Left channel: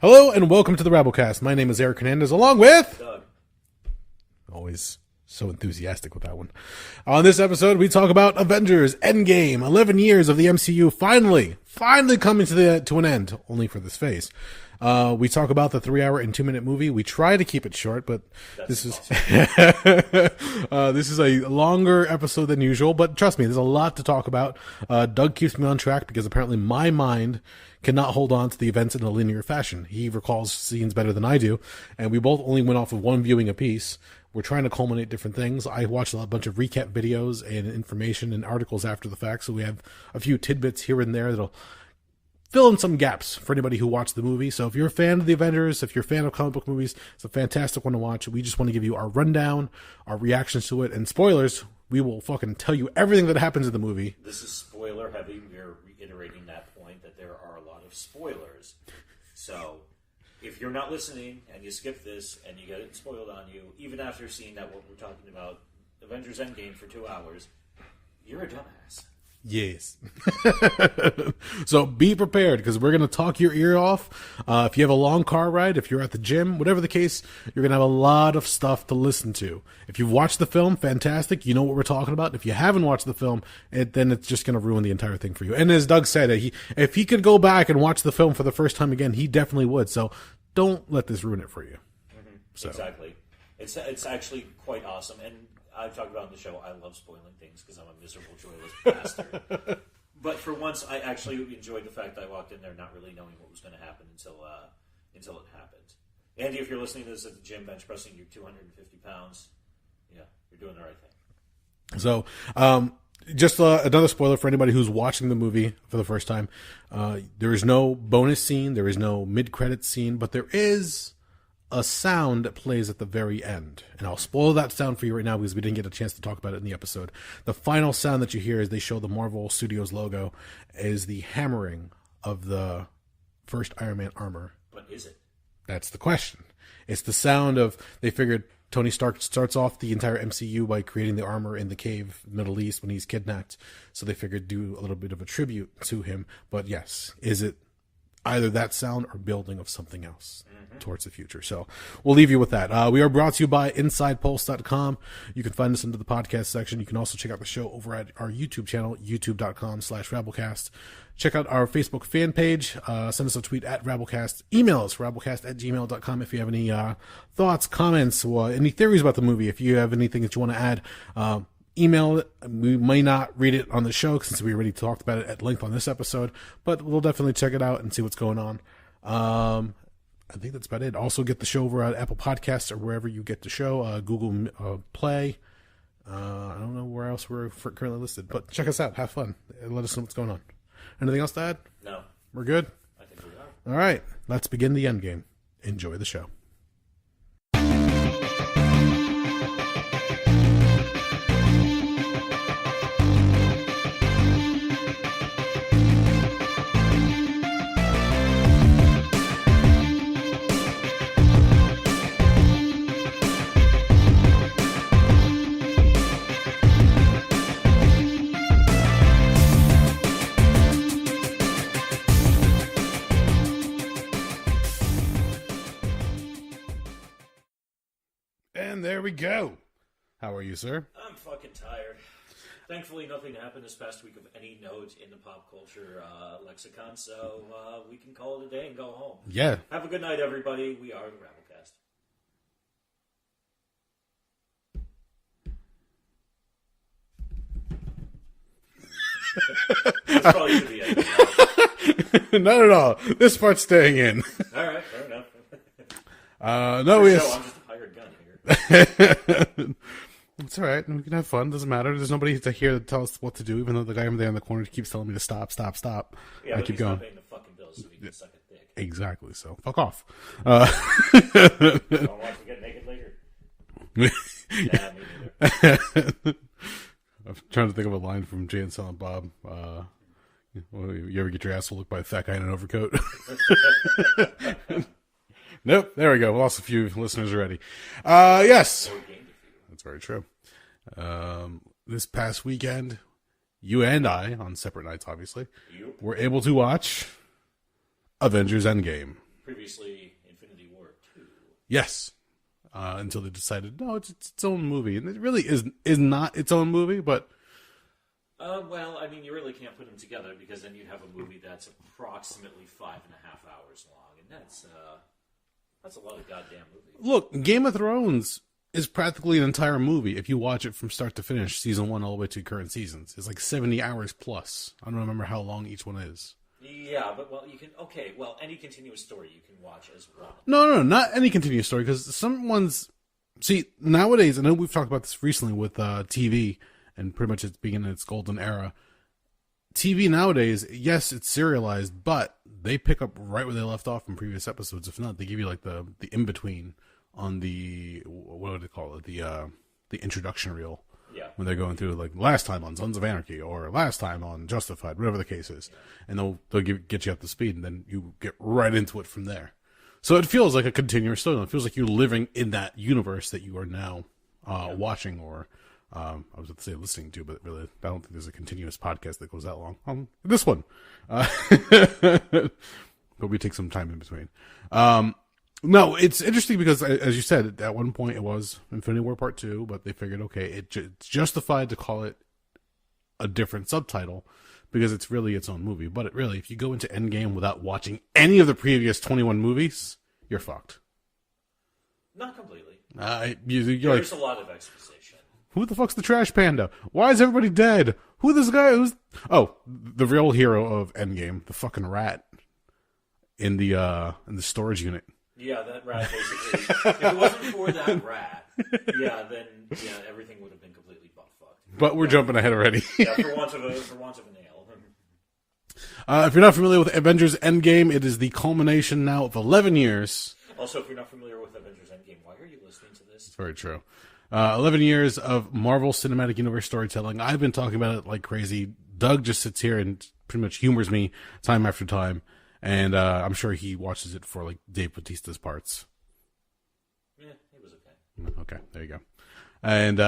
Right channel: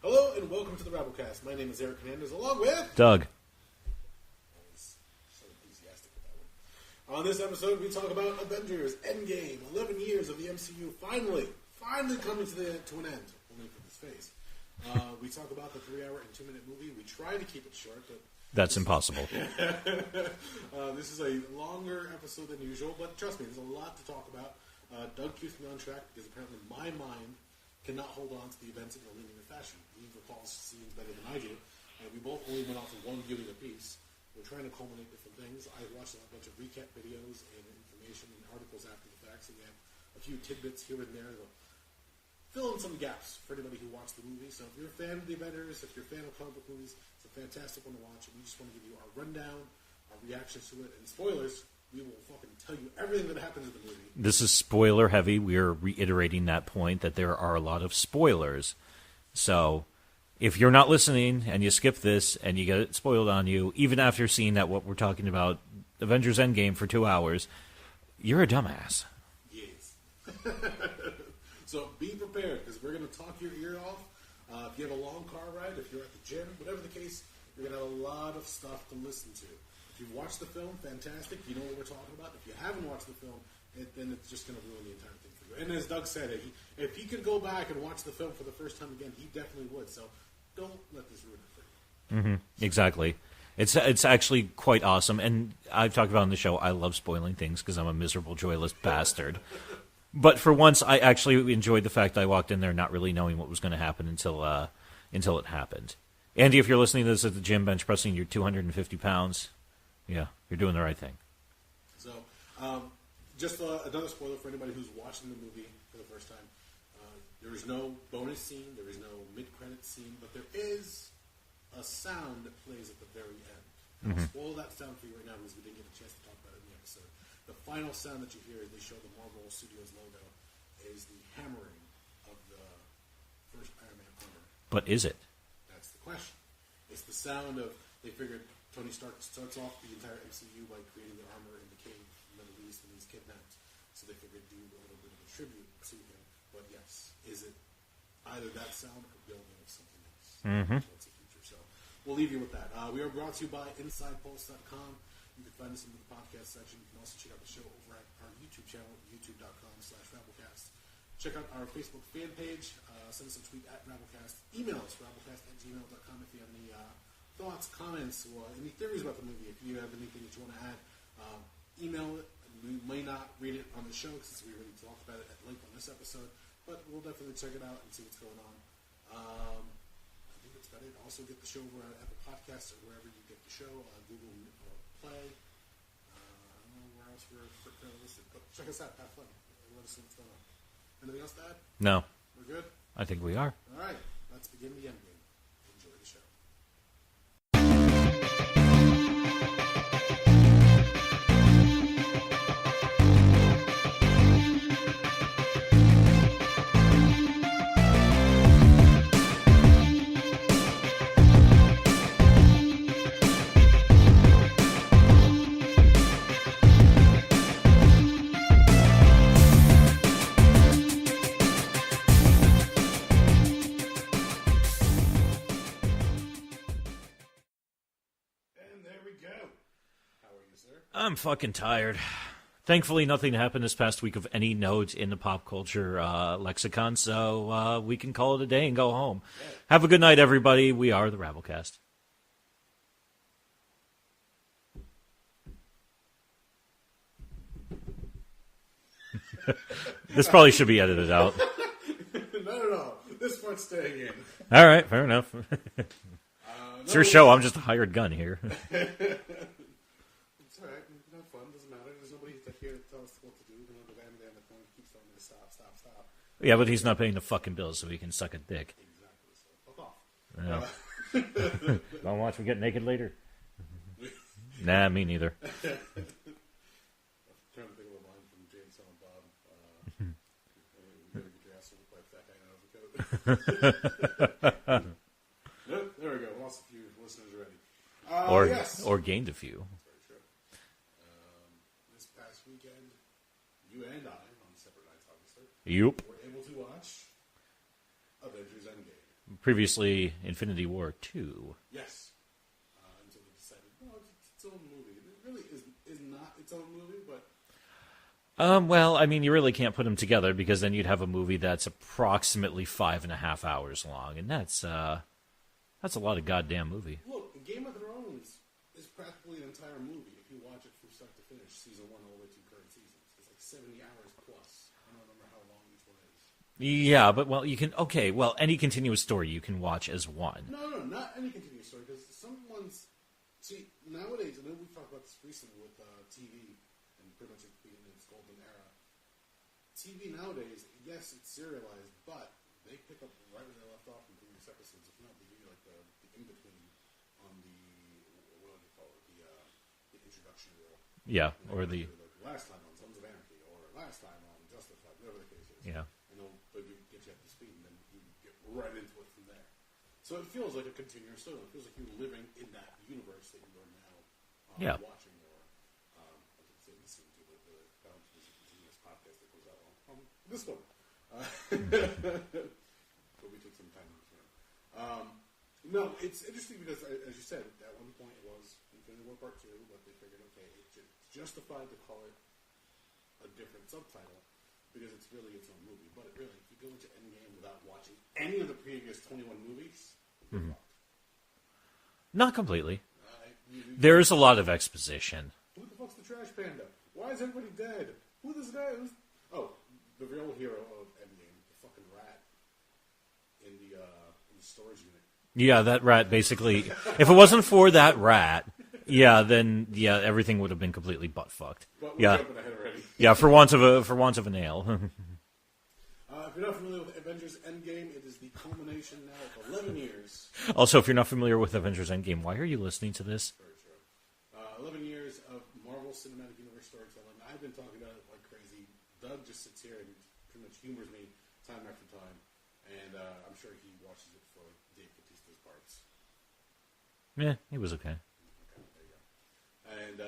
Hello and welcome to the Rabblecast. My name is Eric Hernandez, along with Doug. Always so enthusiastic with that one. On this episode, we talk about Avengers Endgame. 11 years of the MCU finally coming to an end, only for this phase. We talk about the 3-hour and 2-minute movie. We try to keep it short, but That's impossible. This is a longer episode than usual, but trust me, there's a lot to talk about. Doug keeps me on track because apparently my mind cannot hold on to the events in a linear fashion. He recalls scenes better than I do, and we both only went off of one viewing apiece. We're trying to culminate different things. I watched a bunch of recap videos and information and articles after the fact, so we have a few tidbits here and there that'll fill in some gaps for anybody who watched the movie. So if you're a fan of the Avengers, if you're a fan of comic book movies, it's a fantastic one to watch. We just want to give you our rundown, our reactions to it, and spoilers. We will fucking tell you everything that happens in the movie. This is spoiler heavy. We are reiterating that point that there are a lot of spoilers. So if you're not listening and you skip this and you get it spoiled on you, even after seeing that what we're talking about, Avengers Endgame for 2 hours, you're a dumbass. Yes. So be prepared because we're going to talk your ear off. If you have a long car ride, if you're at the gym, whatever the case, you're going to have a lot of stuff to listen to. If you've watched the film, fantastic. You know what we're talking about. If you haven't watched the film, then it's just going to ruin the entire thing for you. And as Doug said, if he could go back and watch the film for the first time again, he definitely would. So don't let this ruin it for you. Mm-hmm. So. Exactly. It's actually quite awesome, and I've talked about on the show, I love spoiling things because I'm a miserable, joyless bastard. But for once, I actually enjoyed the fact that I walked in there not really knowing what was going to happen until it happened. Andy, if you're listening to this at the gym, bench pressing your 250 pounds, yeah, you're doing the right thing. So, just another spoiler for anybody who's watching the movie for the first time. There is no bonus scene, there is no mid-credits scene, but there is a sound that plays at the very end. And I'll spoil that sound for you right now because we didn't get a chance to talk about it in the episode. The final sound that you hear as they show the Marvel Studios logo is the hammering of the first Iron Man armor. But is it? That's the question. It's the sound of, they figured Tony Stark starts off the entire MCU by creating the armor in the cave, Middle East, when he's kidnapped. So they figured do a little bit of a tribute to him. But yes, is it either that sound or building of something else towards the future? So we'll leave you with that. We are brought to you by InsidePulse.com. You can find us into the podcast section. You can also check out the show over at our YouTube channel, youtube.com/Rabblecast. Check out our Facebook fan page. Send us a tweet at Rabblecast. Email us, rabblecast@gmail.com, if you have any thoughts, comments, or any theories about the movie. If you have anything that you want to add, email it. We may not read it on the show since we already talked about it at length on this episode, but we'll definitely check it out and see what's going on. I think that's about it. Also get the show over at Apple Podcasts or wherever you get the show, Google Play. I don't know where else we're currently listed, but check us out. Have fun. And let us know what's going on. Anything else to add? No. We're good? I think we are. All right. Let's begin the endgame. Enjoy the show. There we go. How are you, sir? I'm fucking tired. Thankfully, nothing happened this past week of any note in the pop culture lexicon, so we can call it a day and go home. Yeah. Have a good night, everybody. We are the Rabblecast. This probably should be edited out. Not at all. This part's staying in. All right, fair enough. No, it's your show. I'm just a hired gun here. It's all right. We can have fun. Doesn't matter. There's nobody to hear to tell us what to do, even though the guy over there in the corner keeps telling me to stop. Yeah, but he's not paying the fucking bills, so he can suck a dick. Exactly. So fuck off. Don't watch me get naked later. Nah, me neither. I'm trying to think of a line from Jay and Silent Bob. You ever get your asshole looked by a fat guy in an overcoat? Nope. There we go. We lost a few listeners already. Yes. Or gained a few. That's very true. This past weekend, you and I, on separate nights, obviously, Yep. were able to watch Avengers Endgame. Previously, Infinity War 2. Yes. Until they decided, no, it's its own movie. And it really is not its own movie, but... Well, I mean, you really can't put them together because then you'd have a movie that's approximately 5.5 hours long. And that's a lot of goddamn movie. Look, Game of Thrones is practically an entire movie if you watch it from start to finish, season 1 all the way to current seasons. It's like 70 hours plus. I don't remember how long each one is. Yeah, but, well, you can... Okay, well, any continuous story you can watch as one. No, not any continuous story, because some ones... See, nowadays, I know we've talked about this recently with TV, and pretty much it's being in its golden era. TV nowadays, yes, it's serialized, but they pick up right where they left off from previous episodes. If not, they give you like the in-between on the... What would they call it? The introduction reel. Yeah. When they're going through, like, last time on Sons of Anarchy, or last time on Justified, whatever the case is. Yeah. And they'll get you up to speed, and then you get right into it from there. So it feels like a continuous story. It feels like you're living in that universe that you are now watching, or I was going to say listening to, but really, I don't think there's a continuous podcast that goes that long. This one. Hope we take some time in between. No, it's interesting because, as you said, at one point it was Infinity War Part 2, but they figured, okay, it's justified to call it a different subtitle because it's really its own movie. But really, if you go into Endgame without watching any of the previous 21 movies, you're fucked. Not completely. There's a lot of exposition. Who the fuck's the trash panda? Why is everybody dead? Who this guy? Oh, the real hero of Endgame, the fucking rat in the storage unit. Yeah, that rat basically. If it wasn't for that rat, then everything would have been completely butt fucked. But we're jumping ahead already. Yeah, for want of a nail. If you're not familiar with Avengers Endgame, it is the culmination now of 11 years. Also, if you're not familiar with Avengers Endgame, why are you listening to this? Very true. 11 years of Marvel Cinematic Universe storytelling. I've been talking about it like crazy. Doug just sits here and pretty much humors me time after time. And I'm sure he watches it for, like, Dave Bautista's parts. Yeah, he was okay. Okay, there you go. And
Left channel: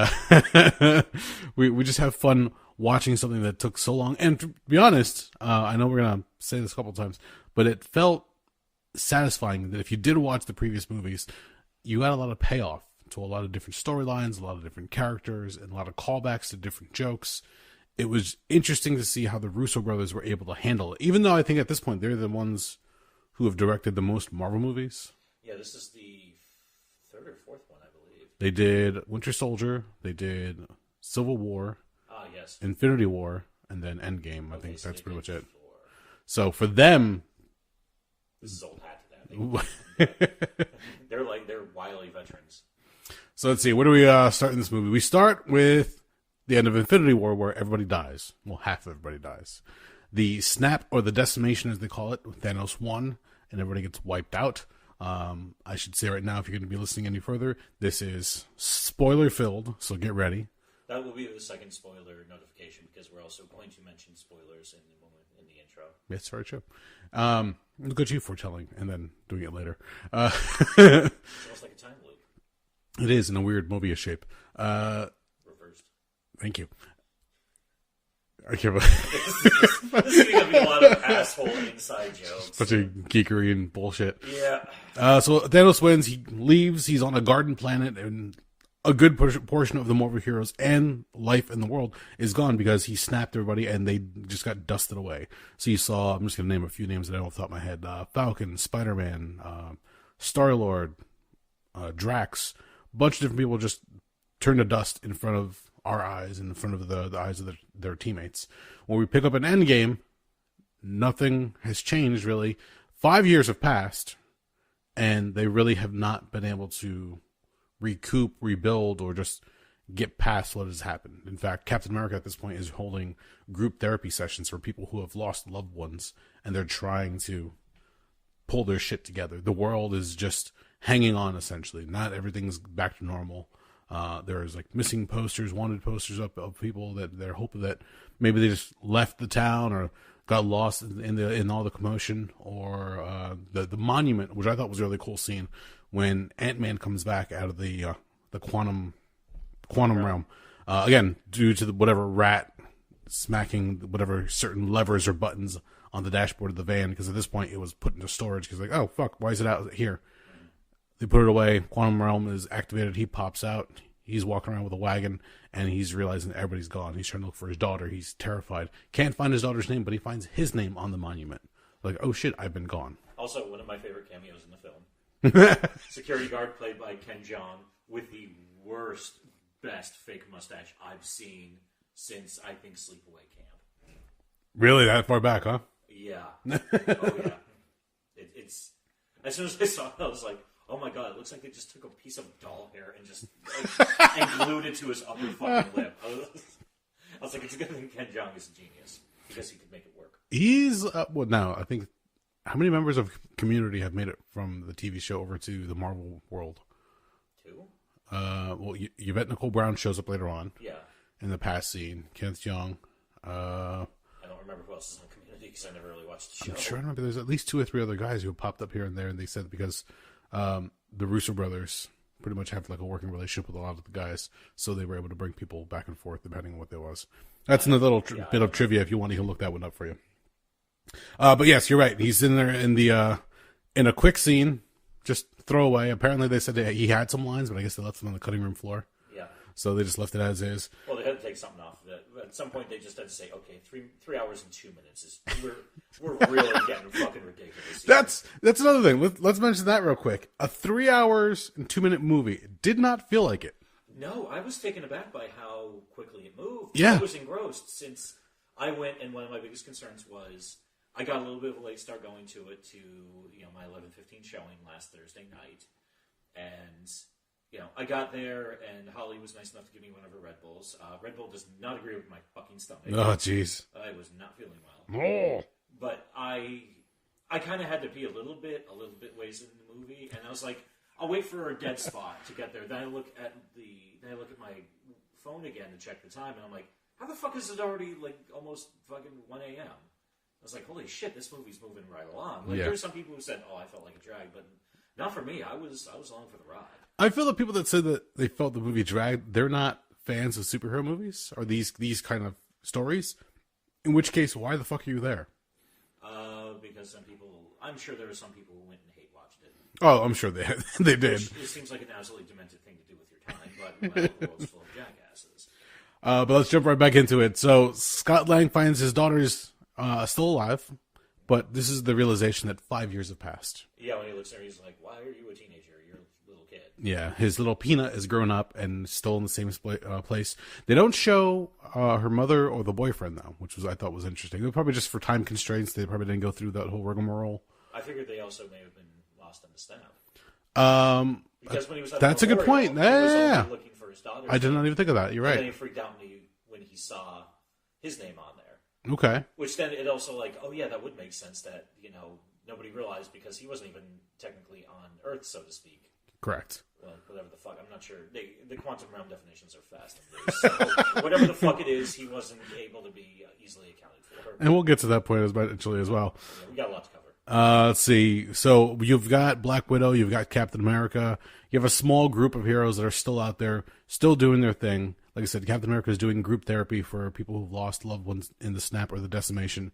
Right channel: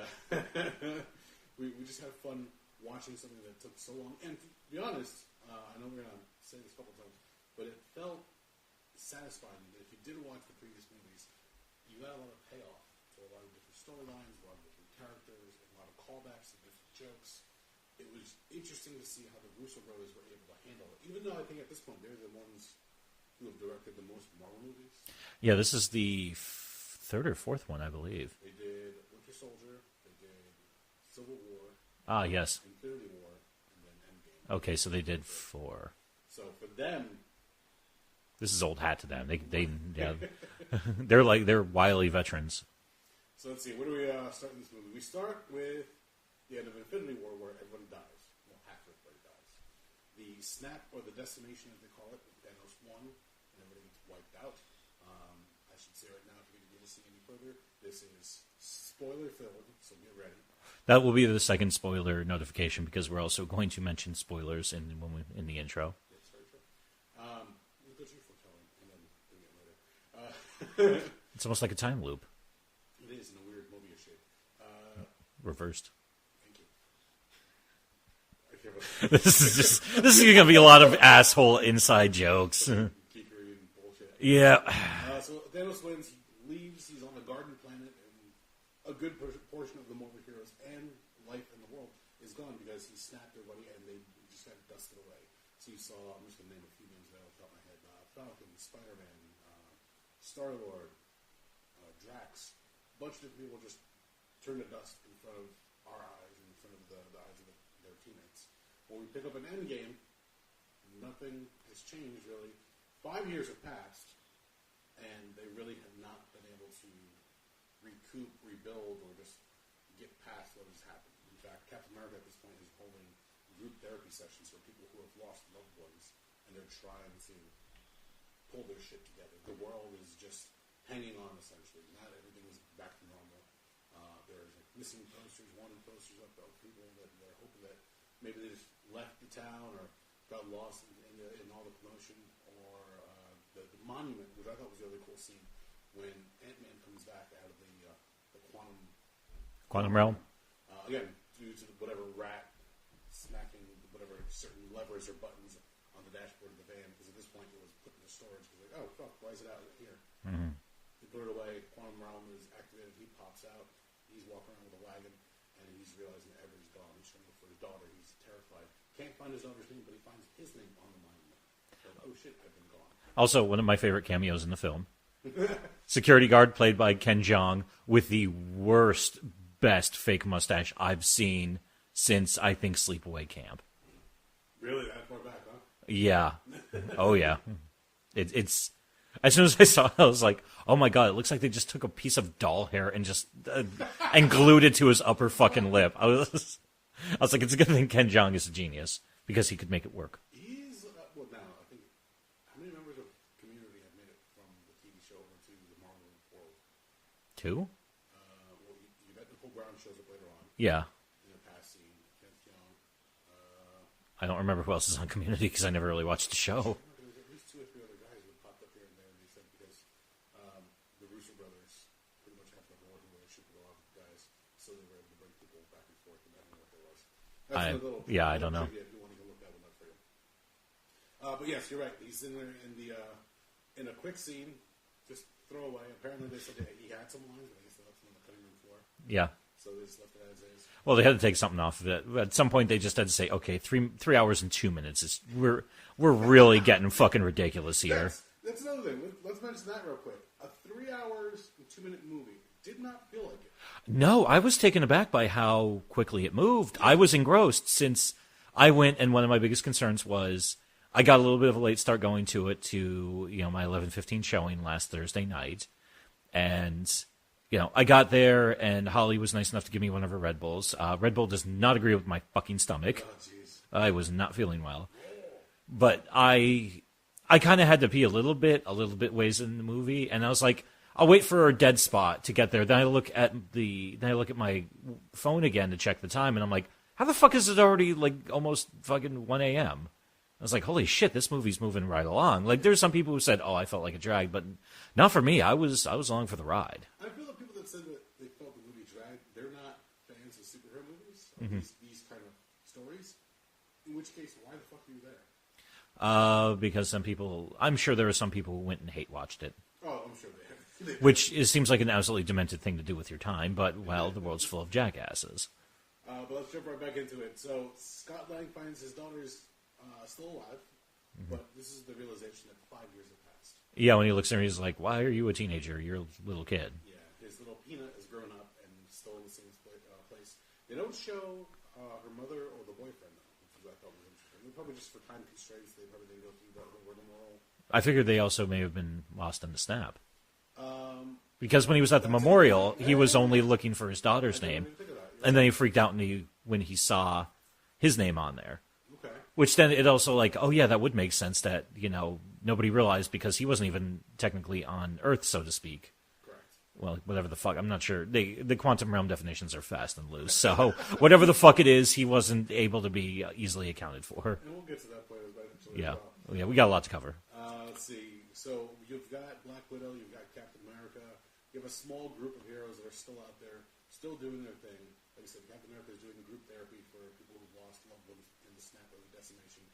we just have fun watching something that took so long. And to be honest, I know we're going to say this a couple times, but it felt satisfying that if you did watch the previous movies, you got a lot of payoff to a lot of different storylines, a lot of different characters, and a lot of callbacks to different jokes. It was interesting to see how the Russo brothers were able to handle it, even though I think at this point they're the ones who have directed the most Marvel movies. Yeah, this is the third or fourth one, I believe. They did Winter Soldier, they did Civil War, yes, Infinity War, and then Endgame. Okay, so they did 4. So for them, this is old hat to them. They're wily veterans. So let's see, where do we start in this movie? We start with the end of Infinity War, where everybody dies. Well, half of everybody dies. The snap, or the decimation as they call it, Thanos won, and everybody gets wiped out. I should say right now, if you're going to be listening any further, this is spoiler-filled, so get ready. That will be the second spoiler notification, because we're also going to mention spoilers in the intro. That's very true. Look at you foretelling, and then doing it later. It's almost like a time loop. It is, in a weird Mobius shape. Reversed. Thank you. Okay, but this is going to be a lot of asshole inside jokes. Such a geekery and bullshit. Yeah. So Thanos wins. He leaves. He's on a garden planet, and a good portion of the Marvel heroes and life in the world is gone because he snapped everybody, and they just got dusted away. So you saw, I'm just going to name a few names that I don't off the top of my head. Falcon, Spider-Man, Star-Lord, Drax. A bunch of different people just turned to dust in front of our eyes, in front of the eyes of their teammates. When we pick up an Endgame, nothing has changed, really. 5 years have passed, and they really have not been able to recoup, rebuild, or just get past what has happened. In fact, Captain America at this point is holding group therapy sessions for people who have lost loved ones, and they're trying to pull their shit together. The world is just hanging on, essentially. Not everything's back to normal. There's like missing posters, wanted posters up of people that they're hoping that maybe they just left the town or got lost in all the commotion, or the monument, which I thought was a really cool scene when Ant-Man comes back out of the quantum realm. Again, due to whatever rat smacking whatever certain levers or buttons on the dashboard of the van, because at this point it was put into storage. Because like, oh fuck, why is it out here? Mm-hmm. They put it away. Quantum realm is activated. He pops out. He's walking around with a wagon, and he's realizing that everybody's gone. He's trying to look for his daughter. He's terrified. Can't find his daughter's name, but he finds his name on the monument. Like, oh shit, I've been gone. Also, one of my favorite cameos in the film. Security guard played by Ken Jeong with the worst, best fake mustache I've seen since, I think, Sleepaway Camp. Really? That far back, huh? Yeah. Oh, yeah. It's... As soon as I saw it, I was like, oh my god, it looks like they just took a piece of doll hair and just and glued it to his upper fucking lip. I was like, it's a good thing Ken Jeong is a genius, because he could make it work. He's, well, now, I think, how many members of Community have made it from the TV show over to the Marvel world? 2? Well, Yvette Nicole Brown shows up later on. Yeah. In the past scene. Kenneth Jeong. I don't remember who else is on Community, because I never really watched the show. I'm sure I remember there's at least 2 or 3 other guys who popped up here and there, and they said because the Russo brothers pretty much have like a working relationship with a lot of the guys, so they were able to bring people back and forth depending on what there was. That's another little bit of trivia if you want. You can look that one up for you. But yes, you're right. He's in there in the in a quick scene, just throwaway. Apparently, they said that he had some lines, but I guess they left them on the cutting room floor. Yeah. So they just left it as is. Well, they had to take something off of it. At some point, they just had to say, "Okay, 3 hours and 2 minutes we're really getting fucking ridiculous here." That's another thing. Let's mention that real quick. A 3 hours and 2 minute movie did not feel like it. No, I was taken aback by how quickly it moved. Yeah. I was engrossed since I went, and one of my biggest concerns was I got a little bit of a late start going to it to my 11:15 showing last Thursday night, and. I got there, and Holly was nice enough to give me one of her Red Bulls. Red Bull does not agree with my fucking stomach. Oh, jeez. I was not feeling well. Oh. But I kind of had to pee a little bit ways in the movie, and I was like, I'll wait for a dead spot to get there. Then I look at my phone again to check the time, and I'm like, how the fuck is it already like almost fucking 1 a.m.? I was like, holy shit, this movie's moving right along. Like, there's some people who said, oh, I felt like a drag, but not for me. I was along for the ride. I feel the people that said that they felt the movie dragged, they're not fans of superhero movies or these kind of stories. In which case, why the fuck are you there? Because some people, I'm sure there were some people who went and hate watched it. Oh, I'm sure they did. Which it seems like an absolutely demented thing to do with your time, but well, the world's full of jackasses. But let's jump right back into it. So Scott Lang finds his daughter's still alive, but this is the realization that 5 years have passed. Yeah, when he looks at her, he's like, why are you a teenager? You're a little kid. Yeah, his little Peanut is grown up and still in the same place. They don't show her mother or the boyfriend, though, which I thought was interesting. They're probably just for time constraints. They probably didn't go through that whole rigmarole. I figured they also may have been lost in the snap. Because when he was at that's the memorial, a good point. He was only looking for his daughter's name. I did not even think of that. You're right. And then he freaked out when he saw his name on there. Okay. Which then it also like, oh yeah, that would make sense that, nobody realized because he wasn't even technically on Earth, so to speak. Correct. Well, whatever the fuck. I'm not sure. The quantum realm definitions are fast and loose. So whatever the fuck it is, he wasn't able to be easily accounted for. And we'll get to that point eventually as well. Yeah, we got a lot to cover. Let's see. So you've got Black Widow, you've got Captain America. You have a small group of heroes that are still out there, still doing their thing. Like I said, Captain America is doing group therapy for people who've lost loved ones in the snap or the decimation.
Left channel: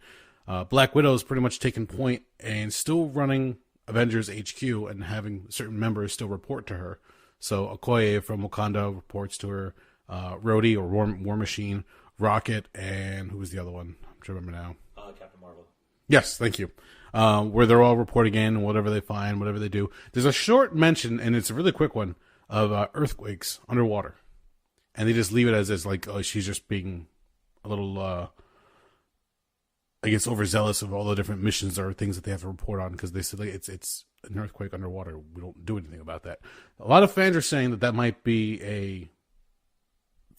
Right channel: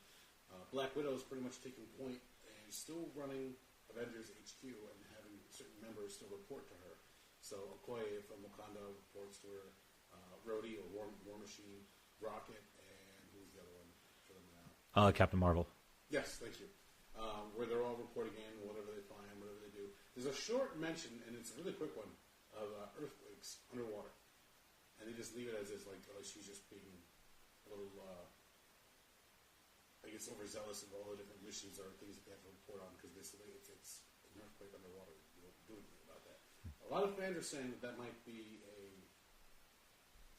Black Widow is pretty much taking point and still running Avengers HQ and having certain members still report to her. So Okoye from Wakanda reports to her. Rhodey or War Machine, Rocket, and who was the other one? I'm trying to remember now. Captain Marvel. Yes, thank you. Where they're all reporting in, whatever they find, whatever they do. There's a short mention, and it's a really quick one, of earthquakes underwater. And they just leave it as is, like, oh, she's just being a little, I guess, overzealous of all the different missions or things that they have to report on, because they said like, it's an earthquake underwater. We don't do anything about that. A lot of fans are saying that might be a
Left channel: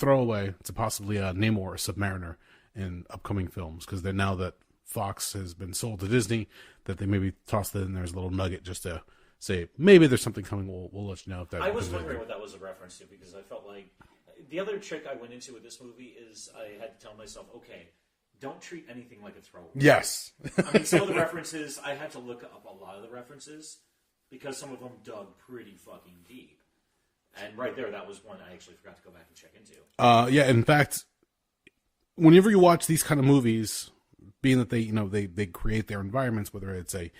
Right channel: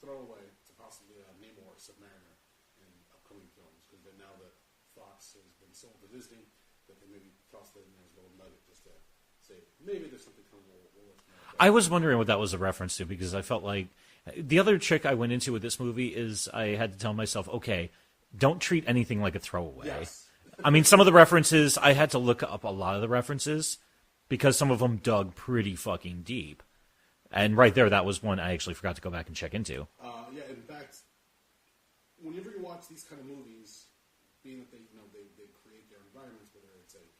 throwaway to possibly Namor or Submariner in upcoming films, because they're now that Fox has been sold to Disney, that they maybe tossed it in there as a little nugget just to say maybe there's something coming. We'll let you know. If that I was wondering what that was a reference to, because I felt like the other trick I went into with this movie is I had to tell myself, okay, don't treat anything like a throwaway. Yes. I mean, some of the references, I had to look up a lot of the references because some of them dug pretty fucking deep. And right there, that was one I actually forgot to go back and check into. Yeah, in fact, whenever you watch these kind of movies, being that they create their environments, whether it's a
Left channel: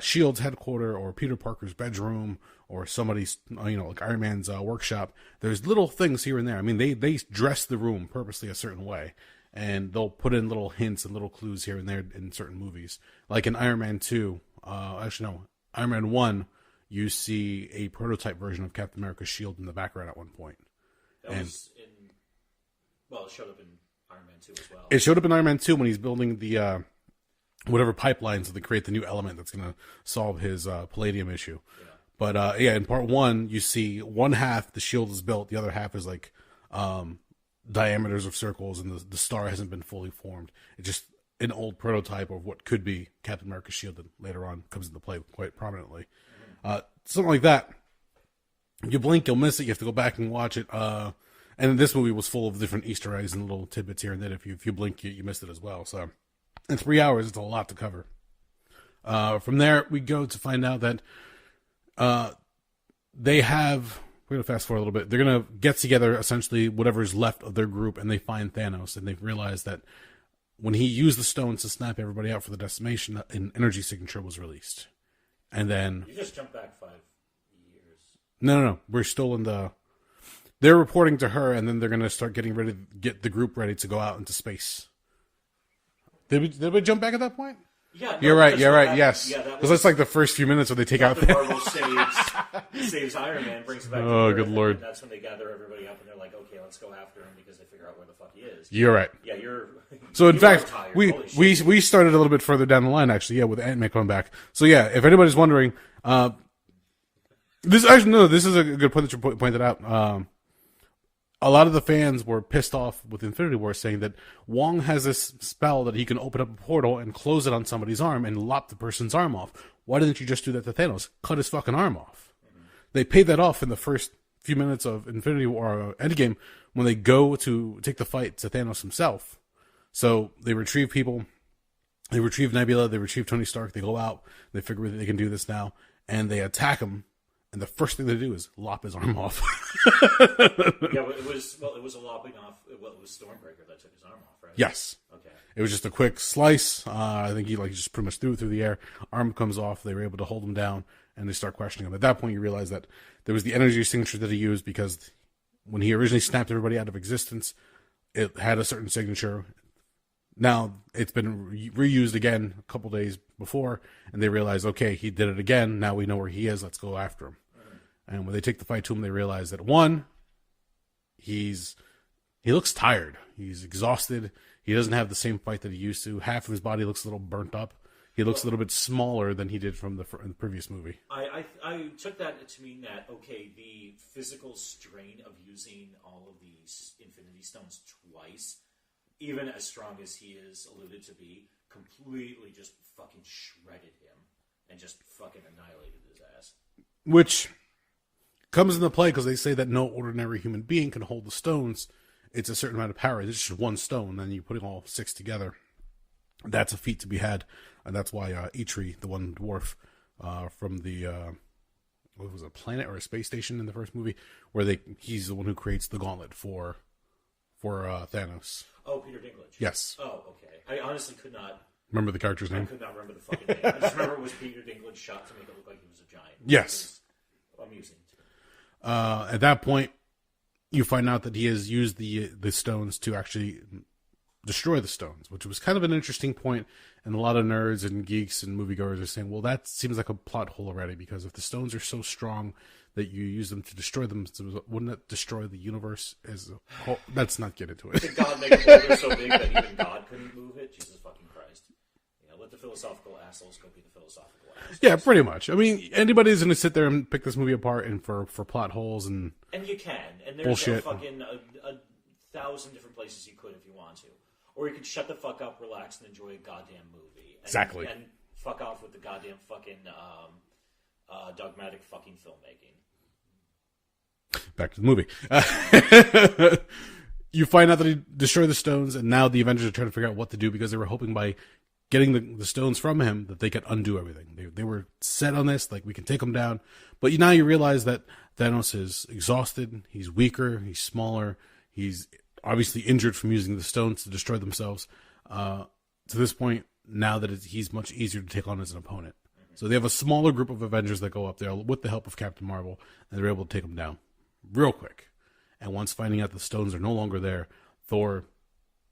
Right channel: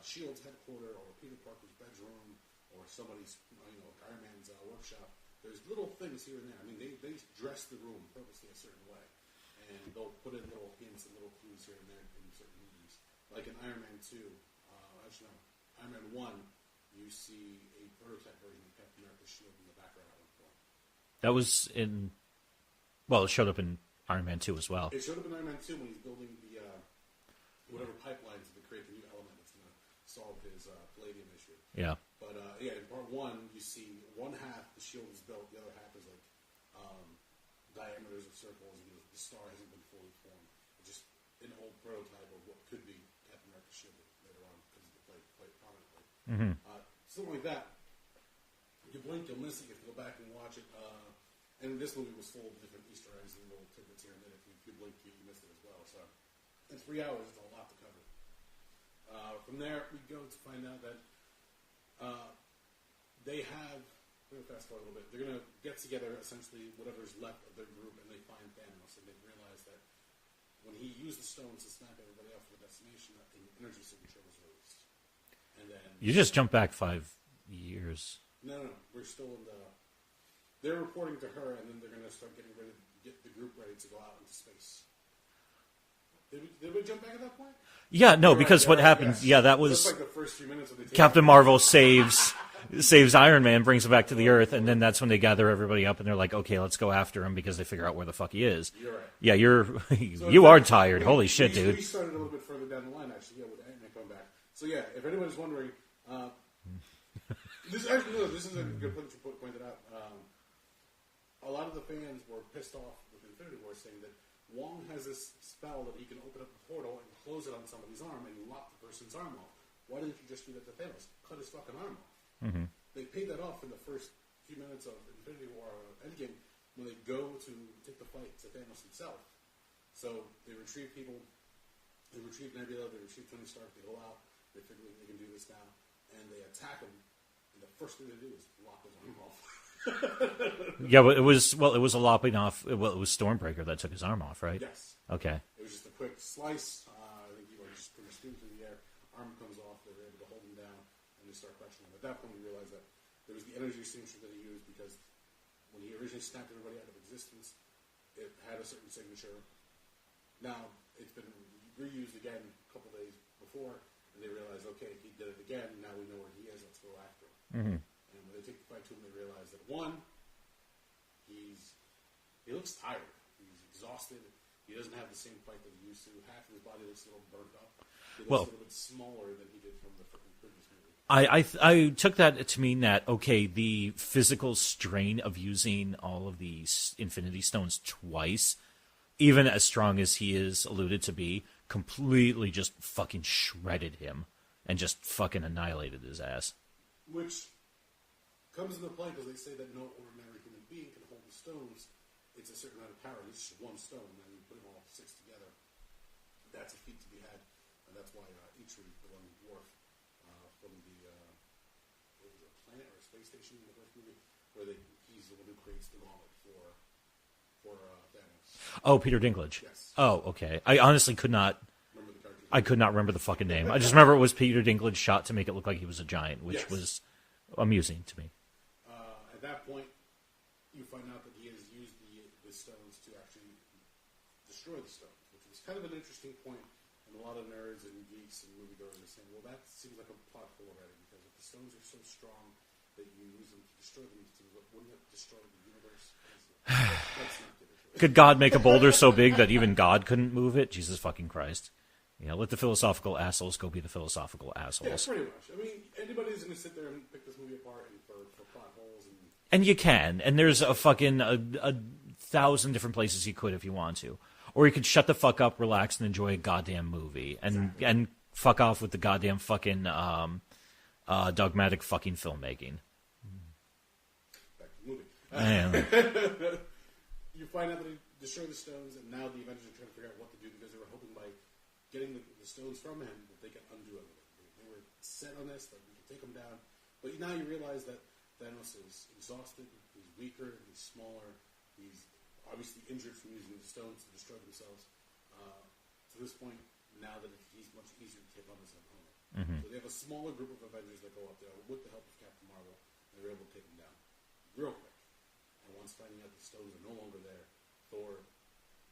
Shield's headquarters or Peter Parker's bedroom or somebody's, like Iron Man's workshop. There's little things here and there. I mean, they dress the room purposely a certain way, and they'll put in little hints and little clues here and there in certain movies. Like in Iron Man 2, Iron Man 1, you see a prototype version of Captain America's shield in the background at one point. It showed up in Iron Man 2 as well. It showed up in Iron Man 2 when he's building the whatever pipelines to create the new element that's going to solve his palladium issue. Yeah. But in part 1, you see one half the shield is built, the other half is like diameters of circles, and the star hasn't been fully formed. It's just an old prototype of what could be Captain America's shield that later on comes into play quite prominently. Mm-hmm. Something like that. You blink, you'll miss it. You have to go back and watch it. And this movie was full of different Easter eggs and little tidbits here and there. If you blink, you missed it as well. So in 3 hours, it's a lot to cover. From there, we go to find out that they have... We're going to fast forward a little bit. They're going to get together, essentially, whatever's left of their group, and they find Thanos. And they realize that when he used the stones to snap everybody out for the decimation, an energy signature was released. And then... You just jumped back 5 years. No. We're still in the... They're reporting to her, and then they're going to start getting ready to get the group ready to go out into space. Did we jump back at that point? Yeah, no, because what happened... Yes. Yeah, that was... That's like the first few minutes where they take Captain out... Marvel saves Iron Man, brings him back to the Earth, and then that's when they gather everybody up, and they're like, okay, let's go after him, because they figure out where the fuck he is. You're right. Yeah, So you fact, are tired. Holy shit, dude. We started a little bit further down the line, actually, with Ant-Man coming back. So yeah, if anybody's wondering... this is a good point that you pointed out. A lot of the fans were pissed off with Infinity War, saying that Wong has this spell that he can open up a portal and close it on somebody's arm and lop the person's arm off. Why didn't you just do that to Thanos? Cut his fucking arm off. Mm-hmm. They paid that off in the first few minutes of Infinity War or Endgame when they go to take the fight to Thanos himself. So they retrieve people. They retrieve Nebula. They retrieve Tony Stark. They go out. They figure that they can do this now. And they attack him. And the first thing they do is lop his arm off. Yeah, but it was a lopping off. Well, it was Stormbreaker that took his arm off, right? Yes. Okay. It was just a quick slice. I think he just pretty much threw it through the air. Arm comes off. They were able to hold him down, and they start questioning him. At that point, you realize that there was the energy signature that he used, because when he originally snapped everybody out of existence, it had a certain signature. Now it's been reused again a couple days before, and they realize, okay, he did it again. Now we know where he is. Let's go after him. Mm-hmm. And when they take the fight to him, they realize that one, he looks tired. He's exhausted. He doesn't have the same fight that he used to. Half of his body looks a little burnt up. He looks a little bit smaller than he did from the previous movie. I took that to mean that, okay, the physical strain of using all of these Infinity Stones twice, even as strong as he is alluded to be, completely just fucking shredded him and just fucking annihilated his ass. Which comes into play because they say that no ordinary human being can hold the stones. It's a certain amount of power. It's just one stone, then you put all 6 together. That's a feat to be had, and that's why Eitri, the one dwarf from the what was it, a planet or a space station in the first movie, where he's the one who creates the gauntlet for Thanos. Oh, Peter Dinklage. Yes. Oh, okay. I honestly could not remember the character's name. I could not remember the fucking name. I just remember it was Peter Dinklage shot to make it look like he was a giant, which was amusing to me. At that point, you find out that he has used the stones to actually destroy the stones, which was kind of an interesting point. And a lot of nerds and geeks and moviegoers are saying, well, that seems like a plot hole already, because if the stones are so strong that you use them to destroy them, wouldn't it destroy the universe? Let's not get into it. Could God make a boulder so big that even God couldn't move it? Jesus fucking Christ. Let the philosophical assholes go be the philosophical assholes. Yeah, pretty much. I mean, anybody's going to sit there and pick this movie apart and for plot holes and you can. And there's bullshit. a fucking a 1,000 different places you could if you want to. Or you could shut the fuck up, relax, and enjoy a goddamn movie. Exactly. And fuck off with the goddamn fucking dogmatic fucking filmmaking. Back to the movie. You find out that he destroyed the stones, and now the Avengers are trying to figure out what to do, because they were hoping by getting the stones from him that they could undo everything. They were set on this, like, we can take him down. But now you realize that Thanos is exhausted, he's weaker, he's smaller, he's obviously injured from using the stones to destroy themselves. to this point, now that he's much easier to take on as an opponent. So they have a smaller group of Avengers that go up there with the help of Captain Marvel, and they're able to take him down real quick. And once finding out the stones are no longer there, Thor,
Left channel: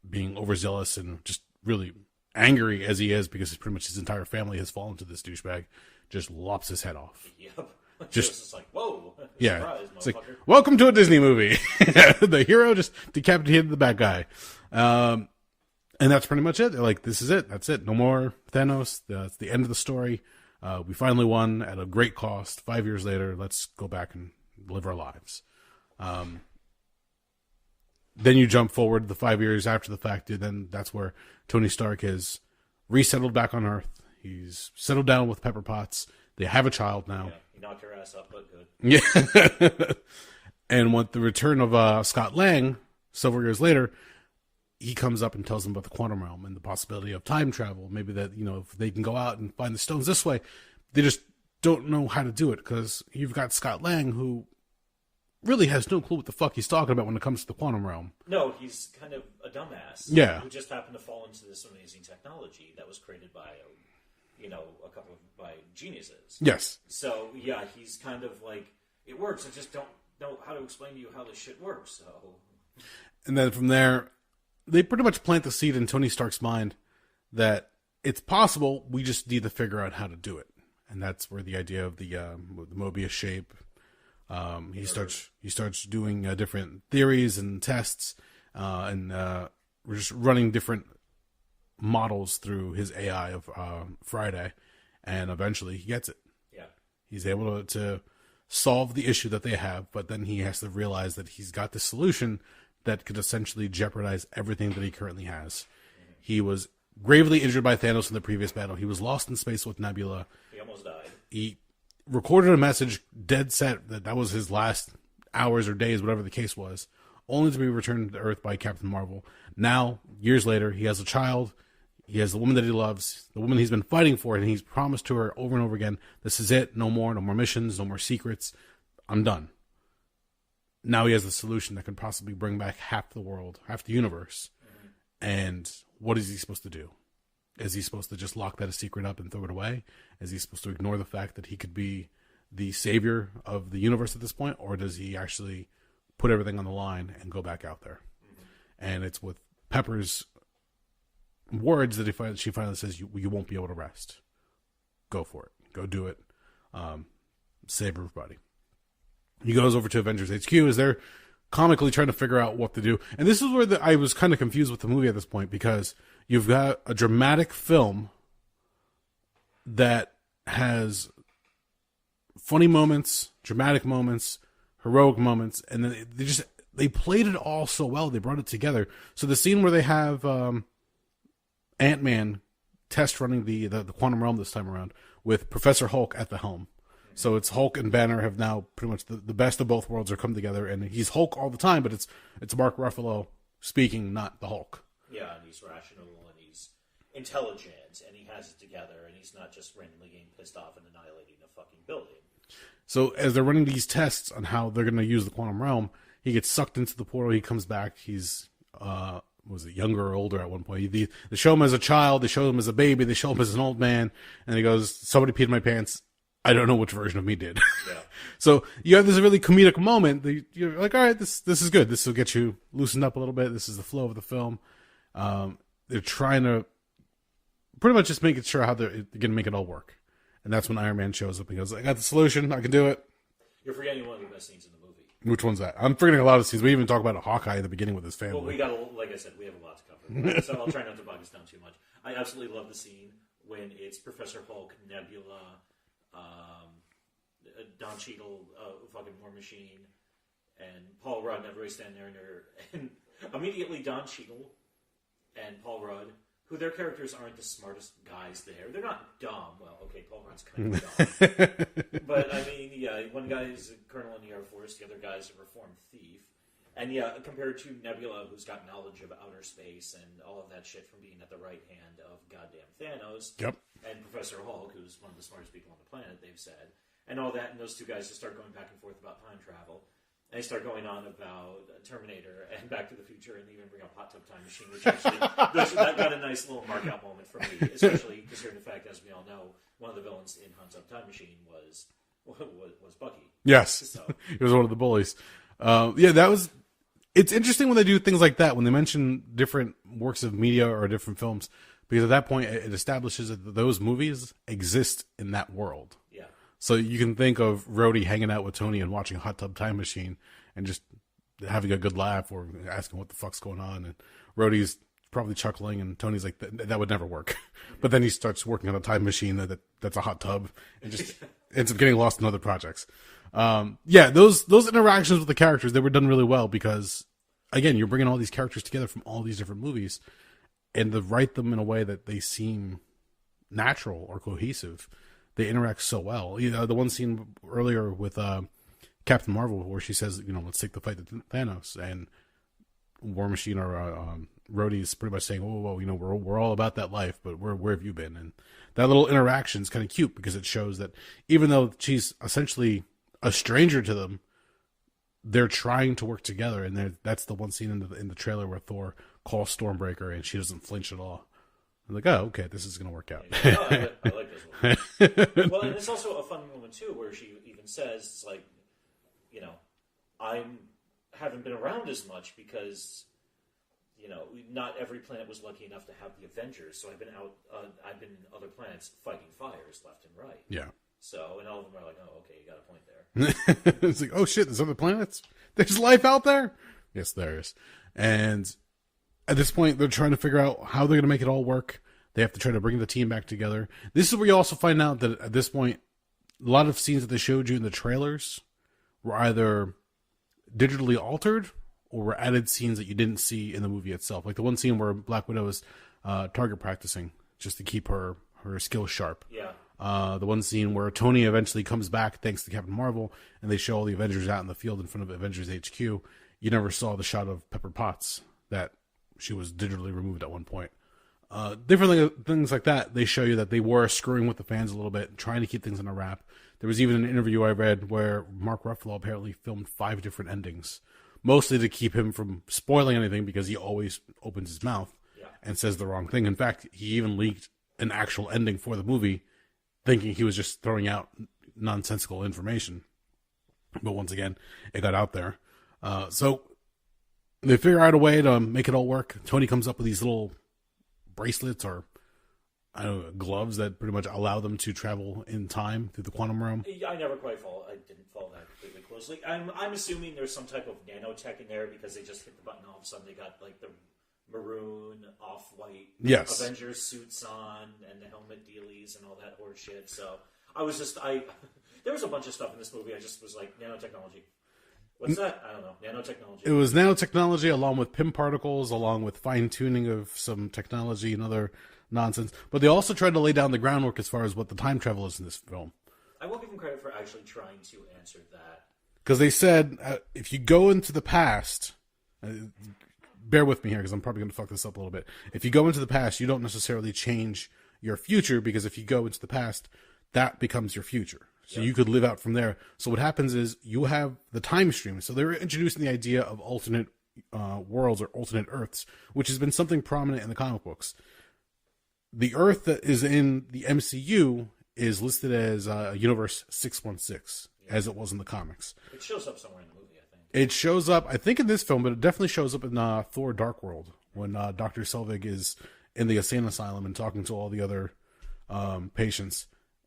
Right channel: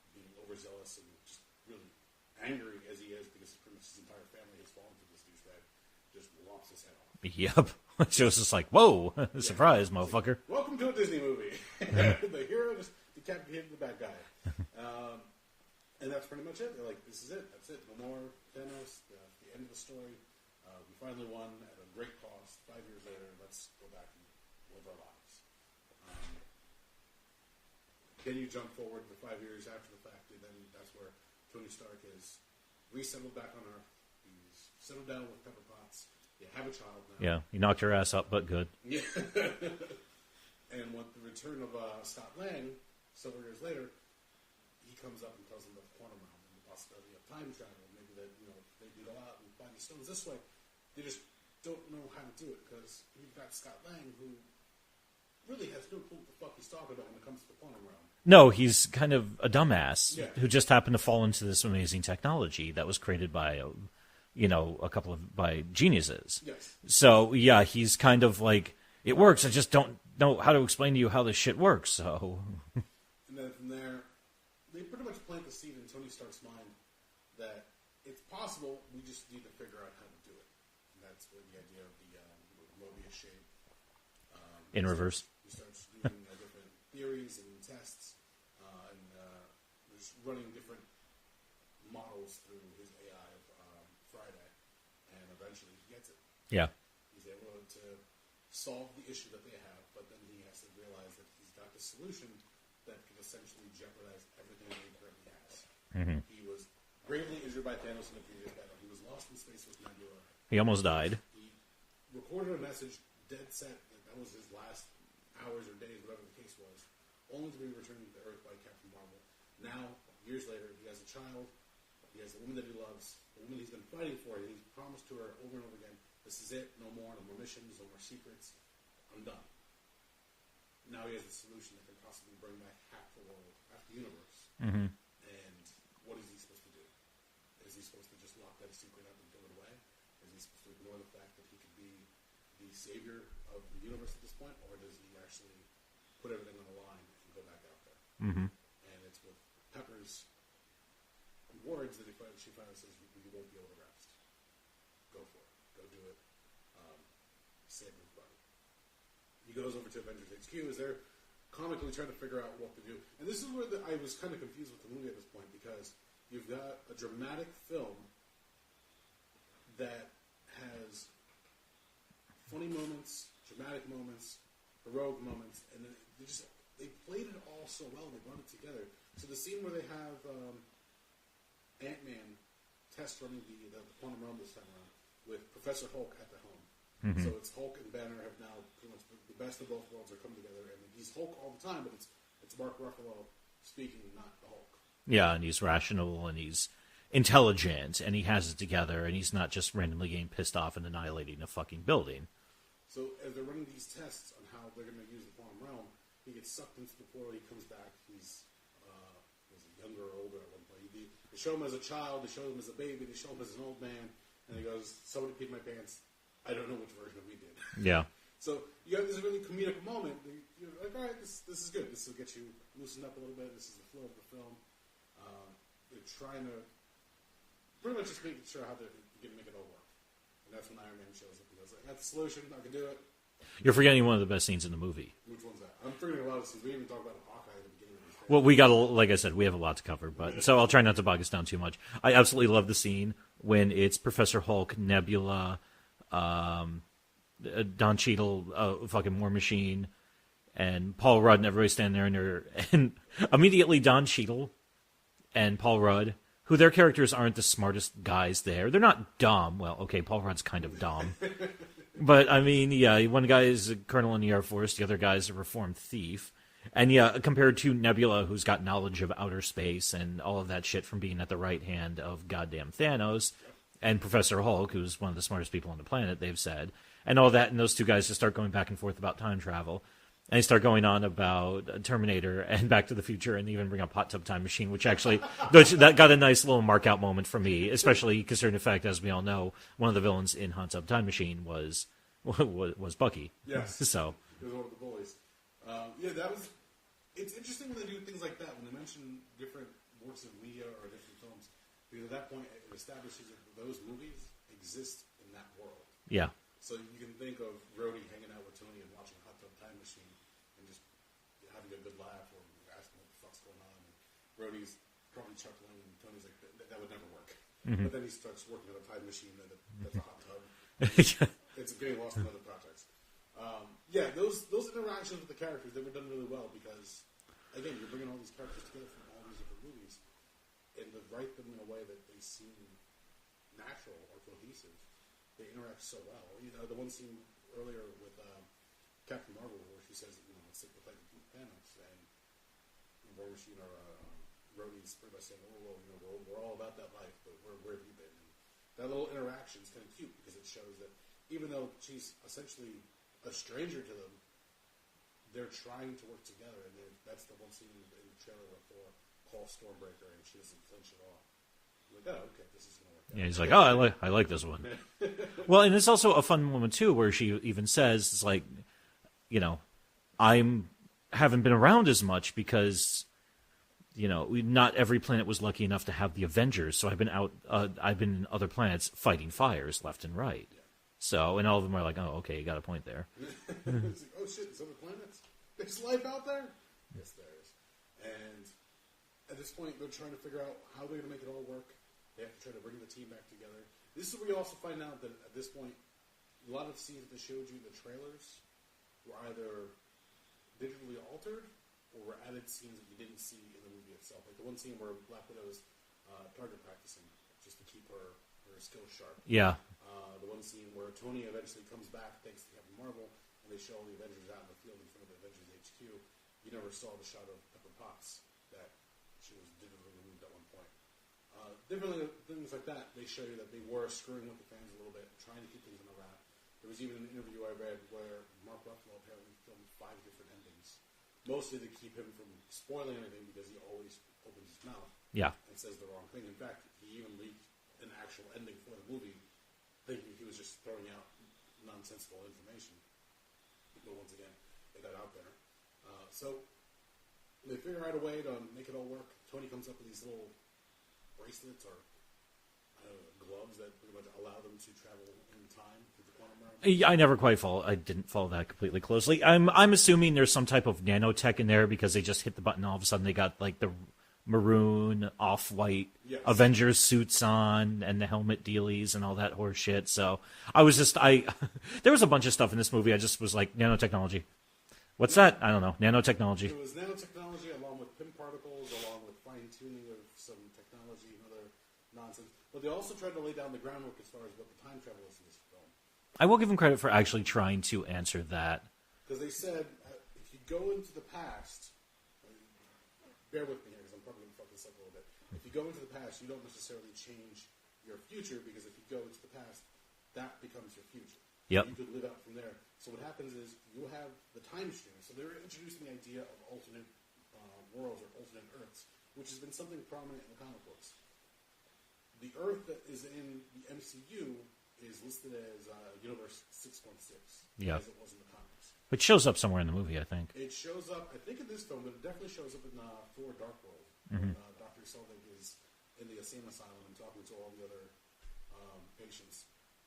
being overzealous and just really angry as he is because pretty much his entire family has fallen to this douchebag, just lops his head off. Yep. Just like, whoa, surprise, motherfucker. Like, welcome to a Disney movie. The hero just decapitated the bad guy. And that's pretty much it. They're like, this is it. That's it. No more Thanos. That's the end of the story. We finally won at a great cost. 5 years later, let's go back and live our lives. Then you jump forward the 5 years after the fact. Then that's where Tony Stark is resettled back on Earth. He's settled down with Pepper Potts. They have a child now. Yeah, you knocked your ass up, but good. Yeah. And with the return of Scott Lang, several years later, he comes up and tells them about the quantum realm and the possibility of time travel. Maybe that, if they can go out and find the stones this way, they just don't know how to do it because you've got Scott Lang who really has no clue what the fuck he's talking about when it comes to the quantum realm. No, he's kind of a dumbass. Yeah. Who just happened to fall into this amazing technology that was created by, by geniuses. Yes. So, yeah, he's kind of like, it works. I just don't know how to explain to you how this shit works, so. And then from there, they pretty much plant the seed in Tony Stark's mind that it's possible, we just need to figure out how to do it. And that's where the idea of the Mobius shape, he starts doing different theories and tests, and we're just running different models through his AI of Friday, and eventually he gets it. Yeah. He's able to solve the issue that they have, but then he has to realize that he's got the solution that could essentially jeopardize everything that he currently has. He was gravely injured by Thanos in the previous battle. He was lost in space with Nebula. He almost died. He recorded a message dead set that was his last hours or days, whatever the case was, only to be returned to Earth by Captain Marvel. Now, years later, he has a child. He has the woman that he loves, the woman he's been fighting for, and he's promised to her over and over again, this is it, no more missions, no more secrets, I'm done. Now he has the solution that could possibly bring back half the world, half the universe. And what is he supposed to do? Is he supposed to just lock that a secret up and throw it away? Is he supposed to ignore the fact that he could be the savior of the universe at this point? Or does he actually put everything on the line and go back out there? And it's with Pepper's words that she finally says, you won't be able to rest. Go for it. Go do it. Save everybody. He goes over to Avengers HQ as they're comically trying to figure out what to do. And this is where I was kind of confused with the movie at this point, because you've got a dramatic film that has funny moments, dramatic moments, heroic moments, and then they played it all so well. They brought it together. So the scene where they have Ant-Man test running the quantum realm this time around with Professor Hulk at the helm. So it's Hulk and Banner have now pretty much the best of both worlds are come together, and he's Hulk all the time, but it's Mark Ruffalo speaking, not the Hulk. Yeah, and he's rational, and he's intelligent, and he has it together, and he's not just randomly getting pissed off and annihilating a fucking building. So as they're running these tests on how they're going to use the quantum realm, he gets sucked into the portal, he comes back, he's was it younger or older at one point? They show him as a child, they show him as a baby, they show him as an old man, and he goes, somebody peed in my pants. I don't know which version of me did. Yeah. So you have this really comedic moment. You're like, all right, this is good. This will get you loosened up a little bit. This is the flow of the film. They're trying to pretty much just making sure how they're going to make it all work. And that's when Iron Man shows up and goes, I got the solution. I can do it. You're forgetting one of the best scenes in the movie. Which one's that? I'm forgetting a lot of scenes. We even talk about Hawkeye at the beginning with his family. Well, like I said, we have a lot to cover. So I'll try not to bog us down too much. I absolutely love the scene when it's Professor Hulk, Nebula, Don Cheadle, fucking War Machine, and Paul Rudd, and everybody standing there, and immediately Don Cheadle and Paul Rudd, who their characters aren't the smartest guys there. They're not dumb. Well, okay, Paul Rudd's kind of dumb. But, I mean, yeah, one guy is a colonel in the Air Force, the other guy is a reformed thief. And, yeah, compared to Nebula, who's got knowledge of outer space and all of that shit from being at the right hand of goddamn Thanos. Yep. And Professor Hulk, who's one of the smartest people on the planet, they've said. And all that, and those two guys just start going back and forth about time travel. And they start going on about Terminator and Back to the Future, and even bring up Hot Tub Time Machine, which actually that got a nice little mark out moment for me, especially considering the fact, as we all know, one of the villains in Hot Tub Time Machine was Bucky. Yes, So he was one of the bullies. That was. It's interesting when they do things like that, when they mention different works of media or different films, because at that point it establishes that those movies exist in that world. Yeah. So you can think of Rhodey hanging out with Tony and watching Hot Tub Time Machine and just having a good laugh or asking what the fuck's going on. And Rhodey's probably chuckling and Tony's like, that would never work. Mm-hmm. But then he starts working on a time machine that's a hot tub and just ends up getting lost in other projects. Those interactions with the characters, they were done really well because, again, you're bringing all these characters together from all these different movies and to write them in a way that they seem natural or cohesive. They interact so well. The one scene earlier with Captain Marvel where she says, let's take the fight to Thanos, and War Machine or Rhodey's pretty much saying, whoa, we're all about that life, but where have you been? And that little interaction is kind of cute because it shows that even though she's essentially a stranger to them, they're trying to work together. And that's the one scene in the trailer where Thor calls Stormbreaker and she doesn't flinch at all. I'm like, oh, okay, this is going to work out. Yeah, he's like, oh, I like this one. Well, and it's also a fun moment, too, where she even says, it's like, haven't been around as much because, not every planet was lucky enough to have the Avengers. So I've been in other planets fighting fires left and right. Yeah. So, and all of them are like, oh, okay, you got a point there. It's like, oh, shit, there's other planets? There's life out there? Yes, there is. And at this point, they're trying to figure out how they're going to make it all work. They have to try to bring the team back together. This is where you also find out that at this point, a lot of scenes that they showed you in the trailers were either digitally altered or were added scenes that you didn't see in the movie itself. Like the one scene where Black Widow is target practicing just to keep her skills sharp. Yeah. The one scene where Tony eventually comes back thanks to Captain Marvel, and they show all the Avengers out in the field in front of Avengers HQ. You never saw the shot of Pepper Potts that she was digitally removed at one point. Different things like that, they show you that they were screwing with the fans a little bit, trying to keep things in a wrap. There was even an interview I read where Mark Ruffalo apparently filmed 5 different endings, mostly to keep him from spoiling anything because he always opens his mouth and says the wrong thing. In fact, he even leaked an actual ending for the movie, thinking he was just throwing out nonsensical information. But once again, it got out there. So they figure out a way to make it all work. Tony comes up with these little bracelets or gloves that pretty much allow them to travel in time through the quantum realm. I didn't follow that completely closely. I'm assuming there's some type of nanotech in there because they just hit the button, all of a sudden they got like the maroon off-white Avengers suits on and the helmet dealies and all that horse shit. So I was just there was a bunch of stuff in this movie. I just was like, nanotechnology. What's that? I don't know. Nanotechnology. It was nanotechnology along with PIM particles, along with fine-tuning of some technology and other nonsense. But they also tried to lay down the groundwork as far as what the time travel is in this film. I will give them credit for actually trying to answer that. Because they said, if you go into the past, bear with me here because I'm probably going to fuck this up a little bit. If you go into the past, you don't necessarily change your future because if you go into the past, that becomes your future. So you could live out from there. So what happens is you have the time stream. So they're introducing the idea of alternate worlds or alternate Earths, which has been something prominent in the comic books. The Earth that is in the MCU is listed as Universe 616, as it was in the comics. It shows up somewhere in the movie, I think. It shows up, I think, in this film, but it definitely shows up in Thor Dark World when Dr. Selvig is in the insane asylum and talking to all the other patients.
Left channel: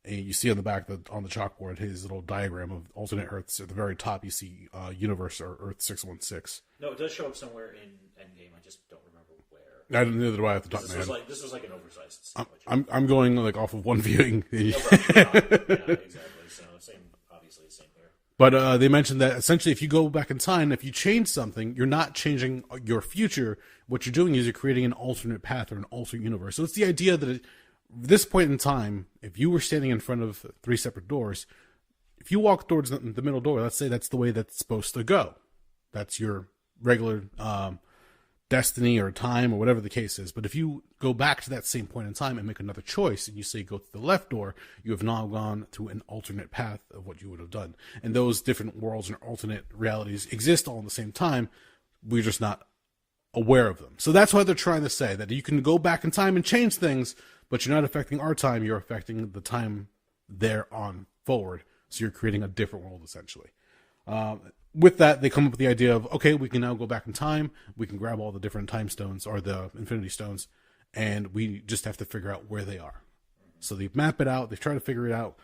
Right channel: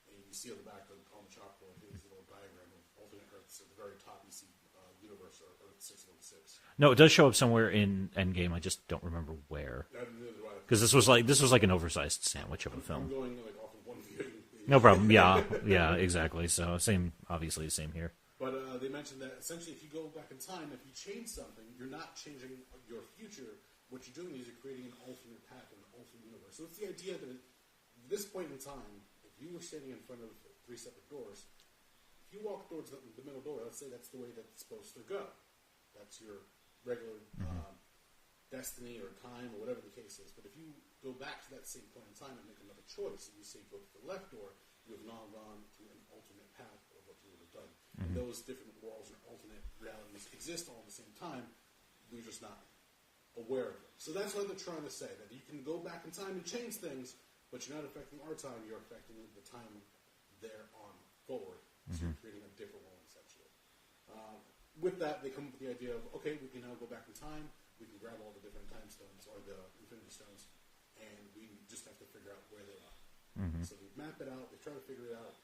And you see on the back on the chalkboard his little diagram of alternate Earths. At the very top, you see Universe or Earth 616. No, it does show up somewhere in Endgame. I just don't remember where. Neither do I. Because this was like an oversized sandwich. I'm going like off of one viewing. No problem. Yeah, exactly. So obviously same here. But they mentioned that essentially, if you go back in time, if you change something, you're not changing your future. What you're doing is you're creating an alternate path or an alternate universe. So it's the idea that this point in time, if you were standing in front of 3 separate doors, if you walk towards the middle door, let's say that's the way that's supposed to go. That's your regular destiny or time or whatever the case is. But if you go back to that same point in time and make another choice and you say go to the left door, you have now gone to an alternate path of what you would have done. And those different worlds and alternate realities exist all at the same time. We're just not aware of them. So that's why they're trying to say that you can go back in time and change things, but you're not affecting our time, you're affecting the time there on forward. So you're creating a different world, essentially. With that, they come up with the idea of, okay, we can now go back in time. We can grab all the different time stones or the infinity stones, and we just have to figure out where they are. So they map it out. They try to figure it out.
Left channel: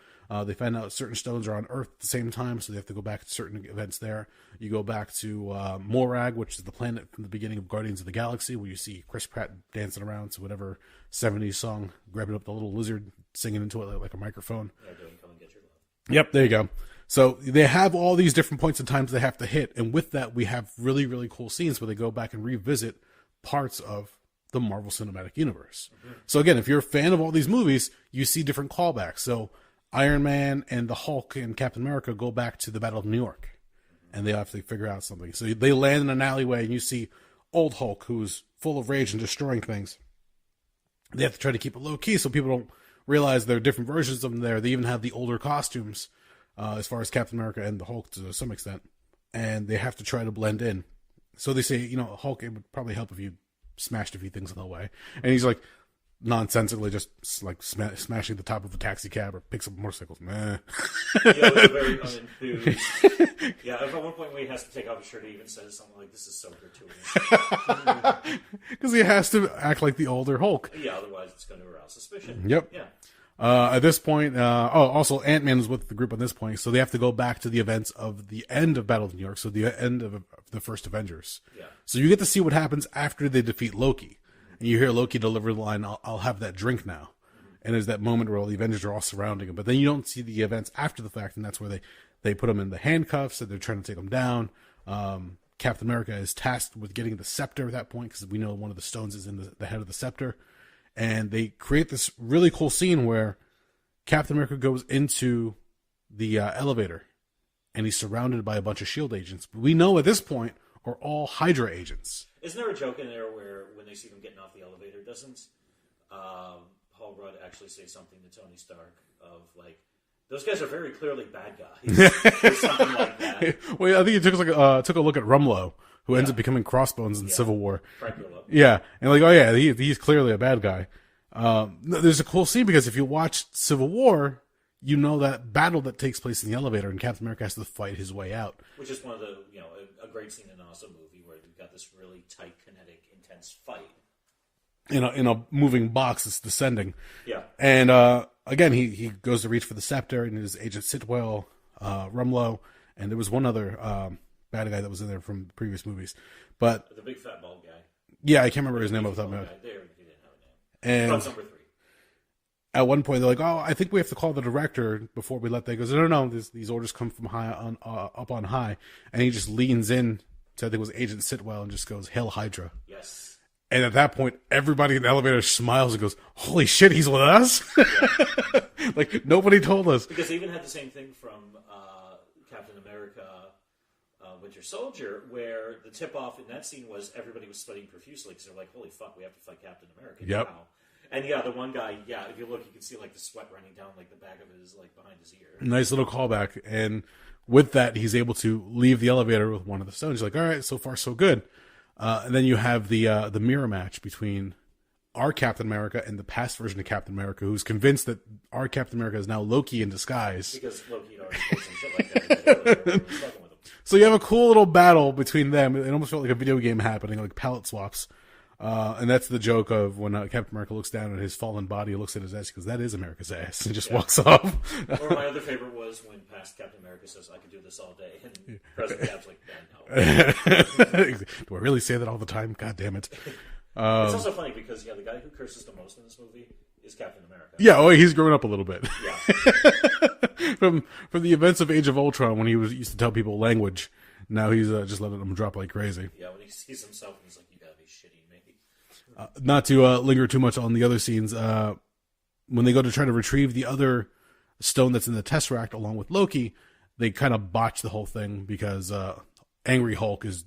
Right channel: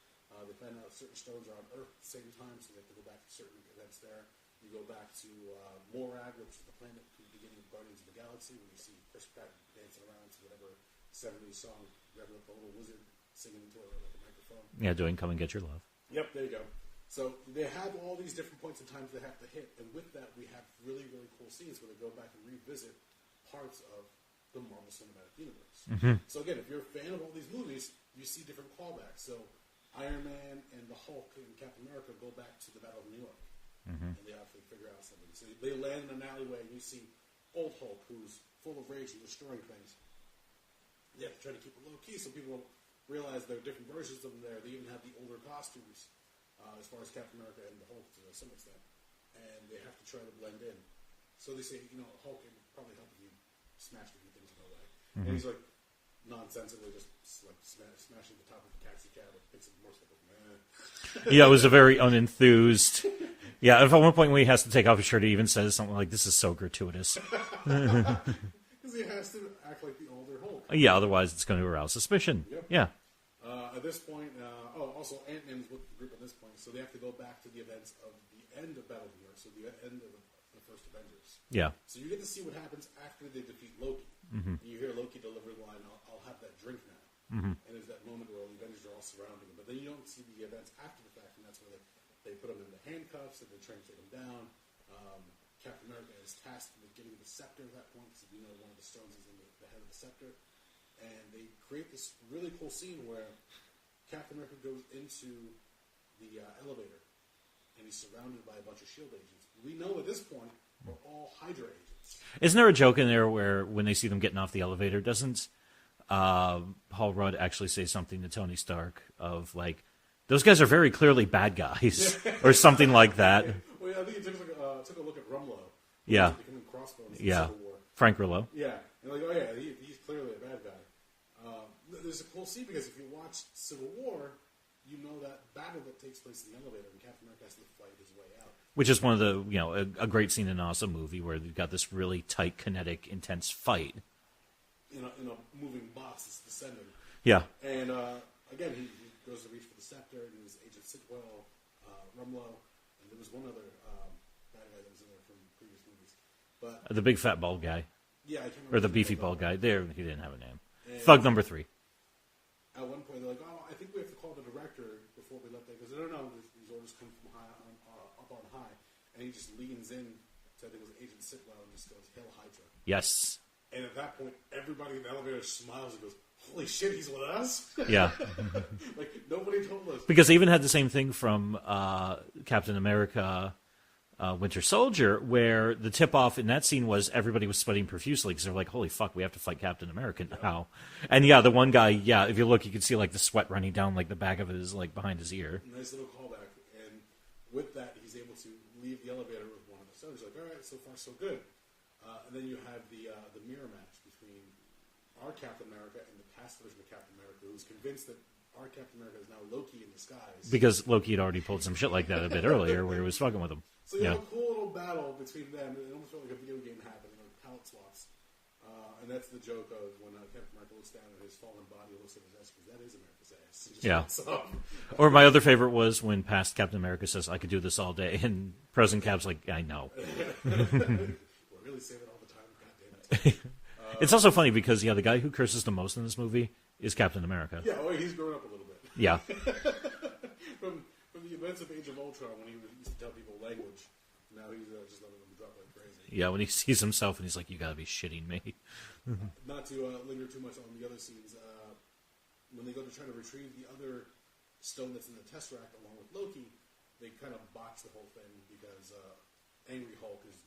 They find out certain stones are on Earth at the same time, so they have to go back to certain events there. You go back to Morag, which is the planet from the beginning of Guardians of the Galaxy, where you see Chris Pratt dancing around to whatever 70s song, grabbing up the little lizard, singing into it like a microphone. Yeah, doing Come and Get Your Love. Yep, there you go. So they have all these different points in times they have to hit. And with that, we have really, really cool scenes where they go back and revisit parts of the Marvel Cinematic Universe. So again, if you're a fan of all these movies, you see different callbacks. So Iron Man and the Hulk and Captain America go back to the Battle of New York. And they have to figure out something. So they land in an alleyway and you see old Hulk, who's full of rage and destroying things. They have to try to keep it low key so people don't realize there are different versions of them there. They even have the older costumes. As far as Captain America and the Hulk to some extent, and they have to try to blend in. So they say, Hulk, it would probably help if you smashed a few things on the way. And he's like nonsensically just like smashing the top of a taxi cab or picks up motorcycles. Yeah, it was a very unenthused. Yeah, at one point when he has to take off his shirt, he even says something like, "This is so gratuitous," because he has to act like the older Hulk. Yeah, otherwise it's going to arouse suspicion. Yep. Yeah. At this point, also Ant-Man is with the group on this point, so they have to go back to the events of the end of Battle of New York, so the end of the first Avengers. Yeah. So you get to see what happens after they defeat Loki. And you hear Loki deliver the line, I'll have that drink now. And there's that moment where all the Avengers are all surrounding him, but then you don't see the events after the fact, and that's where they put him in the handcuffs, and they're trying to take him down. Captain America is tasked with getting the scepter at that point, because we know one of the stones is in the head of the scepter. And they create this really cool scene where Captain America goes into the elevator, and he's surrounded by a bunch of S.H.I.E.L.D. agents. We know at this point are all Hydra agents. Isn't there a joke in there where when they see them getting off the elevator, doesn't Paul Rudd actually say something to Tony Stark of like, those guys are very clearly bad guys, or something like that? Well, I think he took a look at Rumlow, who ends up becoming Crossbones in the Civil War. Frank Grillo. Yeah. And like, oh yeah, he's clearly a bad guy. There's a cool scene because if you watch Civil War, you know that battle that takes place in the elevator and Captain America has to fight his way out. Which is one of the, a great scene in an awesome movie where you've got this really tight, kinetic, intense fight. In a moving box that's descending. Yeah. And again, he goes to reach for the scepter, and his Agent Sitwell, Rumlow, and there was one other bad guy that was in there from previous movies. But the big fat bald guy. Yeah, I can't remember or his the name. Beefy bald guy. There, he didn't have a name. And Thug number 3. At one point, they're like, "Oh, I think we have to call the director before we let that." He goes, "No, these orders come from high on up on high," and he just leans in to I think it was Agent Sitwell and just goes, "Hail Hydra!" Yes. And at that point, everybody in the elevator smiles and goes, "Holy shit, he's with us!" Yeah. Like nobody told us, because they even had the same thing from Captain America. Winter Soldier, where the tip-off in that scene was everybody was sweating profusely because they're like, holy fuck, we have to fight Captain America now. And yeah, the one guy, if you look, you can see like the sweat running down like the back of his, like behind his ear. Nice little callback. And with that, he's able to leave the elevator with one of the stones. He's like, all right, so far so good. And then you have the mirror match between our Captain America and the past version of Captain America, who's convinced that our Captain America is now Loki in disguise. Because Loki had already pulled some shit like that a bit earlier when he was fucking with him. So you have a cool little battle between them. It almost felt like a video game happening, like palette swaps. And that's the joke of when Captain America looks down at his fallen body, looks at his ass, because that is America's ass, and just walks off. Or my other favorite was when past Captain America says, I could do this all day, and President Cap's like, I know. Do I really say that all the time? God damn it. It's also funny because, the guy who curses the most in this movie is Captain America. Yeah, he's grown up a little bit. Yeah. from the events of Age of Ultron, when he used to tell people language, now he's just letting them drop like crazy. Yeah, when he sees himself and he's like, you gotta be shitting me. Not to linger too much on the other scenes, when they go to try to retrieve the other stone that's in the Tesseract along with Loki, they kind of botch the whole thing because Angry Hulk is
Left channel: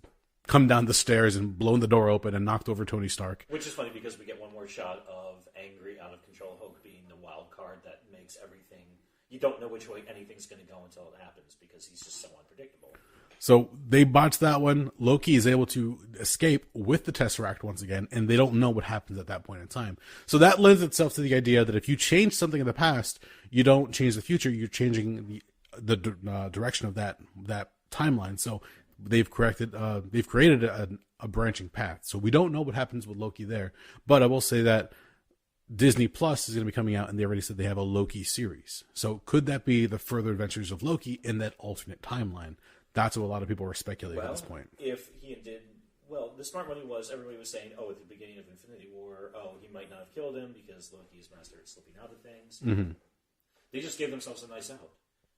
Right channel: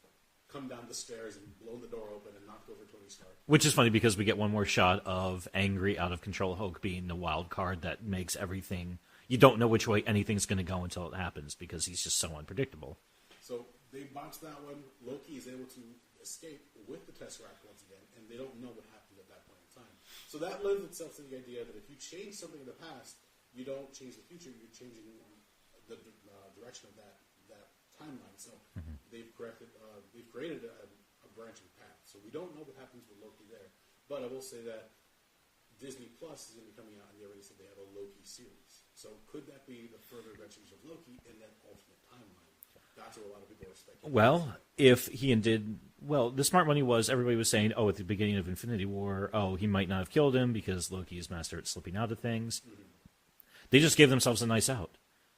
come down the stairs and blown the door open and knocked over Tony Stark. Which is funny because we get one more shot of angry, out of control Hulk being the wild card that makes everything. You don't know which way anything's going to go until it happens because he's just so unpredictable. So they botched that one. Loki is able to escape with the Tesseract once again, and they don't know what happens at that point in time. So that lends itself to the idea that if you change something in the past, you don't change the future. You're changing the direction of that timeline. So they've created a branching path. So we don't know what happens with Loki there. But I will say that Disney Plus is going to be coming out, and they already said they have a Loki series. So could that be the further adventures of Loki in that alternate timeline? That's what a lot of people were speculating at this point. If he did... Well, the smart money was everybody was saying, at the beginning of Infinity War, he might not have killed him because Loki is master at slipping out of things. Mm-hmm. They just gave themselves a nice out.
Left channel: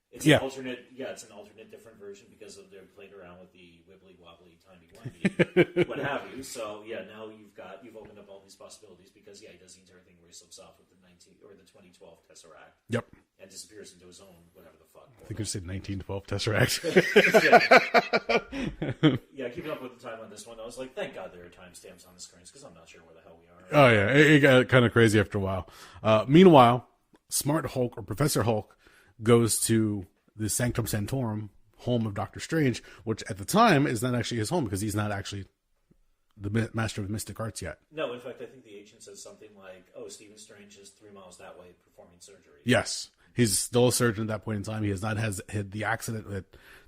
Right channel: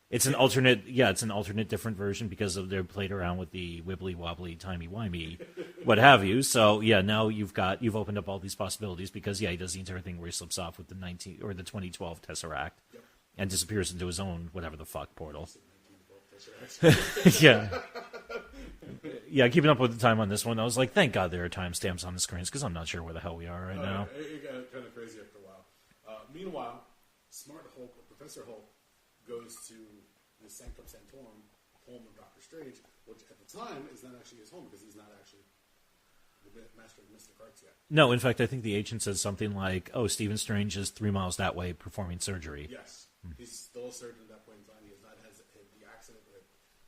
It's an alternate, it's an alternate different version because they're played around with the wibbly wobbly, timey wimey, what have you. So now you've opened up all these possibilities because he does the entire thing where he slips off with the 2012 Tesseract. Yep. And disappears into his own whatever the fuck portal. I think you said 1912 Tesseract. Yeah, keeping up with the time on this one, I was like, thank God there are timestamps on the screens because I'm not sure where the hell we are. Right now. It got kind of crazy after a while. Meanwhile, Smart Hulk or Professor Hulk goes to the Sanctum Sanctorum, home of Doctor Strange, which at the time is not actually his home because he's not actually the master of mystic arts yet. No, in fact, I think the agent says something like, Stephen Strange is 3 miles that way performing surgery. Yes. He's still a surgeon at that point in time. He has not had the accident that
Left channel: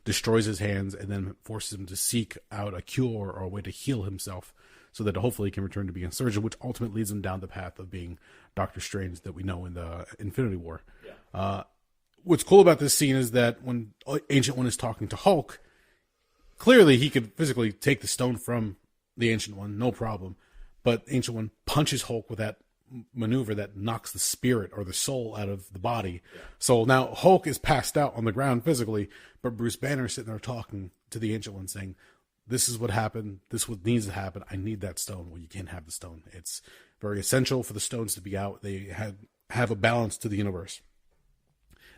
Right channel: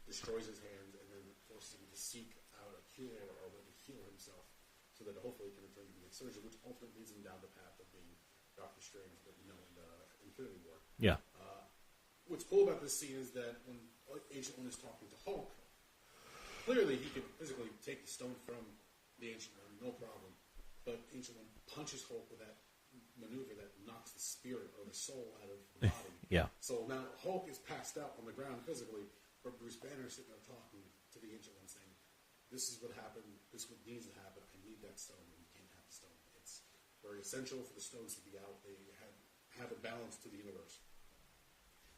destroys his hands and then forces him to seek out a cure or a way to heal himself so that hopefully he can return to being a surgeon, which ultimately leads him down the path of being Doctor Strange that we know in the Infinity War. Yeah. What's cool about this scene is that when Ancient One is talking to Hulk, clearly he could physically take the stone from the Ancient One, no problem. But Ancient One punches Hulk with that maneuver that knocks the spirit or the soul out of the body. Yeah. So now Hulk is passed out on the ground physically, but Bruce Banner is sitting there talking to the Ancient One saying, this is what happened. This is what needs to happen. I need that stone. Well, you can't have the stone. It's very essential for the stones to be out. They have a balance to the universe.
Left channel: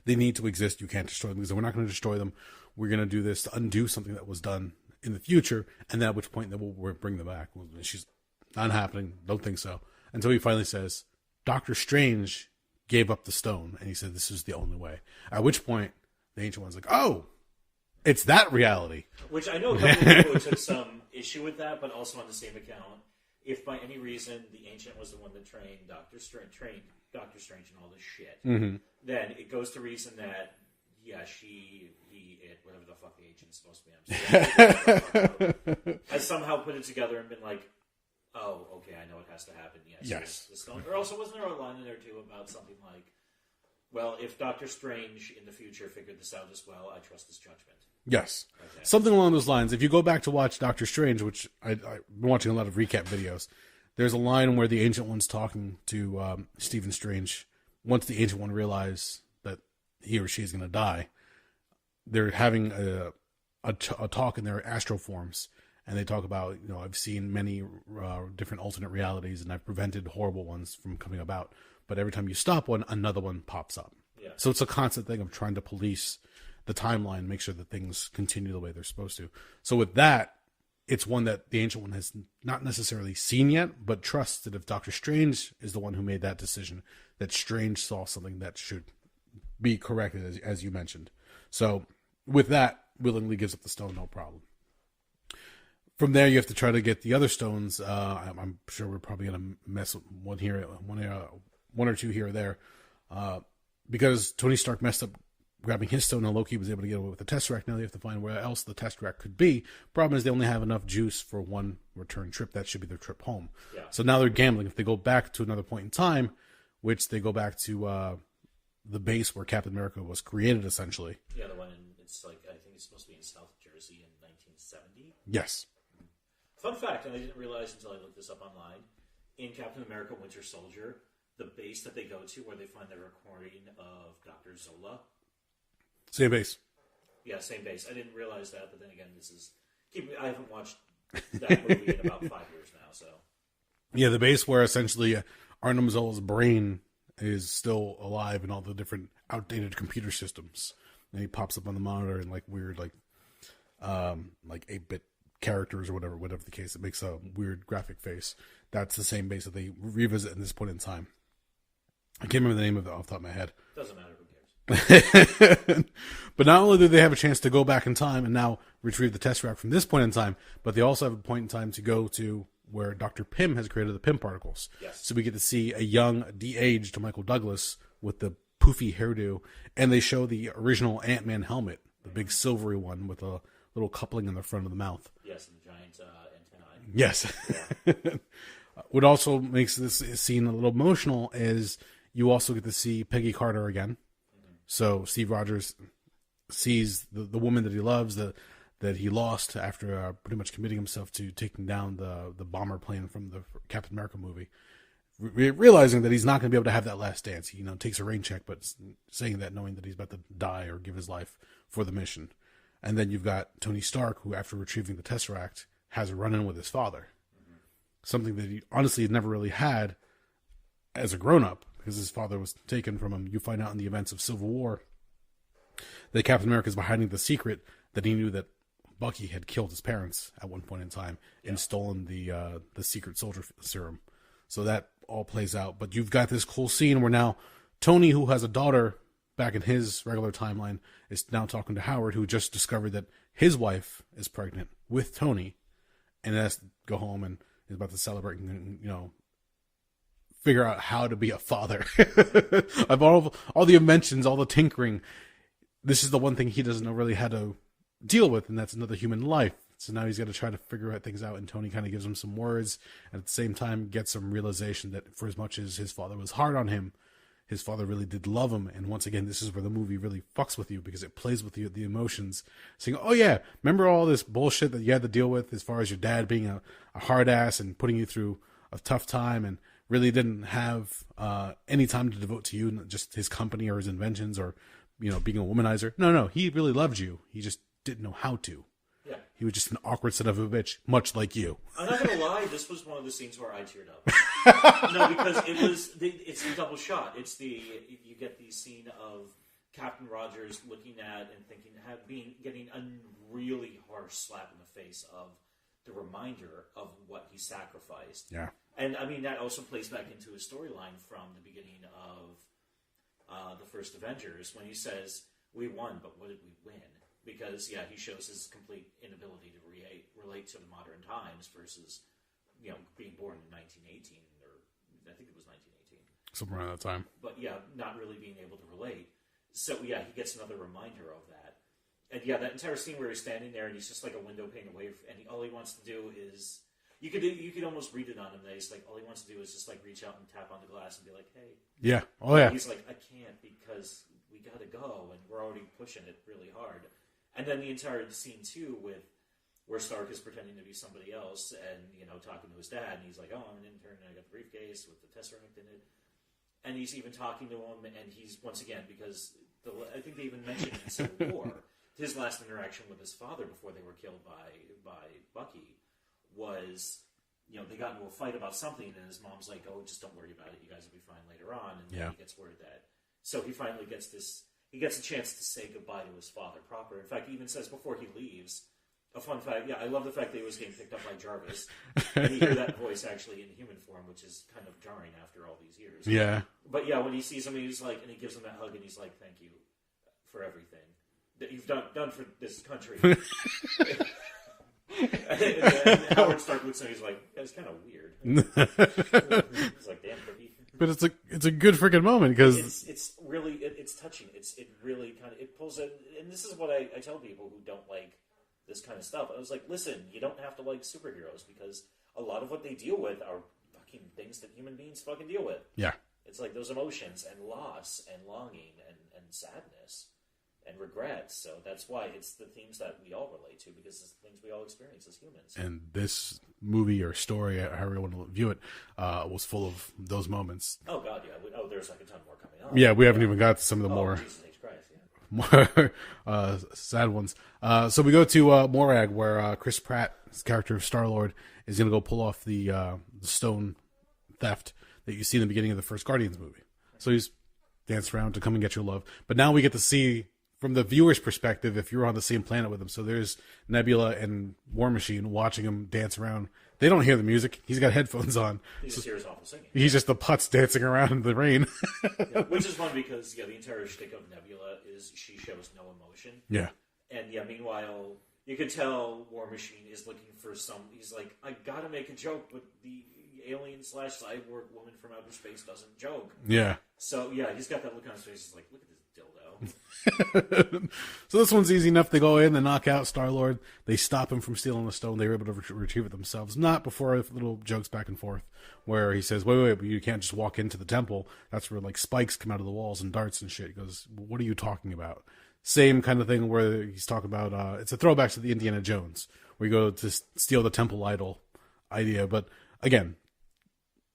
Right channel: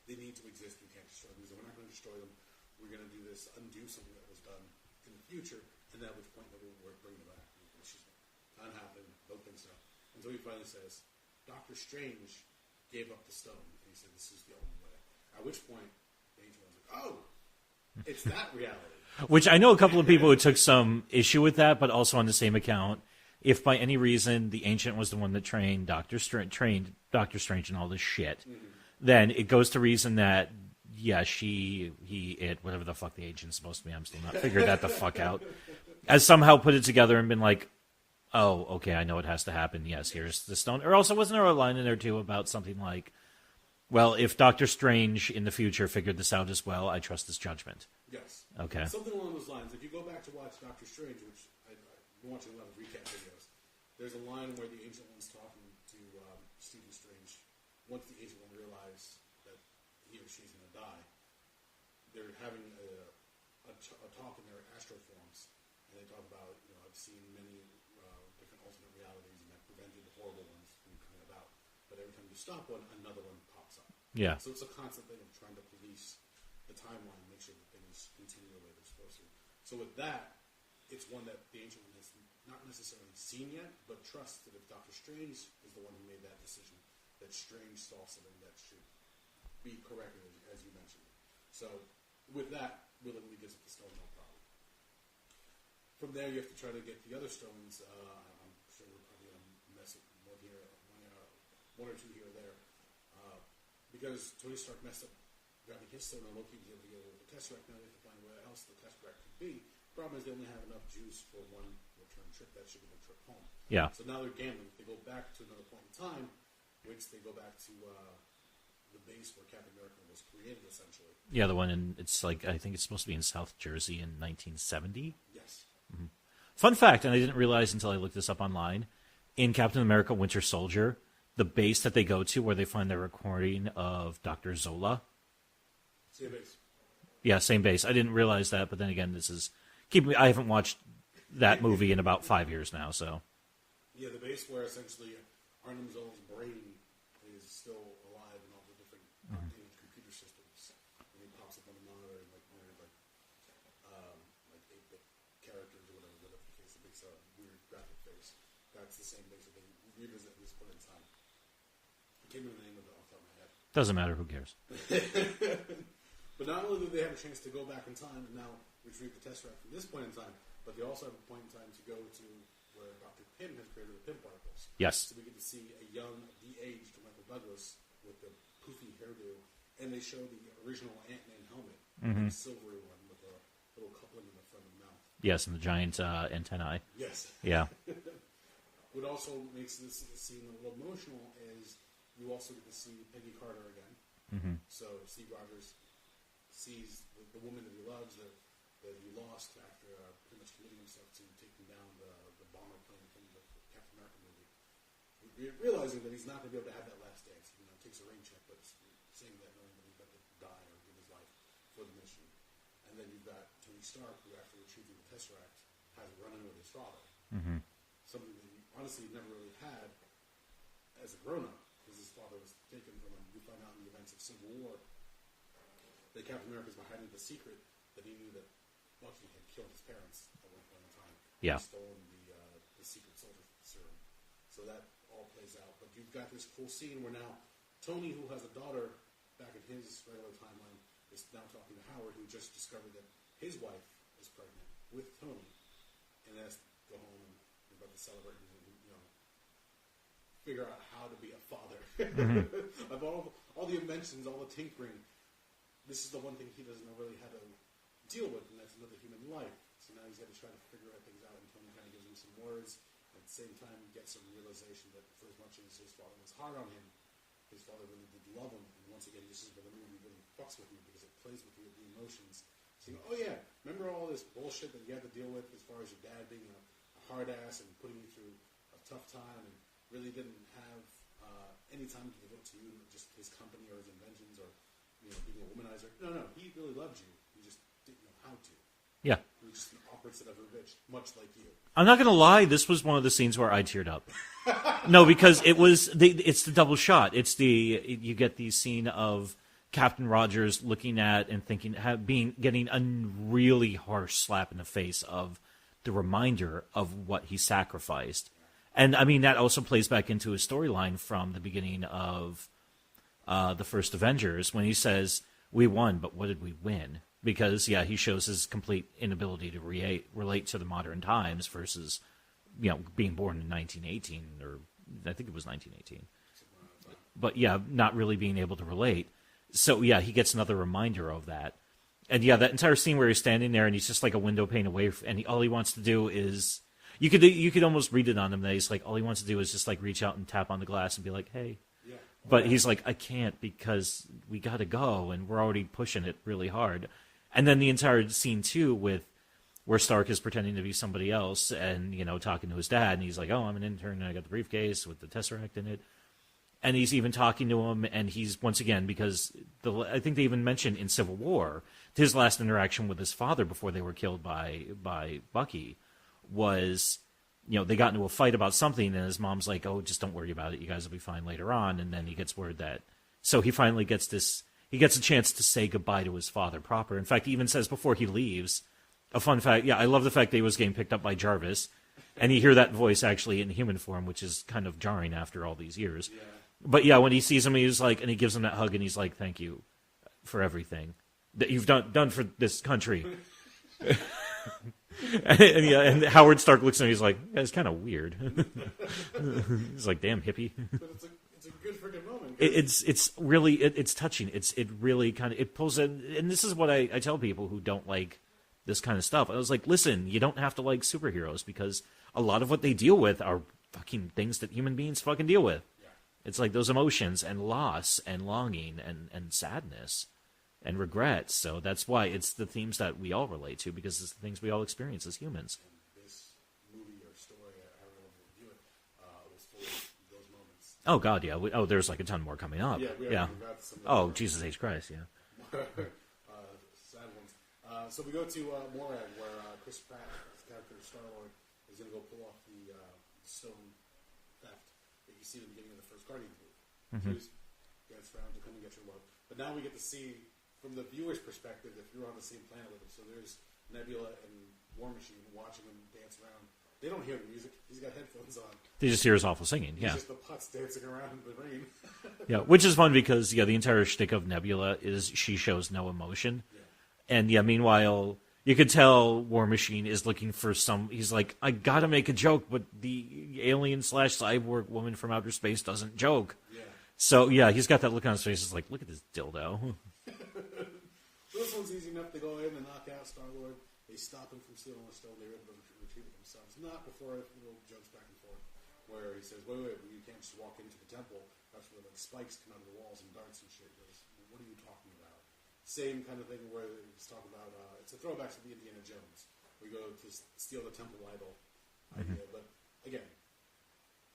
They need to exist. You can't destroy them because we're not going to destroy them. We're going to do this to undo something that was done in the future, and then at which point then we'll bring them back. She's not happening. Don't think so. Until he finally says, Doctor Strange gave up the stone, and he said this is the only way. At which point the Ancient One's like, oh, it's that reality. Which I know a couple of people who took some issue with that, but also on the same account, if by any reason the Ancient was the one that trained Doctor Strange and all this shit, then it goes to reason that whatever the fuck the agent's supposed to be, I'm still figuring that the fuck out, has somehow put it together and been like, oh, okay, I know it has to happen. Yes, here's the stone. Or also, wasn't there a line in there too about something like, well, if Doctor Strange in the future figured this out as well, I trust his judgment. Yes. Okay. Something along those lines. If you go back to watch Doctor Strange, which I've been watching a lot of recap videos, there's a line where the Ancient One's talking to Stephen Strange. Once the Ancient One realizes that he or she is going to die, they're having a talk in their astral forms, and they talk about, I've seen many different alternate realities, and I've prevented horrible ones from coming about. But every time you stop one, another one pops up. Yeah. So it's a constant thing of trying to police the timeline, make sure that things continue the way they're supposed to. So with that, it's one that the Ancient One has not necessarily seen yet, but trusts that if Doctor Strange is the one who made that decision, that Strange saw something that should be corrected, as you mentioned. So with that, willingly gives up the stone, no problem. From there, you have to try to get the other stones. I'm sure we're probably going to mess with one or two here or there, because Tony Stark messed up grabbing his stone and Loki was able to get away with the Tesseract. Now they have to find where else the Tesseract could be. Problem is they only have enough juice for one return trip. That should be their trip home. Yeah. So now they're gambling. If they go back to another point in time, which they go back to the base where Captain America was created, essentially. Yeah, the one I think it's supposed to be in South Jersey in 1970. Yes. Mm-hmm. Fun fact, and I didn't realize until I looked this up online, in Captain America Winter Soldier, the base that they go to where they find the recording of Dr. Zola. Same base. Yeah, same base. I didn't realize that, but then again, I haven't watched that movie in about 5 years now, so. Yeah, the base where essentially Arnim Zola's brain is still alive in all the different outdated computer systems. And he pops up on the monitor in like weird, like 8-bit characters or whatever the case. It makes a weird graphic face. That's the same base that they revisit in this point in time. I can't remember the name of it off the top of my head. Doesn't matter. Who cares? But not only do they have a chance to go back in time and now retrieve the Tesseract from this point in time, but they also have a point in time to go to where Dr. Pym has created the Pym particles. Yes. So we get to see a young, de-aged Michael Douglas with the poofy hairdo, and they show the original Ant-Man helmet, the big silvery one with a little coupling in the front of the mouth. Yes, and the giant antennae. Yes. Yeah. What also makes this scene a little emotional is you also get to see Peggy Carter again. So Steve Rogers sees the woman that he loves, that he lost after pretty much committing himself to taking down the bomber plane from the Captain America movie. Realizing that he's not going to be able to have that last dance. He takes a rain check, but saying that knowing that he's about to die or give his life for the mission. And then you've got Tony Stark, who after retrieving the Tesseract has a run-in with his father. Something that he honestly never really had as a grown-up, because his father was taken from him. You find out in the events of Civil War that Captain America is behind the secret that he knew that Bucky had killed his parents at one point in time and stolen the secret soldier serum. So that all plays out. But you've got this cool scene where now Tony, who has a daughter back in his regular timeline, is now talking to Howard, who just discovered that his wife is pregnant with Tony and has to go home and is about to celebrate and, figure out how to be a father. Of all the inventions, all the tinkering, this is the one thing he doesn't know really how to deal with, and that's another human life. So now he's got to try to figure out things out, and Tony kind of gives him some words, and at the same time gets some realization that for as much as his father was hard on him, his father really did love him. And once again, this is where the movie really fucks with you, because it plays with you, the emotions, saying, oh yeah, remember all this bullshit that you had to deal with as far as your dad being a hard ass and putting you through a tough time and really didn't have any time to devote to you, just his company or his inventions or, being a womanizer. No, he really loved you. He just didn't know how to. Yeah. He was just an awkward son of a bitch, much like you. I'm not going to lie. This was one of the scenes where I teared up. No, because it's the double shot. You get the scene of Captain Rogers looking at and thinking, getting a really harsh slap in the face of the reminder of what he sacrificed. Yeah. And I mean, that also plays back into his storyline from the beginning of the first Avengers, when he says, we won, but what did we win? Because, he shows his complete inability to relate to the modern times versus, being born in 1918, or I think it was 1918. Somewhere around that time. But, not really being able to relate. So, he gets another reminder of that. And, that entire scene where he's standing there and he's just like a window pane away, and all he wants to do is... You could almost read it on him that he's like, all he wants to do is just like reach out and tap on the glass and be like, hey. Yeah. But he's like, I can't because we got to go and we're already pushing it really hard. And then the entire scene too with where Stark is pretending to be somebody else and, talking to his dad, and he's like, oh, I'm an intern and I got the briefcase with the Tesseract in it. And he's even talking to him, and he's, once again, because I think they even mentioned in Civil War, his last interaction with his father before they were killed by Bucky was, they got into a fight about something, and his mom's like, oh, just don't worry about it. You guys will be fine later on. And then he gets word that, so he finally gets a chance to say goodbye to his father proper. In fact, he even says before he leaves, a fun fact, I love the fact that he was getting picked up by Jarvis, and you hear that voice actually in human form, which is kind of jarring after all these years. Yeah. But when he sees him, he's like, and he gives him that hug, and he's like, thank you for everything that you've done for this country. and Howard Stark looks at him. He's like, "It's kind of weird." He's like, "Damn hippie." But it's a good freaking moment because it's really it's touching. It really kind of it pulls in, and this is what I tell people who don't like this kind of stuff. I was like, listen, you don't have to like superheroes because a lot of what they deal with are fucking things that human beings fucking deal with. Yeah, it's like those emotions and loss and longing and sadness and regret. So that's why it's the themes that we all relate to, because it's the things we all experience as humans. And this movie or story, however you want to view it, was full of those moments. Oh God, yeah. There's like a ton more coming up. Yeah, we haven't even got to some of the more. Oh Jesus H Christ, yeah. More sad ones. So we go to Morag, where Chris Pratt's character of Star-Lord is going to go pull off the stone theft that you see in the beginning of the first Guardians movie. Mm-hmm. So he's danced around to come and get your love. But now we get to see from the viewer's perspective, if you're on the same planet with him, so there's Nebula and War Machine watching him dance around. They don't hear the music. He's got headphones on. They just hear his awful singing. He's just the putz dancing around in the rain. Yeah, which is fun because the entire shtick of Nebula is she shows no emotion. Yeah. And meanwhile, you could tell War Machine is looking for he's like, I gotta make a joke, but the alien/cyborg woman from outer space doesn't joke. Yeah. So he's got that look on his face. It's like, look at this dildo. So this one's easy enough. They go in, they knock out Star-Lord. They stop him from stealing the stone. They were able to retrieve it themselves. Not before little jokes back and forth where he says, wait, but you can't just walk into the temple. That's where like spikes come out of the walls and darts and shit. He goes, what are you talking about? Same kind of thing where he's talking about, it's a throwback to the Indiana Jones, where you go to steal the temple idol idea. But again,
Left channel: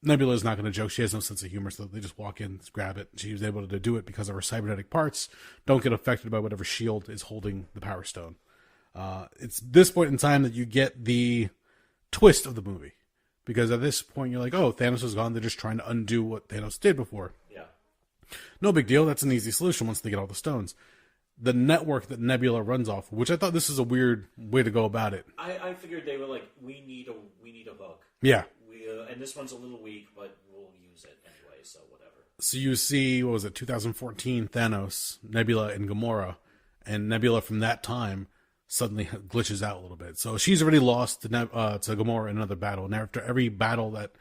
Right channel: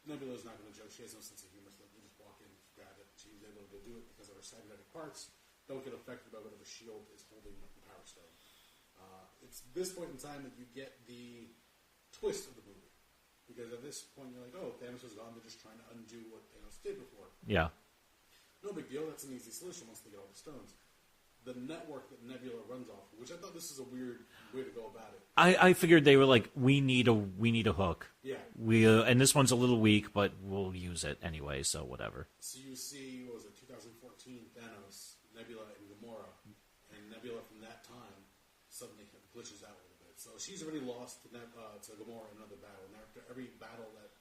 Nebula is not going to joke. She has no sense of humor, so they just walk in, grab it. She was able to do it because of her cybernetic parts. Don't get affected by whatever shield is holding the Power Stone. It's this point in time that you get the twist of the movie. Because at this point, you're like, oh, Thanos is gone. They're just trying to undo what Thanos did before. Yeah. No big deal. That's an easy solution once they get all the stones. The network that Nebula runs off, which I thought this is a weird way to go about it. I figured they were like, we need a hook. Yeah. And this one's a little weak, but we'll use it anyway, so whatever. So you see, 2014 Thanos, Nebula, and Gamora, and Nebula from that time suddenly glitches out a little bit. So she's already lost to Gamora in another battle, and after every battle that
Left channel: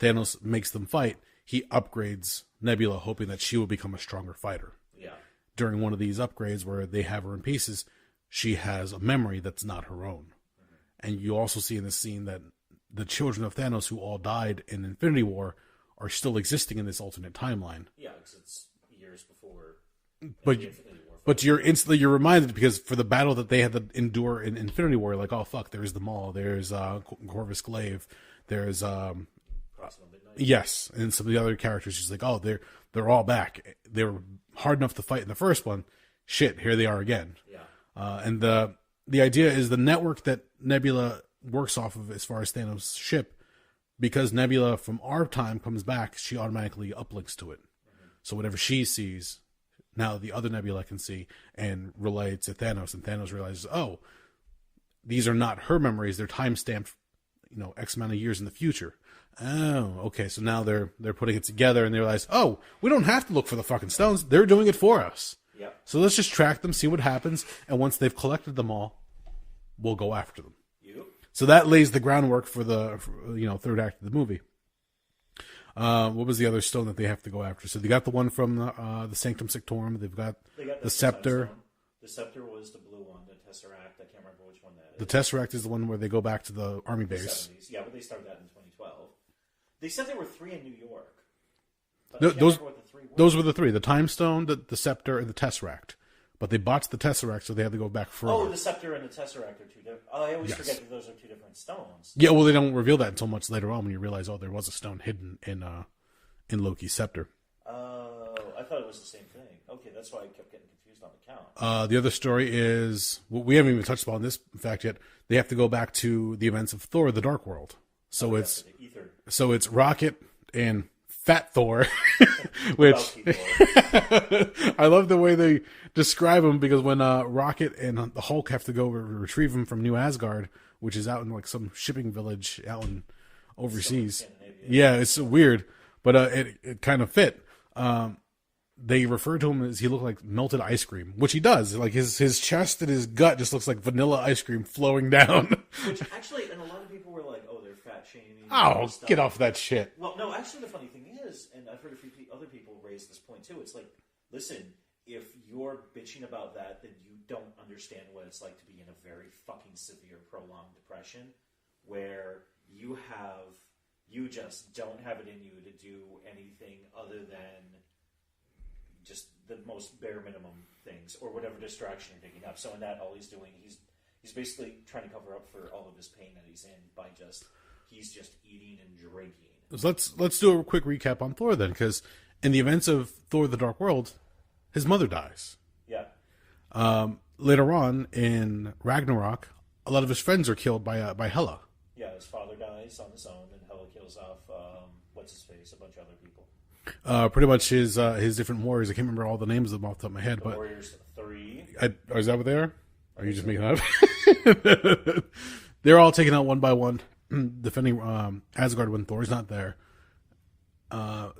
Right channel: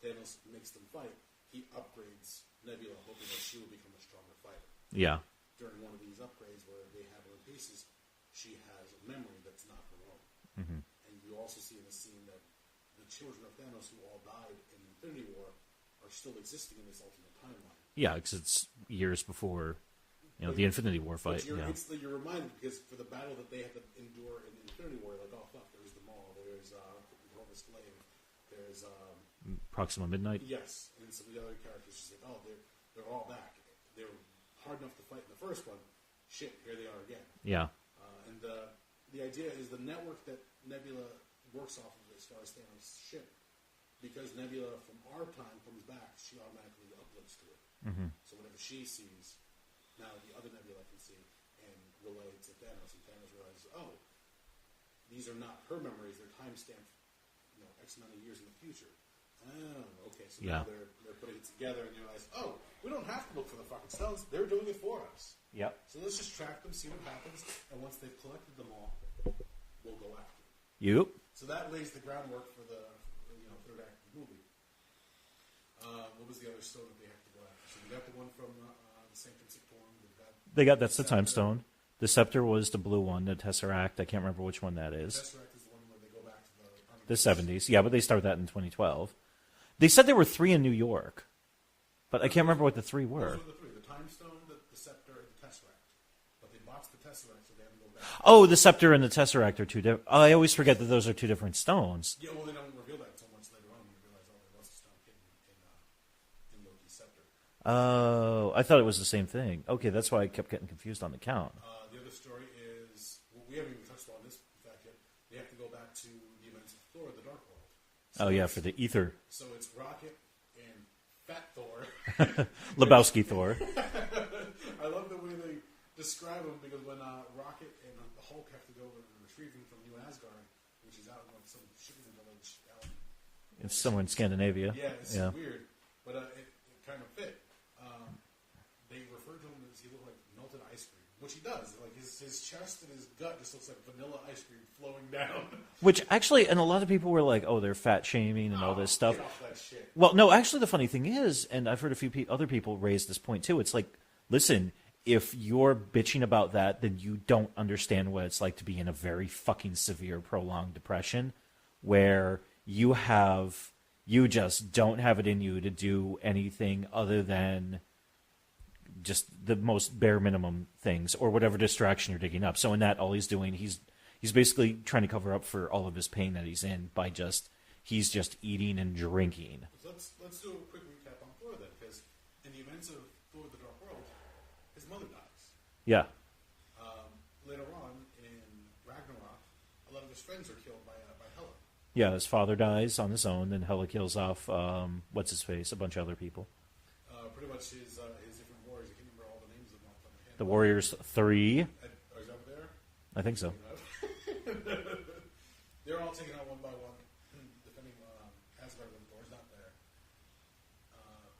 Thanos makes them fight, he upgrades Nebula, hoping that she will become a stronger fighter. Yeah. During one of these upgrades where they have her in pieces, she has a memory that's not her own. Mm-hmm. And you also see in this scene that the children of Thanos who all died in Infinity War are still existing in this alternate timeline. Yeah, because it's years before the Infinity War fight. But instantly you're reminded, because for the battle that they had to endure in Infinity War, you're like, oh, fuck, there's the Maul, there's Corvus Glaive, there's... Proxima Midnight? Yes, and some of the other characters, she's like, oh, they're all back. They were hard enough to fight in the first one. Shit, here they are again. Yeah. And the idea is the network that Nebula works off of as far as Thanos' ship, because Nebula from our time comes back, she automatically uplinks to it. Mm-hmm. So whatever she sees, now the other Nebula can see and relay to Thanos, and Thanos realizes, oh, these are not her memories, they're time-stamped, X amount of years in the future. Oh, okay. So now they're putting it together, and they realize, oh, we don't have to look for the fucking stones. They're doing it for us. Yeah. So let's just track them, see what happens, and once they've collected them all, we'll go after them. Yep. So that lays the groundwork for the third act of the movie. What was the other stone that they have to go after? So they got the one from the Sanctum Sanctorum. They got the scepter. Time Stone. The scepter was the blue one, the Tesseract. I can't remember which one that is. The Tesseract is the one where they go back to the army base. The 70s. Yeah, but they started that in 2012. They said there were 3 in New York, but I can't remember what the 3 were. Those were the 3: the Time Stone, the Scepter, and the Tesseract. But they botched the Tesseract, so they had to go back. Oh, the Scepter and the Tesseract are 2 different. I always forget that those are 2 different stones. Yeah, well, they don't reveal that until much later on when you realize, oh, there was a stone hidden in Loki's scepter. Oh, I thought it was the same thing. Okay, that's why I kept getting confused on the count. The other story is, we haven't even touched upon this fact yet. They have to go back to the events of Thor: The Dark World. So for the ether. So it's Rocket and Fat Thor. Lebowski Thor. I love the way they describe him, because when Rocket and the Hulk have to go retrieve him from New Asgard, which is out in like some shipping village out in overseas. Somewhere in Scandinavia. Yeah, it's weird, but it kind of fit. They refer to him as he looked like melted ice cream, which he does. Like his chest and his gut just looks like vanilla ice cream flowing down. Which actually, and a lot of people were like, "Oh, they're fat shaming." And all this stuff. Get off that shit. Well, no, actually, the funny thing is, and I've heard a few other people raise this point too. It's like, listen, if you're bitching about that, then you don't understand what it's like to be in a very fucking severe, prolonged depression, where you just don't have it in you to do anything other than just the most bare minimum things or whatever distraction you're digging up. So in that, all he's doing, he's basically trying to cover up for all of his pain that he's in by he's just eating and drinking. So let's do a quick recap on Thor then, because in the events of Thor: The Dark World, his mother dies. Yeah. Later on in Ragnarok, a lot of his friends are killed by Hela. Yeah, his father dies on his own, and Hela kills off what's his face, a bunch of other people. Pretty much his different warriors. I can't remember all the names of them off the top of my head. The Warriors 3. Or is that what they are? I Or are you think just making that up? They're all taken out one by one, defending Asgard when Thor's not there.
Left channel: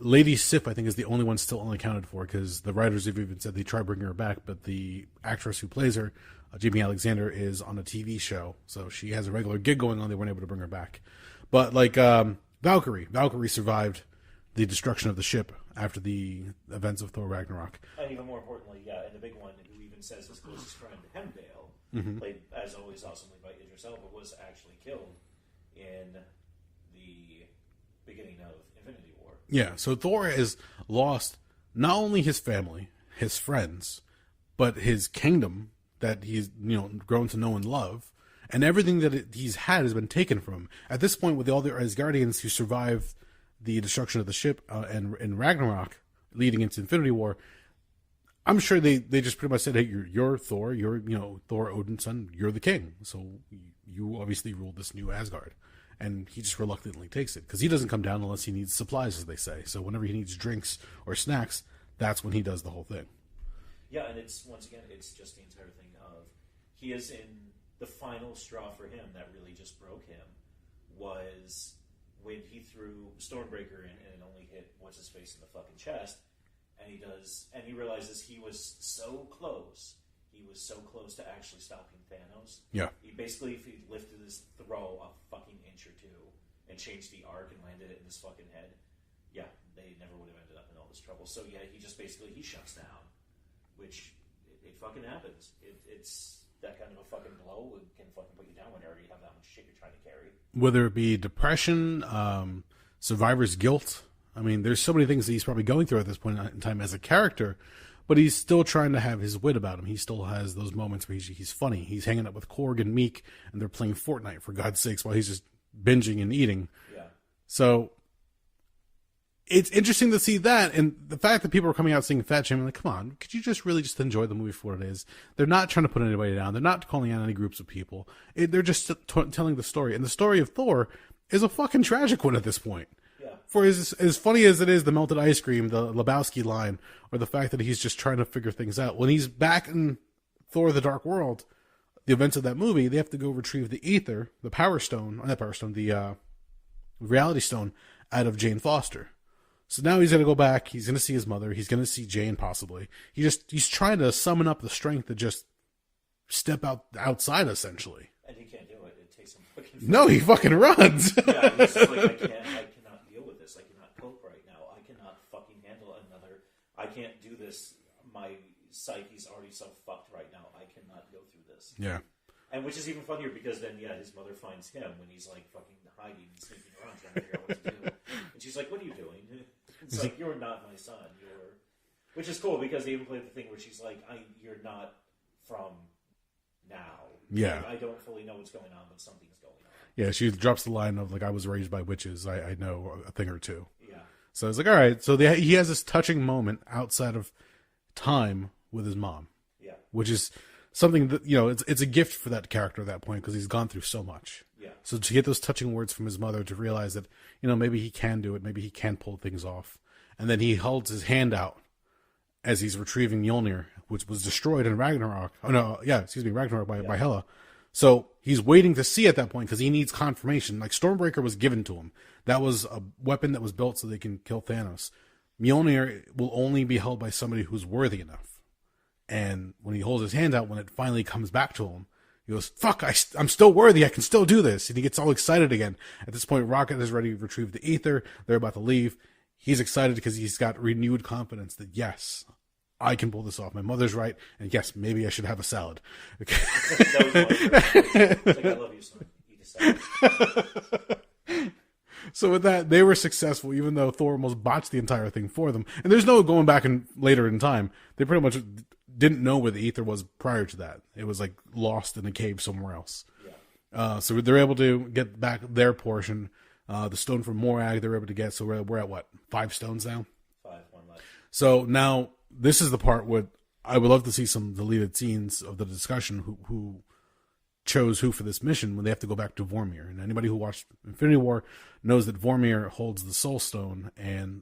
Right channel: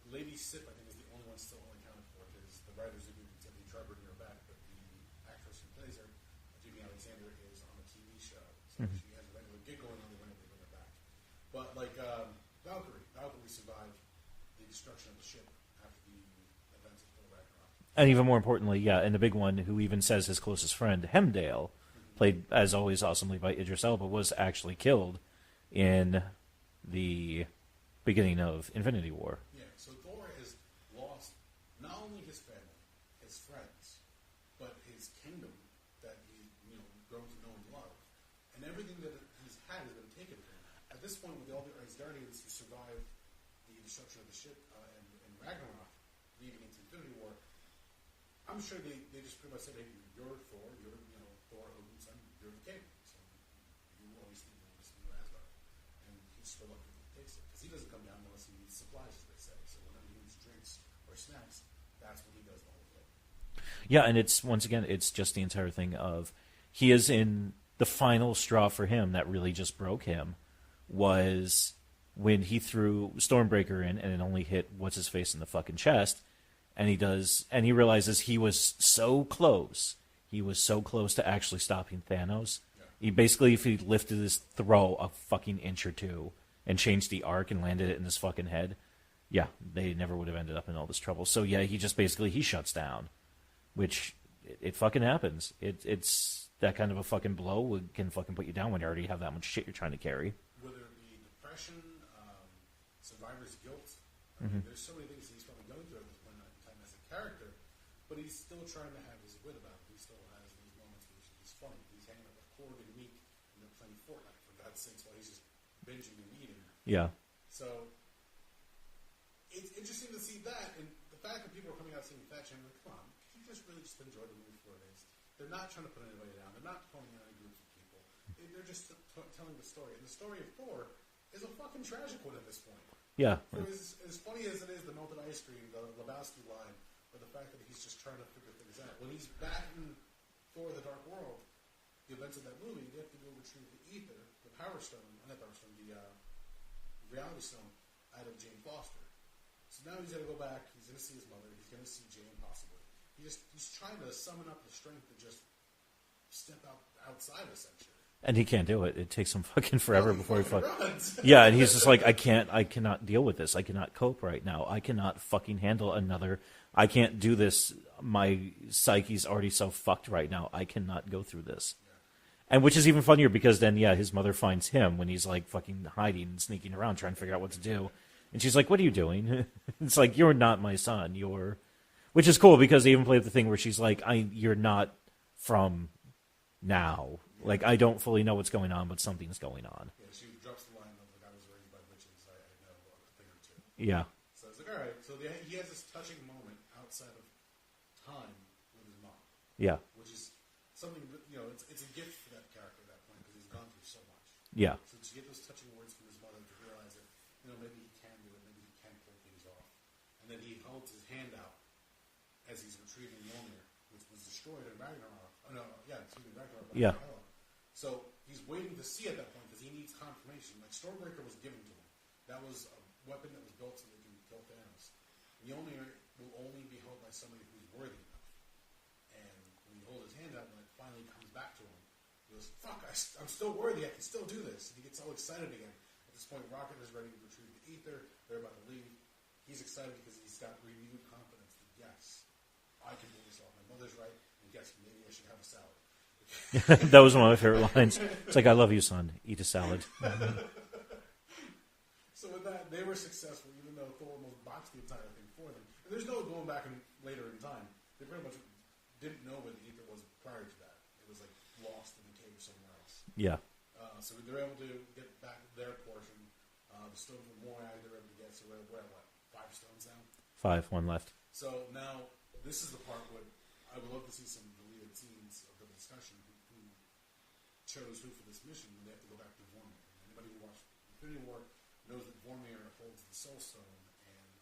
Lady Sif, I think, is the only one still unaccounted for because the writers have even said they try bringing her back, but the actress who plays her, Jamie Alexander, is on a TV show, so she has a regular gig going on. They weren't able to bring her back. But like Valkyrie survived the destruction of the ship after the events of Thor Ragnarok. And even more importantly, yeah, and the big one who even says his closest friend, Hemdale, played as always awesomely by Idris Elba, was actually killed in the beginning of Infinity War. Yeah, so Thor has lost not only his family, his friends, but his kingdom that he's grown to know and love, and everything that he's had has been taken from him. At this point, with all the Asgardians who survived the destruction of the ship and Ragnarok, leading into Infinity War, I'm sure they just pretty much said, "Hey, you're Thor. You're Thor, Odin's son. You're the king. So you obviously rule this new Asgard." And he just reluctantly takes it because he doesn't come down unless he needs supplies, as they say. So whenever he needs drinks or snacks, that's when he does the whole thing. Yeah, and it's just the entire thing of he is in the final straw for him that really just broke him was when he threw Stormbreaker in and it only hit what's his face in the fucking chest, and he realizes he was so close. He was so close to actually stopping Thanos. Yeah. He basically, if he lifted his throw a fucking inch or two and changed the arc and landed it in his fucking head, yeah, they never would have ended up in all this trouble. So yeah, he just basically he shuts down, which it fucking happens. It's that kind of a fucking blow can fucking put you down when you already have that much shit you're trying to carry. Whether it be depression, survivor's guilt. I mean, there's so many things that he's probably going through at this point in time as a character. But he's still trying to have his wit about him. He still has those moments where he's funny. He's hanging out with Korg and Meek, and they're playing Fortnite, for God's sakes, while he's just binging and eating. Yeah. So it's interesting to see that. And the fact that people are coming out saying fat shaming, like, come on, could you just really just enjoy the movie for what it is? They're not trying to put anybody down. They're not calling out any groups of people. They're just telling the story. And the story of Thor is a fucking tragic one at this point. Yeah. For as funny as it is, the melted ice cream, the Lebowski line, or the fact that he's just trying to figure things out. When he's back in Thor: The Dark World, the events of that movie, they have to go retrieve the ether, the Power Stone, not Power Stone, the Reality Stone, out of Jane Foster. So now he's going to go back. He's going to see his mother. He's going to see Jane possibly. He's trying to summon up the strength to just step outside, essentially. And he can't do it. It takes him fucking forever. No, he fucking runs. Yeah, and he's just like, I cannot deal with this. I cannot cope right now. I cannot fucking handle another. I can't do this. My psyche's already so fucked right now. I cannot go through this. Yeah. And which is even funnier because then, yeah, his mother finds him when he's like fucking hiding and sneaking around trying to figure out what to do. And she's like, what are you doing? It's like, you're not my son. Which is cool because they even played the thing where she's like, you're not from now. Yeah. Like, I don't fully know what's going on, but something's going on. Yeah, she drops the line of, like, I was raised by witches. I know a thing or two. Yeah. So it's like, all right. So he has this touching moment outside of time with his mom. Yeah. Which is something that, it's a gift for that character at that point because he's gone through so much. Yeah. So to get those touching words from his mother to realize that, maybe he can do it. Maybe he can pull things off. And then he holds his hand out as he's retrieving Mjolnir, which was destroyed in Ragnarok. Oh, no. Yeah, excuse me. Ragnarok by Hela. So he's waiting to see at that point because he needs confirmation. Like, Stormbreaker was given to him. That was a weapon that was built so they can kill Thanos. Mjolnir will only be held by somebody who's worthy enough. And when he holds his hand out, when it finally comes back to him, he goes, fuck, I'm still worthy. I can still do this. And he gets all excited again. At this point, Rocket is ready to retrieve the ether. They're about to leave. He's excited because he's got renewed confidence that, yes, I can pull this off. My mother's right. And yes, maybe I should have a salad. That was one of my favorite lines. It's like, I love you, son. Eat a salad. So with that, they were successful, even though Thor almost botched the entire thing for them. And there's no going back and later in time. They pretty much didn't know where the ether was prior to that. It was like lost in a cave somewhere else. Yeah. So they're able to get back their portion. The stone from Morag they're able to get. So we're at what? 5 stones now? 5, 1 left. So now this is the part where I would love to see some deleted scenes of the discussion who chose who for this mission when they have to go back to Vormir. And anybody who watched Infinity War knows that Vormir holds the Soul Stone, and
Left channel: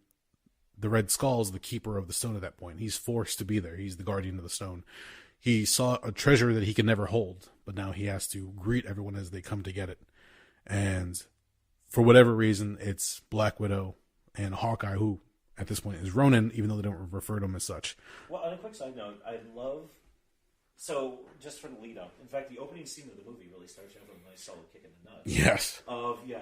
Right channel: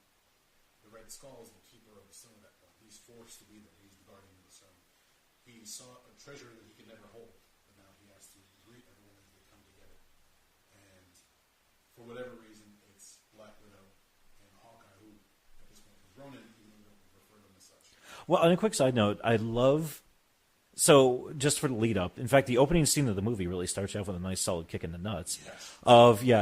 the Red Skull is the keeper of the stone at that point. He's forced to be there. He's the guardian of the stone. He saw a treasure that he could never hold, but now he has to greet everyone as they come to get it. And for whatever reason, it's Black Widow and Hawkeye, who at this point is Ronin, even though they don't refer to him as such. Well, on a quick side note, I love... So, just for the lead up, in fact, the opening scene of the movie really starts off with a nice solid kick in the nuts. Yes.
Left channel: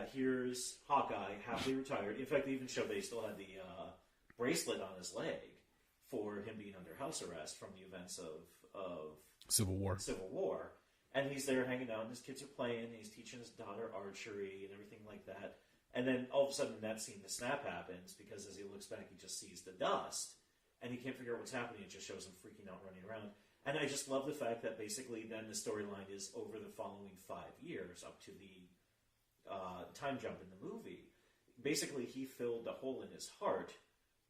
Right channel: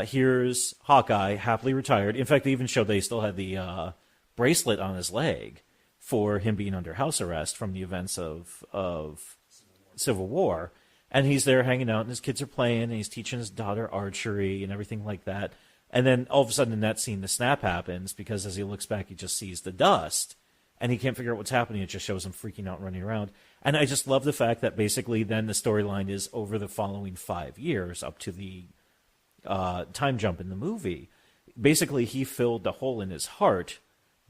Here's Hawkeye, happily retired. In fact, they even showed they still had the bracelet on his leg for him being under house arrest from the events of Civil War. And he's there hanging out, and his kids are playing, and he's teaching his daughter archery and everything like that. And then all of a sudden in that scene, the snap happens, because as he looks back, he just sees the dust, and he can't figure out what's happening. It just shows him freaking out, running around. And I just love the fact that basically then the storyline is over the following 5 years up to the time jump in the movie. Basically, he filled the hole in his heart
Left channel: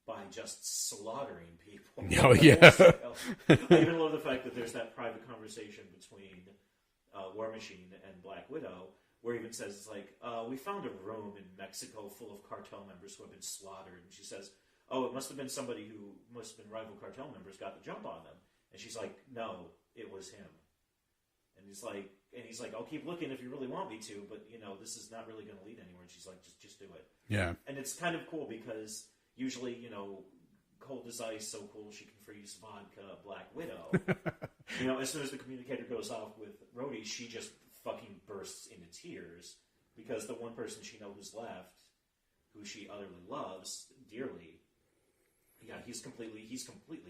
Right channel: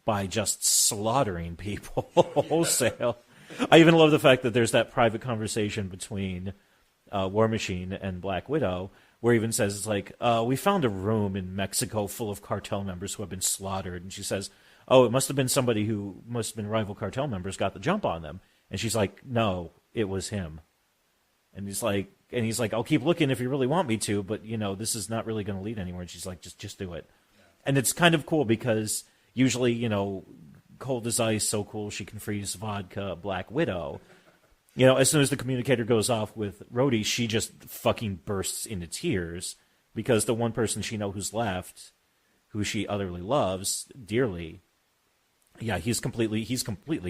by just slaughtering people. Oh, yeah. Wholesale. I even love the fact that there's that private conversation between War Machine and Black Widow, where he even says, it's like, we found a room in Mexico full of cartel members who have been slaughtered. And she says, oh, it must have been somebody who must have been rival cartel members got the jump on them. And she's like, no, it was him. And he's like, I'll keep looking if you really want me to, but, this is not really going to lead anywhere. And she's like, just do it. Yeah. And it's kind of cool because usually, cold as ice, so cool she can freeze vodka, Black Widow. As soon as the communicator goes off with Rhodey, she just fucking bursts into tears because the one person she knows who's left, who she utterly loves dearly, yeah, he's completely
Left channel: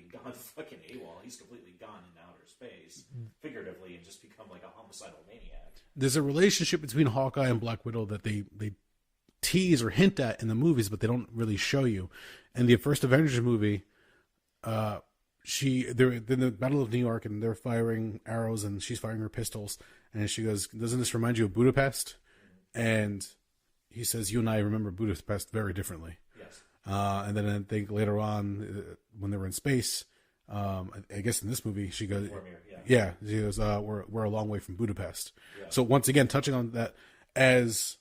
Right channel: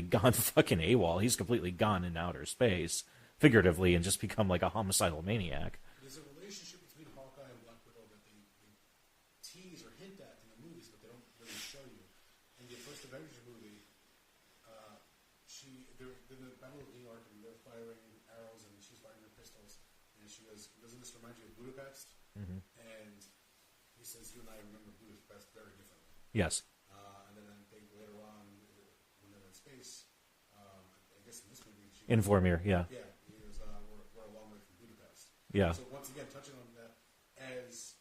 gone fucking AWOL. He's completely gone in outer space, figuratively, and just become like a homicidal maniac. There's a relationship between Hawkeye and Black Widow that they tease or hint at in the movies, but they don't really show you. In the first Avengers movie, they're in the Battle of New York, and they're firing arrows, and she's firing her pistols, and she goes, "Doesn't this remind you of Budapest?" Mm-hmm. And he says, "You and I remember Budapest very differently." Yes. And then I think later on, when they were in space, I guess in this movie, she goes, in Vormir, yeah. Yeah, she goes, we're a long way from Budapest. Yeah. So once again, touching on that, as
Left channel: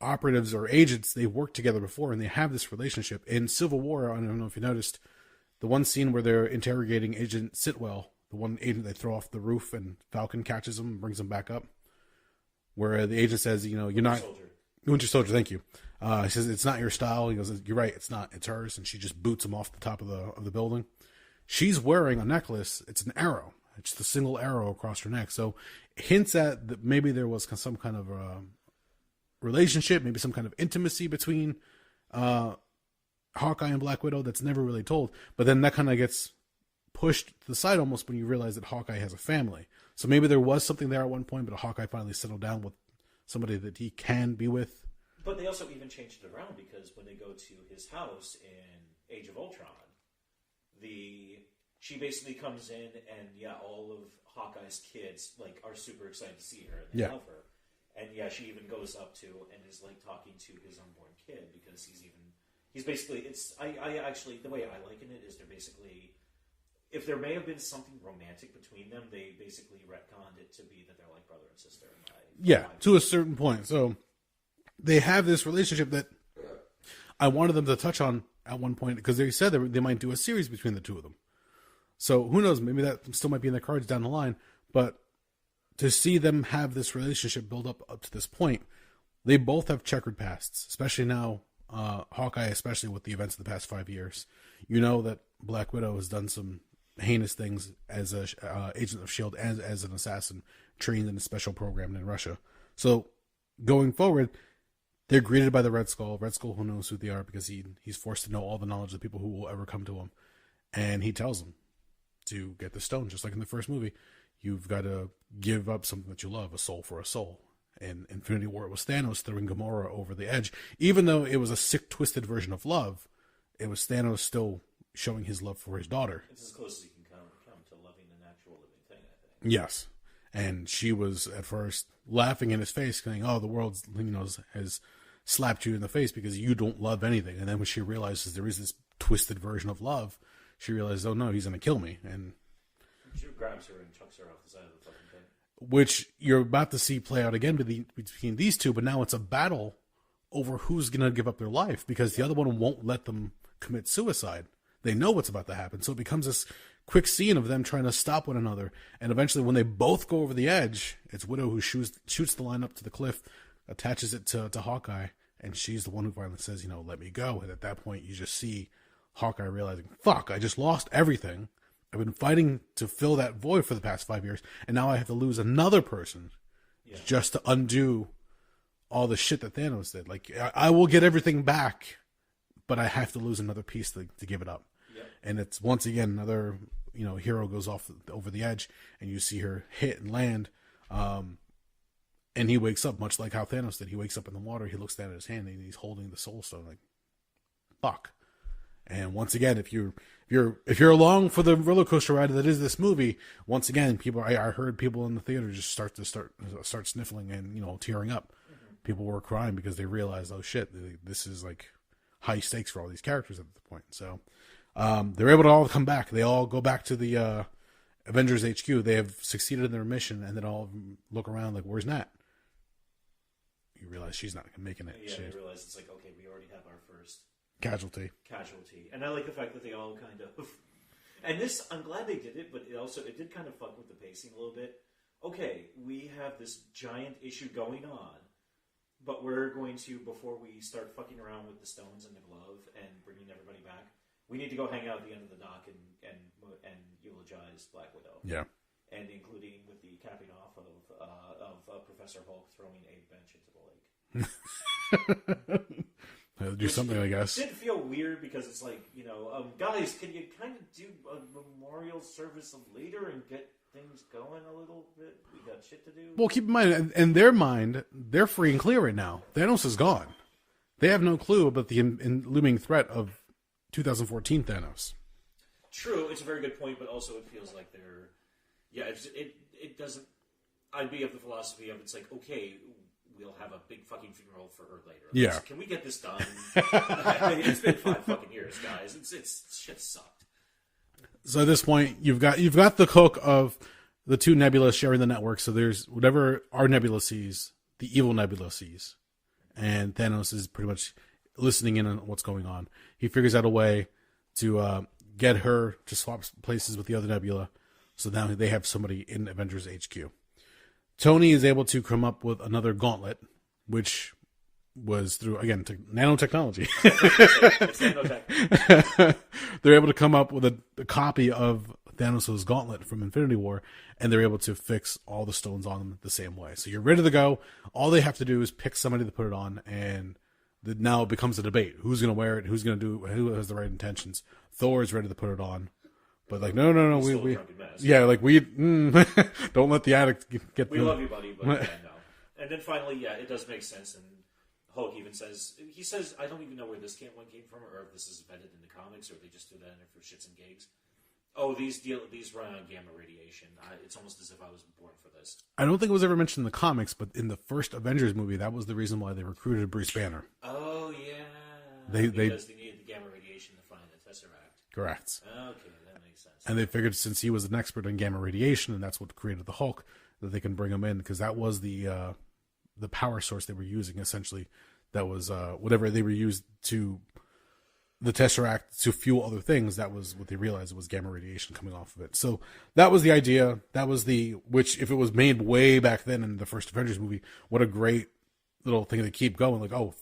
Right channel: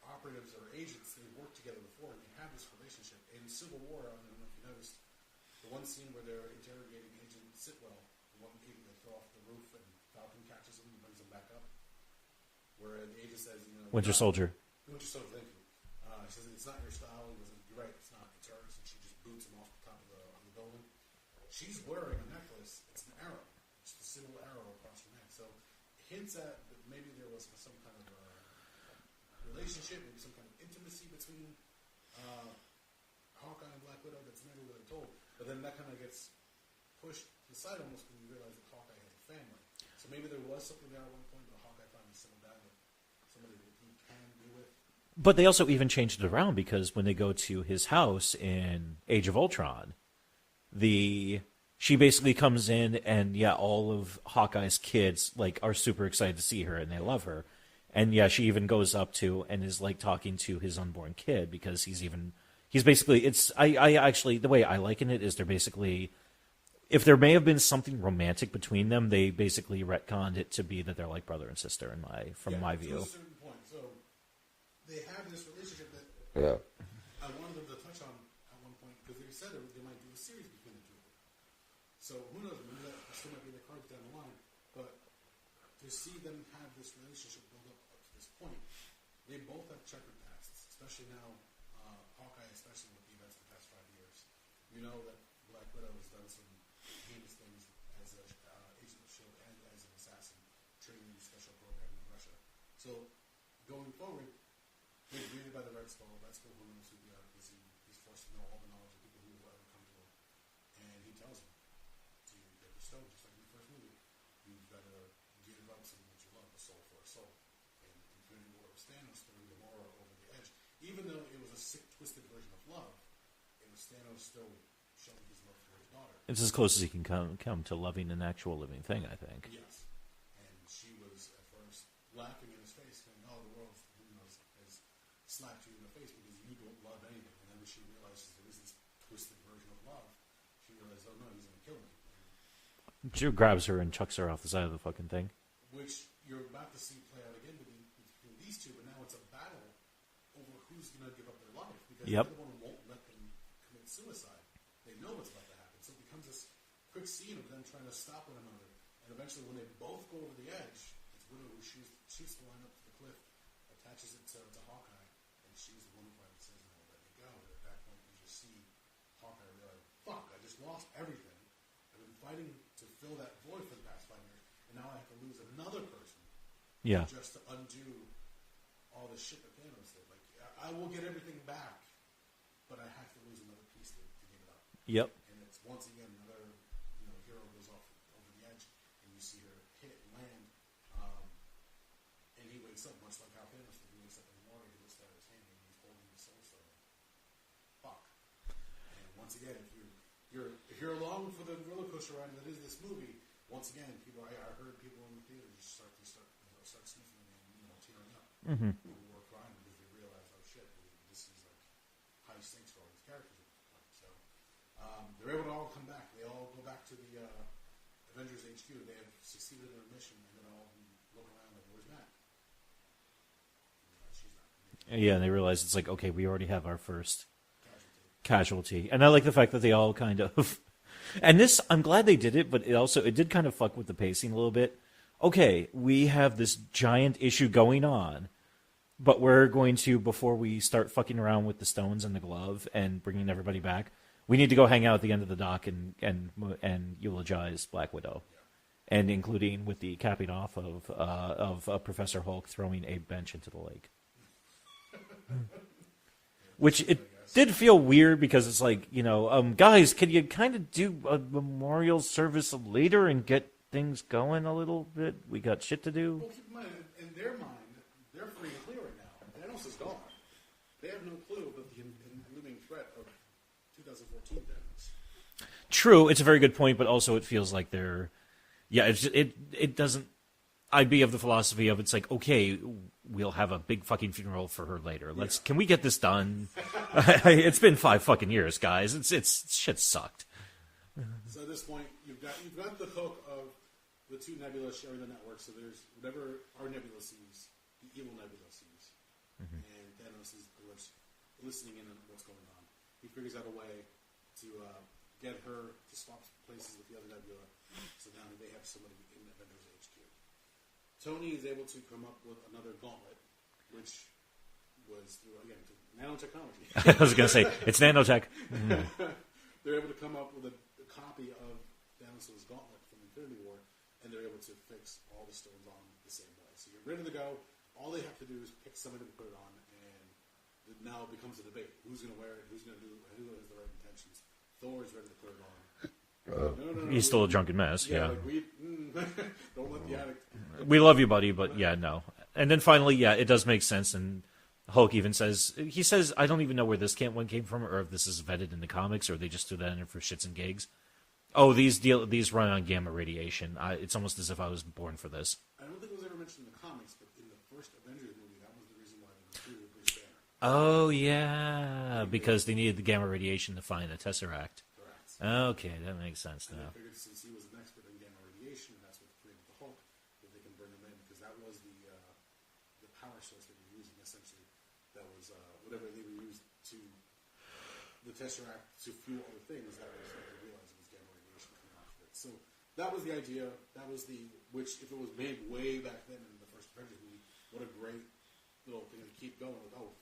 operatives or agents, they've worked together before, and they have this relationship. In Civil War, I don't know if you noticed, the one scene where they're interrogating Agent Sitwell, the one agent they throw off the roof, and Falcon catches him and brings him back up, where the agent says, you're not... Winter Soldier, thank you. He says, it's not your style. He goes, you're right, it's not. It's hers. And she just boots him off the top of the building. She's wearing a necklace. It's an arrow. It's the single arrow across her neck. So hints at that maybe there was some kind of relationship, maybe some kind of intimacy between Hawkeye and Black Widow that's never really told. But then that kind of gets pushed to the side almost when you realize that Hawkeye has a family. So maybe there was something there at one point, but Hawkeye finally settled down with somebody that he can be with. But they also even changed it around, because when they go to his house in Age of Ultron, she basically comes in, and all of Hawkeye's kids are super excited to see her, and they love her. And she even goes up to and is talking to his unborn kid, because he's basically, I actually, the way I liken it is they're basically, if there may have been something romantic between them, they basically retconned it to be that they're like brother and sister in my view. To a certain point. So they have this relationship that I wanted them to touch on at one point, because they said they might do a series between the two of them. So who knows? Maybe that still might be in the cards down the line. But to see them have this relationship build up to this point, they both have checkered pasts, especially now, Hawkeye, especially with the events of the past 5 years. You know that Black Widow has done some heinous things as a agent of S.H.I.E.L.D., as an assassin trained in a special program in Russia. So going forward, they're greeted by the Red Skull. Red Skull, who knows who they are, because he's forced to know all the knowledge of the people who will ever come to him. And he tells them to get the stone, just like in the first movie. You've got to give up something that you love, a soul for a soul. In Infinity War, it was Thanos throwing Gamora over the edge. Even though it was a sick, twisted version of love, it was Thanos still showing his love for his daughter. It's as close as he can come to loving an actual living thing, I think. Yes. And she was at first laughing in his face, saying, "Oh, the world, has slapped you in the face because you don't love anything." And then when she realizes there is this twisted version of love, she realizes, "Oh no, he's going to kill me." And she grabs her and chucks her off the side of the fucking thing. Which you're about to see play out again between these two, but now it's a battle over who's going to give up their life, because the other one won't let them commit suicide. They know what's about to happen. So it becomes this quick scene of them trying to stop one another. And eventually when they both go over the edge, it's Widow who shoots the line up to the cliff, attaches it to Hawkeye, and she's the one who finally says, let me go. And at that point, you just see Hawkeye realizing, fuck, I just lost everything. I've been fighting to fill that void for the past 5 years, and now I have to lose another person just to undo all the shit that Thanos did. Like, I will get everything back, but I have to lose another piece to give it up. Yep. And it's, once again, another, hero goes off over the edge, and you see her hit and land, and he wakes up, much like how Thanos did. He wakes up in the water, he looks down at his hand, and he's holding the Soul Stone, like, fuck. And once again, if you're along for the roller coaster ride that is this movie, once again, I heard people in the theater just start sniffling and tearing up. Mm-hmm. People were crying because they realized, oh shit, this is like high stakes for all these characters at the point. So they're able to all come back. They all go back to the Avengers HQ. They have succeeded in their mission, and then all look around like, where's Nat? You realize she's not making it. Yeah, and they realize it's like, okay, we already have our first casualty. And I like the fact that they all kind of and this, I'm glad they did it, but it did kind of fuck with the pacing a little bit. Okay, we have this giant issue going on, but we're going to, before we start fucking around with the stones and the glove and bringing everybody back, we need to go hang out at the end of the dock and eulogize Black Widow. Yeah. And including with the capping off of Professor Hulk throwing a bench into the lake. Which I guess did feel weird because it's like, guys, can you kind of do a memorial service later and get things going a little bit? We got shit to do. Well, keep in mind, in their mind, they're free and clear right now. Thanos is gone. They have no clue about the looming threat of 2014 Thanos. True, it's a very good point, but also it feels like they're, it doesn't. I'd be of the philosophy of, it's like, okay, we'll have a big fucking funeral for her later. Can we get this done? It's been 5 fucking years, guys. It's shit sucked. So at this point, you've got the hook of the two Nebulas sharing the network. So there's whatever our Nebula sees, the evil Nebula sees, and Thanos is pretty much listening in on what's going on. He figures out a way to get her to swap places with the other Nebula. So now they have somebody in Avengers HQ. Tony is able to come up with another gauntlet, which was through, again, nanotechnology. I was going to say, it's nanotech. They're able to come up with a copy of Thanos' gauntlet from Infinity War, and they're able to fix all the stones on them the same way. So you're ready to go. All they have to do is pick somebody to put it on, and now it becomes a debate. Who's going to wear it? Who's going to do it? Who has the right intentions? Thor is ready to put it on. But like, no. He's still a drunken mess. Yeah, like don't let the addict get. We love you, buddy, but yeah, no. And then finally, it does make sense. And Hulk even says, I don't even know where this one came from, or if this is vetted in the comics, or they just threw that in for shits and gigs. Oh, these run on gamma radiation. It's almost as if I was born for this. I don't think it was ever mentioned in the comics, but in the first Avengers movie, that was the reason why they recruited Bruce Banner. Oh, yeah. Because they needed the gamma radiation to find the Tesseract. Correct. Okay, that makes sense. And they figured since he was an expert in gamma radiation, and that's what created the Hulk, that they can bring him in, because that was the power source they were using, essentially. That was whatever they were used to... the Tesseract to fuel other things. That was what they realized, it was gamma radiation coming off of it. So that was the idea. That was which if it was made way back then in the first Avengers movie, what a great little thing to keep going. Like, oh,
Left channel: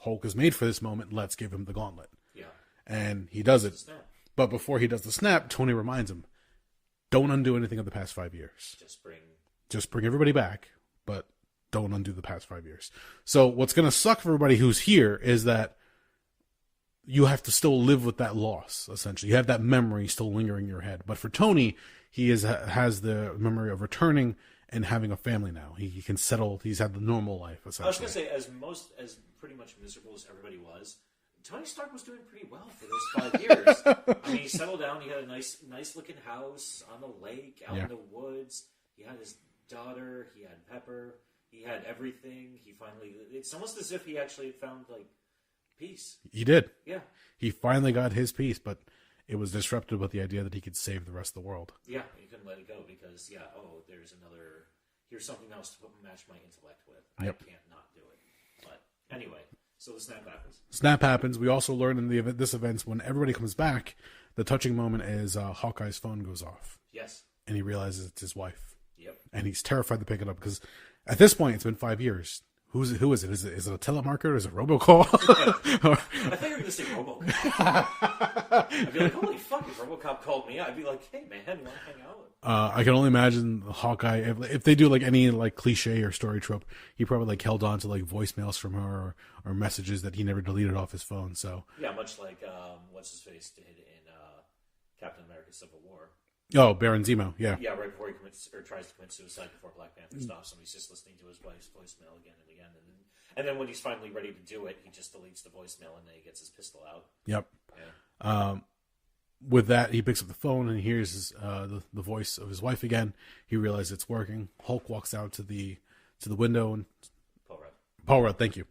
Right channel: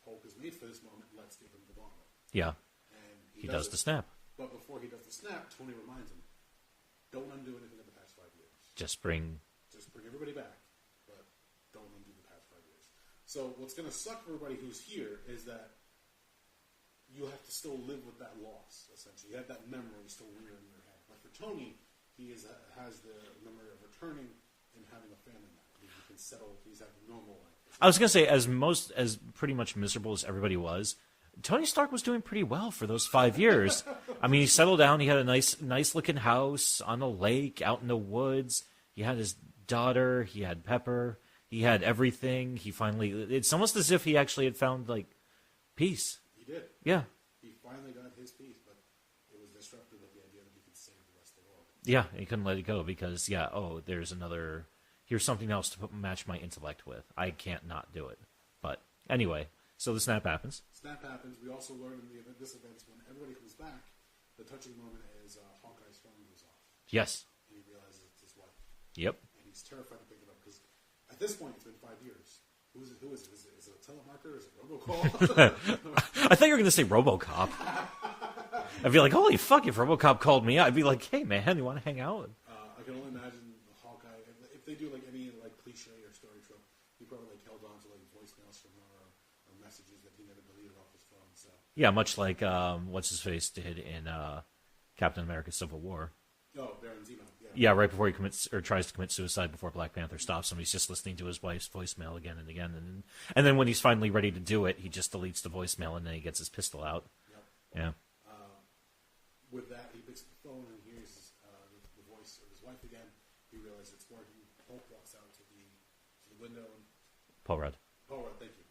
Hulk is made for this moment. Let's give him the gauntlet. Yeah. And he does it. The snap. But before he does the snap, Tony reminds him, don't undo anything of the past 5 years. Just bring everybody back, but don't undo the past 5 years. So what's going to suck for everybody who's here is that you have to still live with that loss, essentially. You have that memory still lingering in your head. But for Tony, he has the memory of returning and having a family now. He can settle. He's had the normal life. I was going to say, as pretty much miserable as everybody was, Tony Stark was doing pretty well for those 5 years. I mean, he settled down. He had a nice looking house on a lake out in the woods. He had his daughter. He had Pepper. He had everything. It's almost as if he actually had found, like, peace. He did. Yeah. He finally got his peace, but it was disrupted with the idea that he could save the rest of the world. Yeah, he couldn't let it go because, here's something else to match my intellect with. I can't not do it. But anyway, So the snap happens. Snap happens. We also learn in this event when everybody comes back, the touching moment is Hawkeye's phone goes off. Yes. And he realizes it's his wife. Yep. And he's terrified to pick it up because at this point it's been 5 years. Who is it? Is it a telemarketer? Is it robocall? I thought you were going to say RoboCop. I'd be like, holy fuck, if RoboCop called me, I'd be like, hey man, you want to hang out? I can only imagine Hawkeye, if they do like any like cliche or story trope, he probably like held on to like voicemails from her or messages that he never deleted off his phone. So yeah, much like what's his face did in Captain America: Civil War. Oh, Baron Zemo, yeah. Yeah, right before he commits or tries to commit suicide before Black Panther stops him, he's just listening to his wife's voicemail again and again. And then when he's finally ready to do it, he just deletes the voicemail and then he gets his pistol out. Yep. Yeah. With that, he picks up the phone and hears the voice of his wife again. He realizes it's working. Hulk walks out to the window and Paul Rudd, thank you.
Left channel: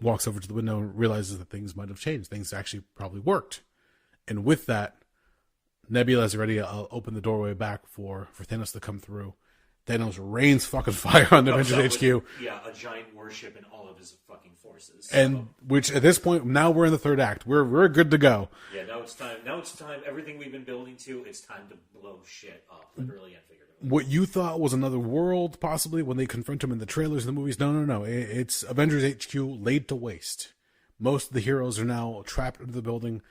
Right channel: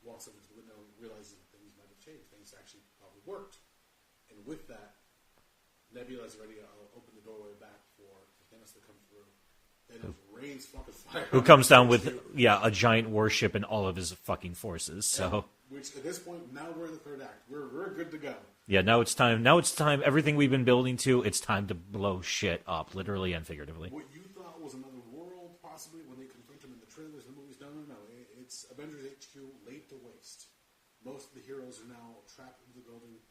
Walks over to the window and realizes that things might have changed. Things actually probably worked. And with that, Nebula is ready to open the doorway back for Thanos to come through. Thanos rains fucking fire on the comes down HQ. with a giant warship and all of his fucking forces. So. And which at this point now we're in the third act. We're good to go. Yeah, now it's time. Now it's time. Everything we've been building to, it's time to blow shit up, literally and figuratively. What you thought was another world, possibly when they confront him in the trailers and the movies, no. It's Avengers HQ laid to waste. Most of the heroes are now trapped in the building.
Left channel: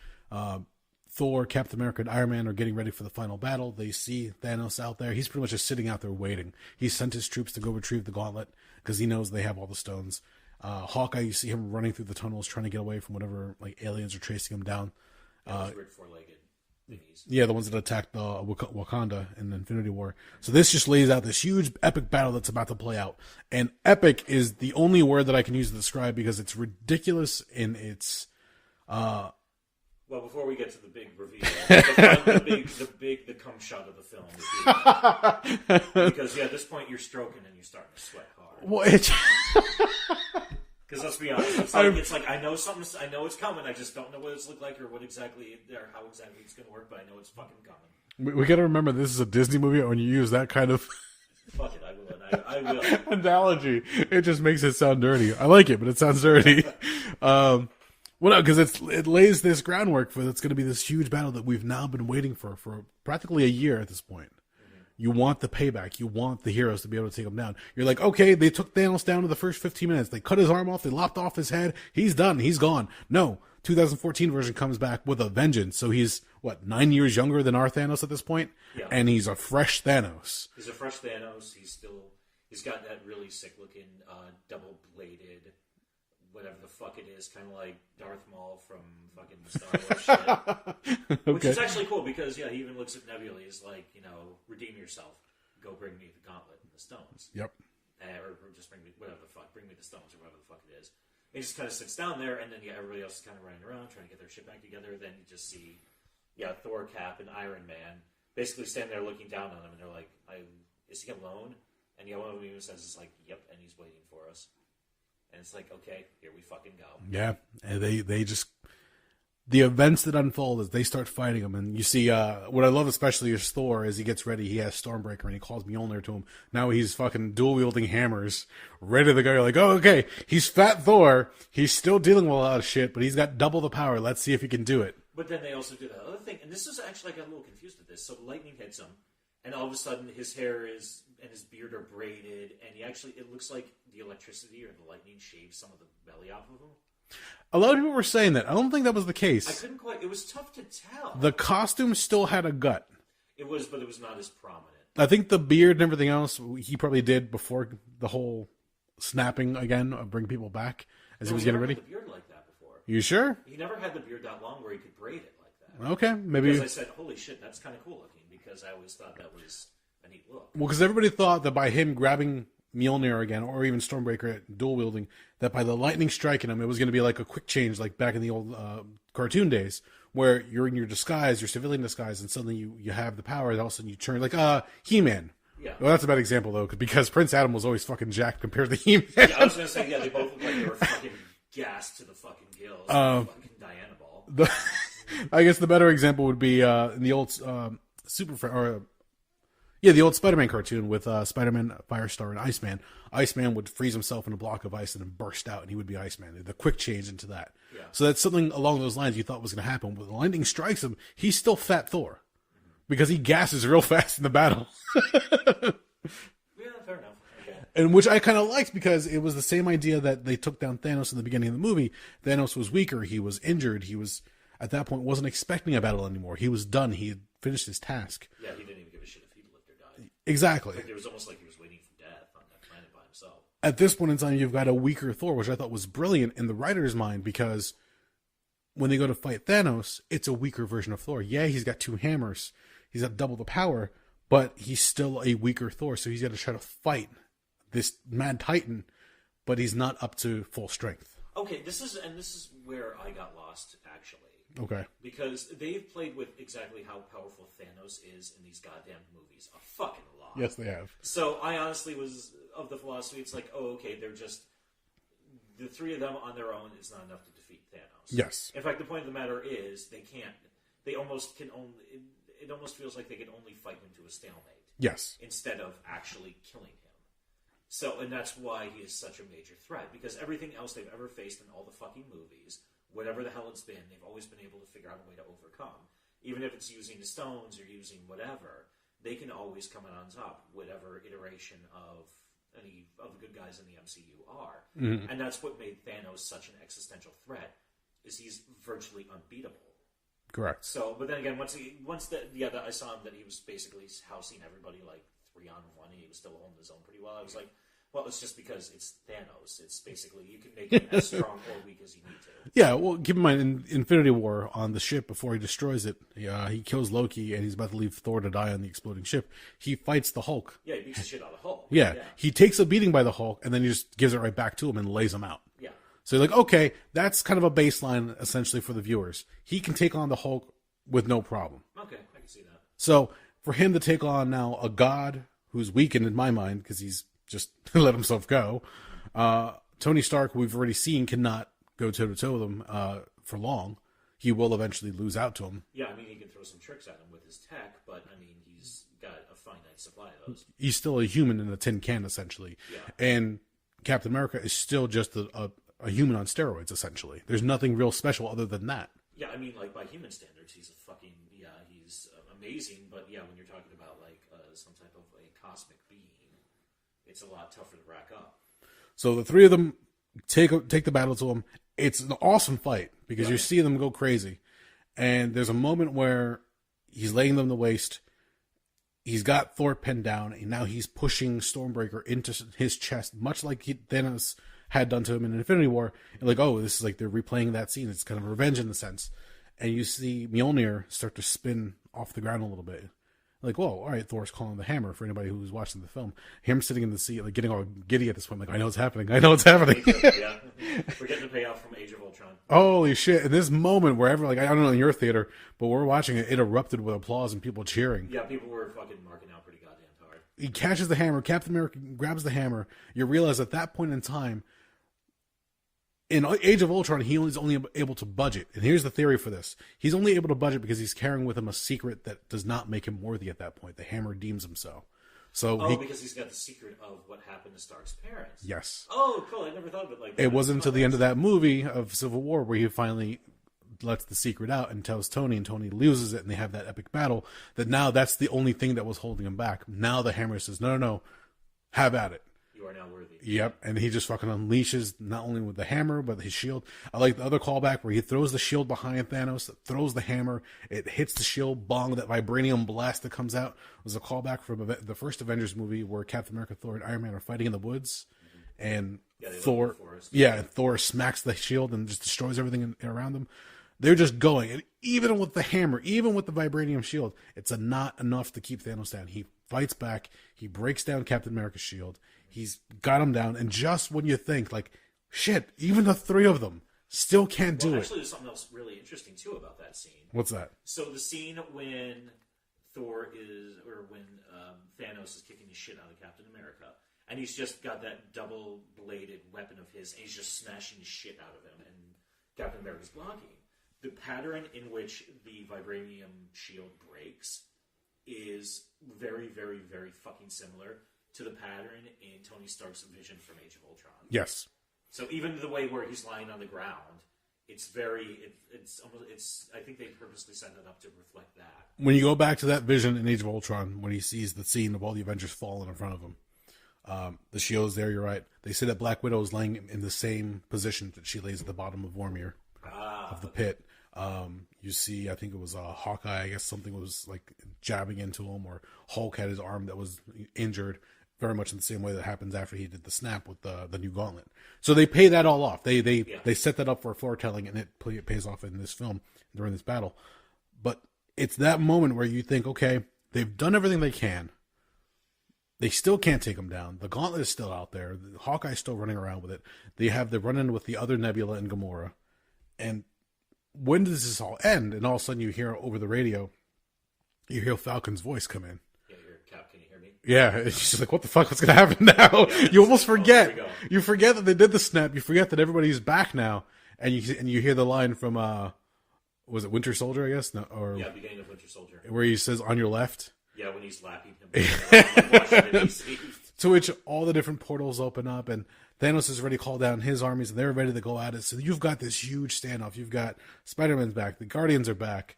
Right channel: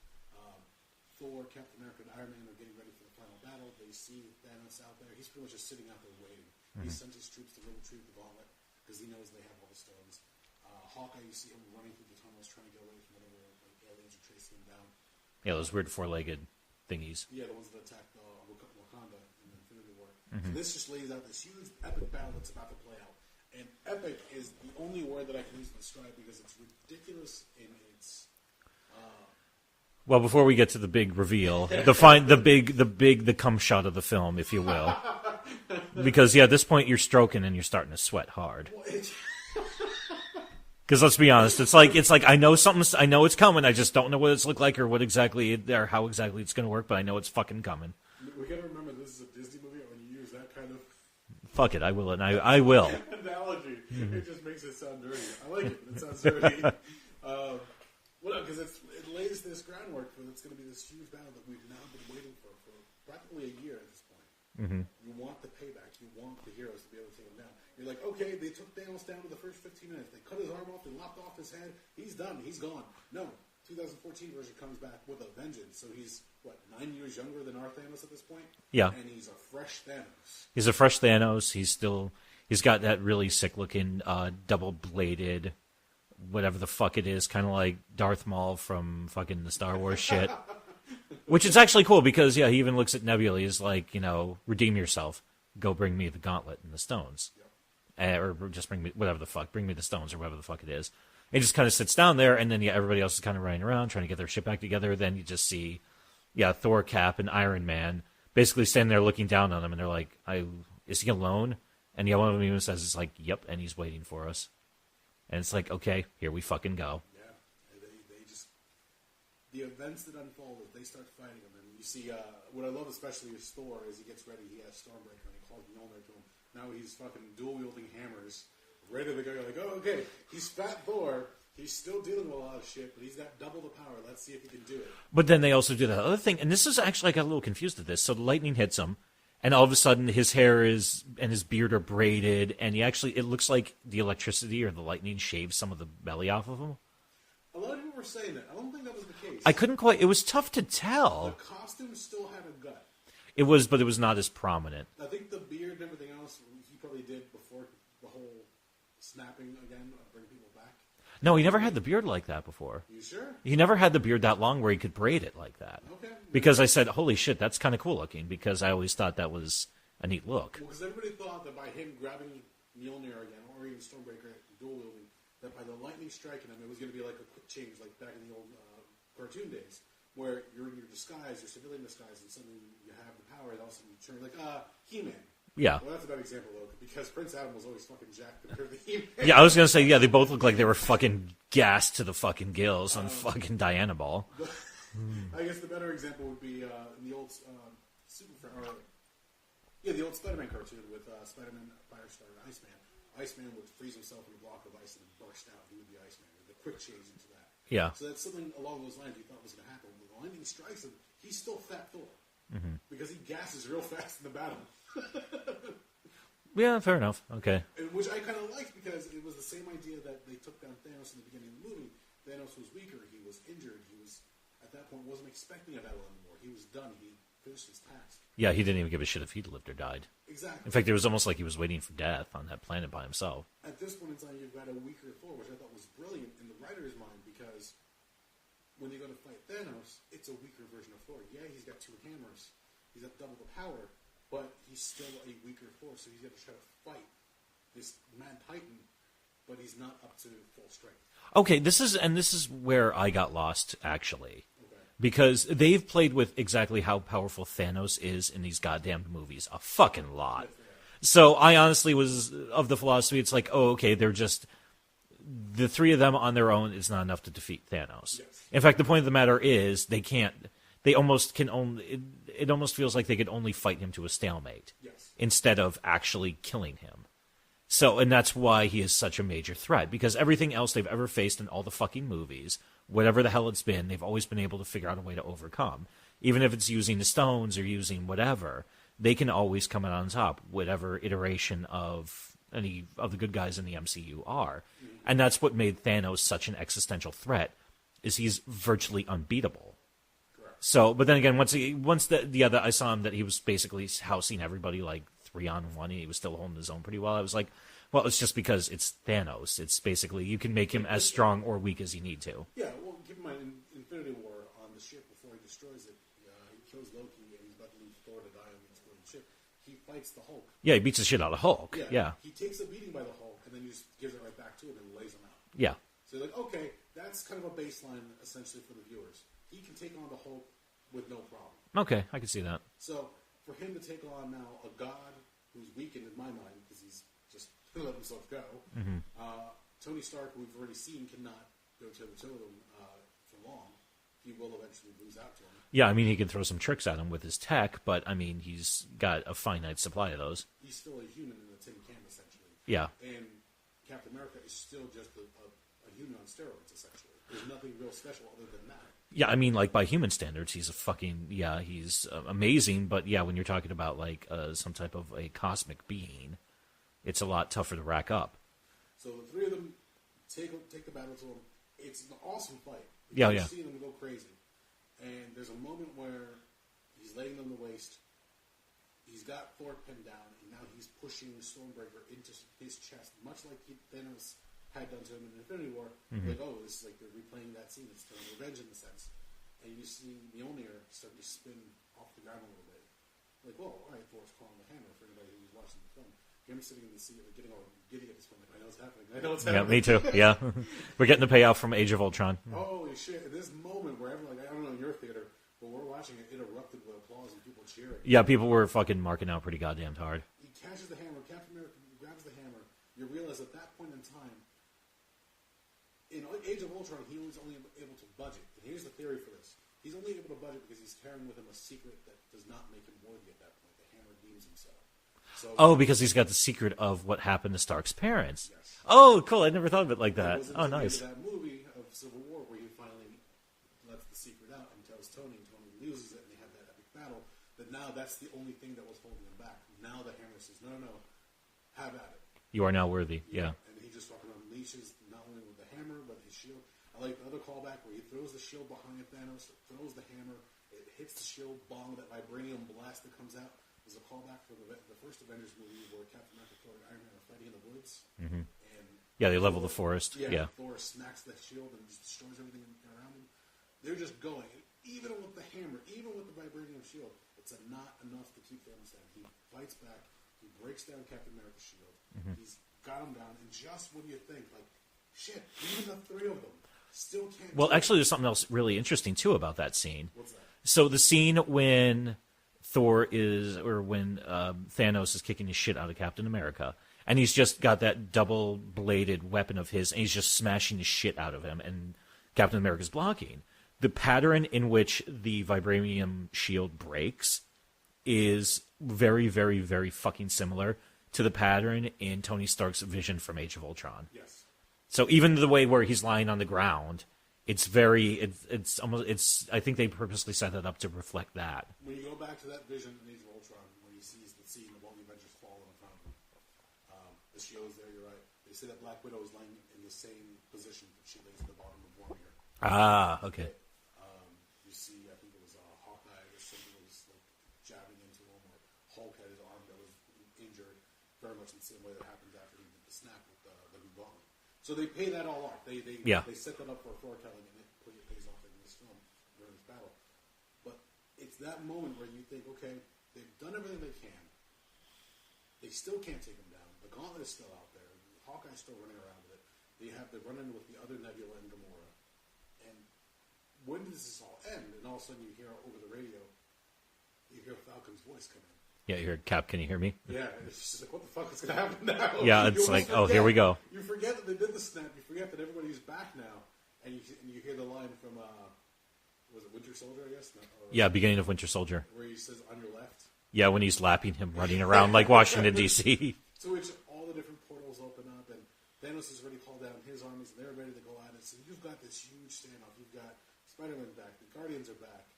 Thor, Captain America, and Iron Man are getting ready for the final battle. They see Thanos out there. He's pretty much just sitting out there waiting. He sent his troops to go retrieve the gauntlet because he knows they have all the stones. Hawkeye, you see him running through the tunnels trying to get away from whatever like aliens are chasing him down. Yeah, those weird four-legged thingies. Yeah, the ones that attacked Wakanda in the Infinity War. So this just lays out this huge epic battle that's about to play out. And epic is the only word that I can use to describe because it's ridiculous in its... Well, before we get to the big reveal, the cum shot of the film, if you will, because at this point you're stroking and you're starting to sweat hard. Well, because let's be honest, it's like I know it's coming. I just don't know what it's look like or or how exactly it's going to work. But I know it's fucking coming. We got to remember this is a Disney movie. When you use that kind of fuck it, I will, and I will analogy. It just makes it sound dirty. I like it, but it sounds dirty. Well, no, because it lays this groundwork for it's going to be this huge battle that we've now been waiting for practically a year at this point. Mm-hmm. You want the payback. You want the heroes to be able to take him down. You're like, okay, they took Thanos down in the first 15 minutes. They cut his arm off. They lopped off his head. He's done. He's gone. No, 2014 version comes back with a vengeance. So he's, 9 years younger than our Thanos at this point? Yeah. And he's a fresh Thanos. He's a fresh Thanos. He's got that really sick-looking double-bladed... whatever the fuck it is, kind of like Darth Maul from fucking the Star Wars shit. Which is actually cool because, he even looks at Nebula. He's like, redeem yourself. Go bring me the gauntlet and the stones. Yep. Or just bring me, whatever the fuck, bring me the stones or whatever the fuck it is. He just kind of sits down there, and then, everybody else is kind of running around trying to get their shit back together. Then you just see, Thor, Cap, and Iron Man basically standing there looking down on him, and they're like, is he alone? And one of them even says, it's like, yep, and he's waiting for us. And it's like, okay, here we fucking go. Yeah, and they just... The events that unfold as they start fighting him, and you see, what I love especially is Thor, as he gets ready, he has Stormbreaker, and he calls Mjolnir to him. Now he's fucking dual-wielding hammers, ready to go. You're like, oh, okay, he's Fat Thor, he's still dealing with a lot of shit, but he's got double the power. Let's see if he can do it. But then they also do that other thing, and this is actually, I got a little confused at this. So the lightning hits him, and all of a sudden, his hair and his beard are braided, and it looks like the electricity or the lightning shaves some of the belly off of him. A lot of people were saying that. I don't think that was the case. I couldn't quite. It was tough to tell. The costume still had a gut. But it was not as prominent. I think the beard and everything else he probably did before the whole snapping again of bring people back. No, he never had the beard like that before. You sure? He never had the beard that long where he could braid it like that. Okay. Because I said, holy shit, that's kind of cool looking, because I always thought that was a neat look. Well, because everybody thought that by him grabbing Mjolnir again, or even Stormbreaker dual wielding, that by the lightning striking him, it was going to be like a quick change, like back in the old cartoon days, where you're in your disguise, your civilian disguise, and suddenly you have the power, and all of a sudden you turn like He-Man. Yeah. Well, that's a bad example, though, because Prince Adam was always fucking jacked compared to He-Man. Yeah, I was going to say, they both look like they were fucking gassed to the fucking gills and fucking Diana Ball. I guess the better example would be in the old Yeah, the old Spider-Man cartoon with Spider-Man, Firestar, and Iceman. Iceman would freeze himself in a block of ice and then burst out, and he would be Iceman. The quick change into that. Yeah. So that's something along those lines you thought was going to happen. When the lightning strikes him, he's still Fat Thor. Because he gasses real fast in the battle. Yeah, fair enough. Okay. And which I kind of liked because it was the same idea that they took down Thanos in the beginning of the movie. Thanos was weaker. He was injured. He was, at that point, wasn't expecting a battle anymore. He was done. He had finished his task. Yeah, he didn't even give a shit if he lived or died. Exactly. In fact, it was almost like he was waiting for death on that planet by himself. At this point in time, you've got a weaker Thor, which I thought was brilliant in the writer's mind because when they go to fight Thanos, it's a weaker version of Thor. Yeah, he's got 2 hammers. He's got double the power, but he's still a weaker Thor, so he's got to try to fight this mad titan, but he's not up to full strength. Okay, this is where I got lost, actually. Okay. Because they've played with exactly how powerful Thanos is in these goddamn movies a fucking lot. Yes, they have. So I honestly was of the philosophy, it's like, oh, okay, they're just... The 3 of them on their own is not enough to defeat Thanos. Yes. In fact, the point of the matter is they can't... They almost can only... It almost feels like they could only fight him to a stalemate. Yes. Instead of actually killing him. So, and that's why he is such a major threat. Because everything else they've ever faced in all the fucking movies, whatever the hell it's been, they've always been able to figure out a way to overcome. Even if it's using the stones or using whatever, they can always come out on top, whatever iteration of any of the good guys in the MCU are. Mm-hmm. And that's what made Thanos such an existential threat, is he's virtually unbeatable. Correct. So, but then again, I saw him that he was basically housing everybody like 3-on-1. He was still holding his own pretty well. I was like, well, it's just because it's Thanos. It's basically you can make him as strong or weak as you need to. Yeah, well, keep in mind, in Infinity War, on the ship, before he destroys it, he kills Loki, and he's about to leave Thor to die on the exploding ship. He fights the Hulk. Yeah, he beats the shit out of Hulk. Yeah. He takes a beating by the Hulk, and then he just gives it right back to him and lays him out. Yeah. So you're like, okay, that's kind of a baseline, essentially, for the viewers. He can take on the Hulk with no problem. Okay, I can see that. So for him to take on now a god who's weakened in my mind, because he's just let himself go, Tony Stark, we've already seen, cannot go toe-to-toe with him for long. He will eventually lose out to him. Yeah, I mean, he can throw some tricks at him with his tech, but, I mean, he's got a finite supply of those. He's still a human in a tin can, essentially. Yeah. And Captain America is still just a human on steroids, essentially. There's nothing real special other than that. Yeah, I mean, like, by human standards, he's he's amazing, but, yeah, when you're talking about, like, some type of a cosmic being, it's a lot tougher to rack up. So the 3 of them take the battle to him. It's an awesome fight, because you see them go crazy. And there's a moment where he's laying them to waste. He's got Thor pinned down, and now he's pushing Stormbreaker into his chest, much like Thanos had done to him in Infinity War. Mm-hmm. Like, oh, this is like they're replaying that scene. It's kind of revenge in a sense. And you see Mjolnir start to spin off the ground a little bit. Like, whoa, all right, Thor's calling the hammer for anybody who's watching the film. Him sitting in the seat, like getting all giddy at this point, like, I know what's happening. Me too, yeah. We're getting the payoff from Age of Ultron. Holy shit. In this moment, wherever, like, I don't know in your theater, but we're watching it, it erupted with applause and people cheering. Yeah, people were fucking marking out pretty goddamn hard. He catches the hammer. Captain America grabs the hammer. You realize at that point in time, in Age of Ultron, he is only able to budget. And here's the theory for this. He's only able to budget because he's carrying with him a secret that does not make him worthy at that point. The hammer deems him so. Because he's got the secret of what happened to Stark's parents. Yes. Oh, cool. I never thought of it like that. It wasn't until the end of that movie of Civil War where he finally lets the secret out and tells Tony, and Tony loses it, and they have that epic battle, that now that's the only thing that was holding him back. Now the hammer says, no, have at it. You are now worthy. Yep. Yeah. And he just fucking unleashes not only with the hammer, but his shield. I like the other callback where he throws the shield behind Thanos, throws the hammer, it hits the shield, bong, that vibranium blast that comes out was a callback from the first Avengers movie where Captain America, Thor, and Iron Man are fighting in the woods. Mm-hmm. And they level the forest. Yeah, Thor smacks the shield and just destroys everything around them. They're just going. And even with the hammer, even with the vibranium shield, it's not enough to keep Thanos down. He fights back. He breaks down Captain America's shield. Mm-hmm. He's got him down. And just when you think, like, shit, even the 3 of them still can't do it. Well, actually, there's something else really interesting, too, about that scene. What's that? So the scene when Thanos is kicking his shit out of Captain America, and he's just got that double-bladed weapon of his, and he's just smashing the shit out of him, and Captain America's blocking. The pattern in which the vibranium shield breaks is very, very, very fucking similar to the pattern in Tony Stark's vision from Age of Ultron. Yes. So even the way where he's lying on the ground, it's very, it's almost, I think they purposely set it up to reflect that. When you go back to that vision in Age of Ultron, when he sees the scene of all the Avengers falling in front of him, the shield's there, you're right. They say that Black Widow is laying in the same position that she lays at the bottom of Vormir. The pit. You see, I think it was Hawkeye, I guess something was like jabbing into him, or Hulk had his arm that was injured, very much in the same way that happens after he did the snap with the new gauntlet. So they pay that all off. They set that up for foretelling, and it pays off in this film during this battle. But it's that moment where you think, okay, they've done everything they can. They still can't take him down. The gauntlet is still out there. Hawkeye's still running around with it. They have the run-in with the other Nebula and Gamora. And when does this all end? And all of a sudden you hear over the radio, you hear Falcon's voice come in. Yeah, you hear, Cap, can you hear me? Yeah, it's just like, what the fuck? What's going to happen now? Yeah, you almost like, forget. Oh, here we go. You forget that they did the snap. You forget that everybody's back now. And you hear the line from, was it Winter Soldier, I guess? No, or Yeah, beginning of Winter Soldier. where he says, on your left. Yeah, when he's lapping him, running around like Washington, D.C. To which all the different portals open up, and Thanos has already called down his armies, and they're ready to go at it. So you've got this huge standoff. You've got Spider-Man's back. The Guardians are back.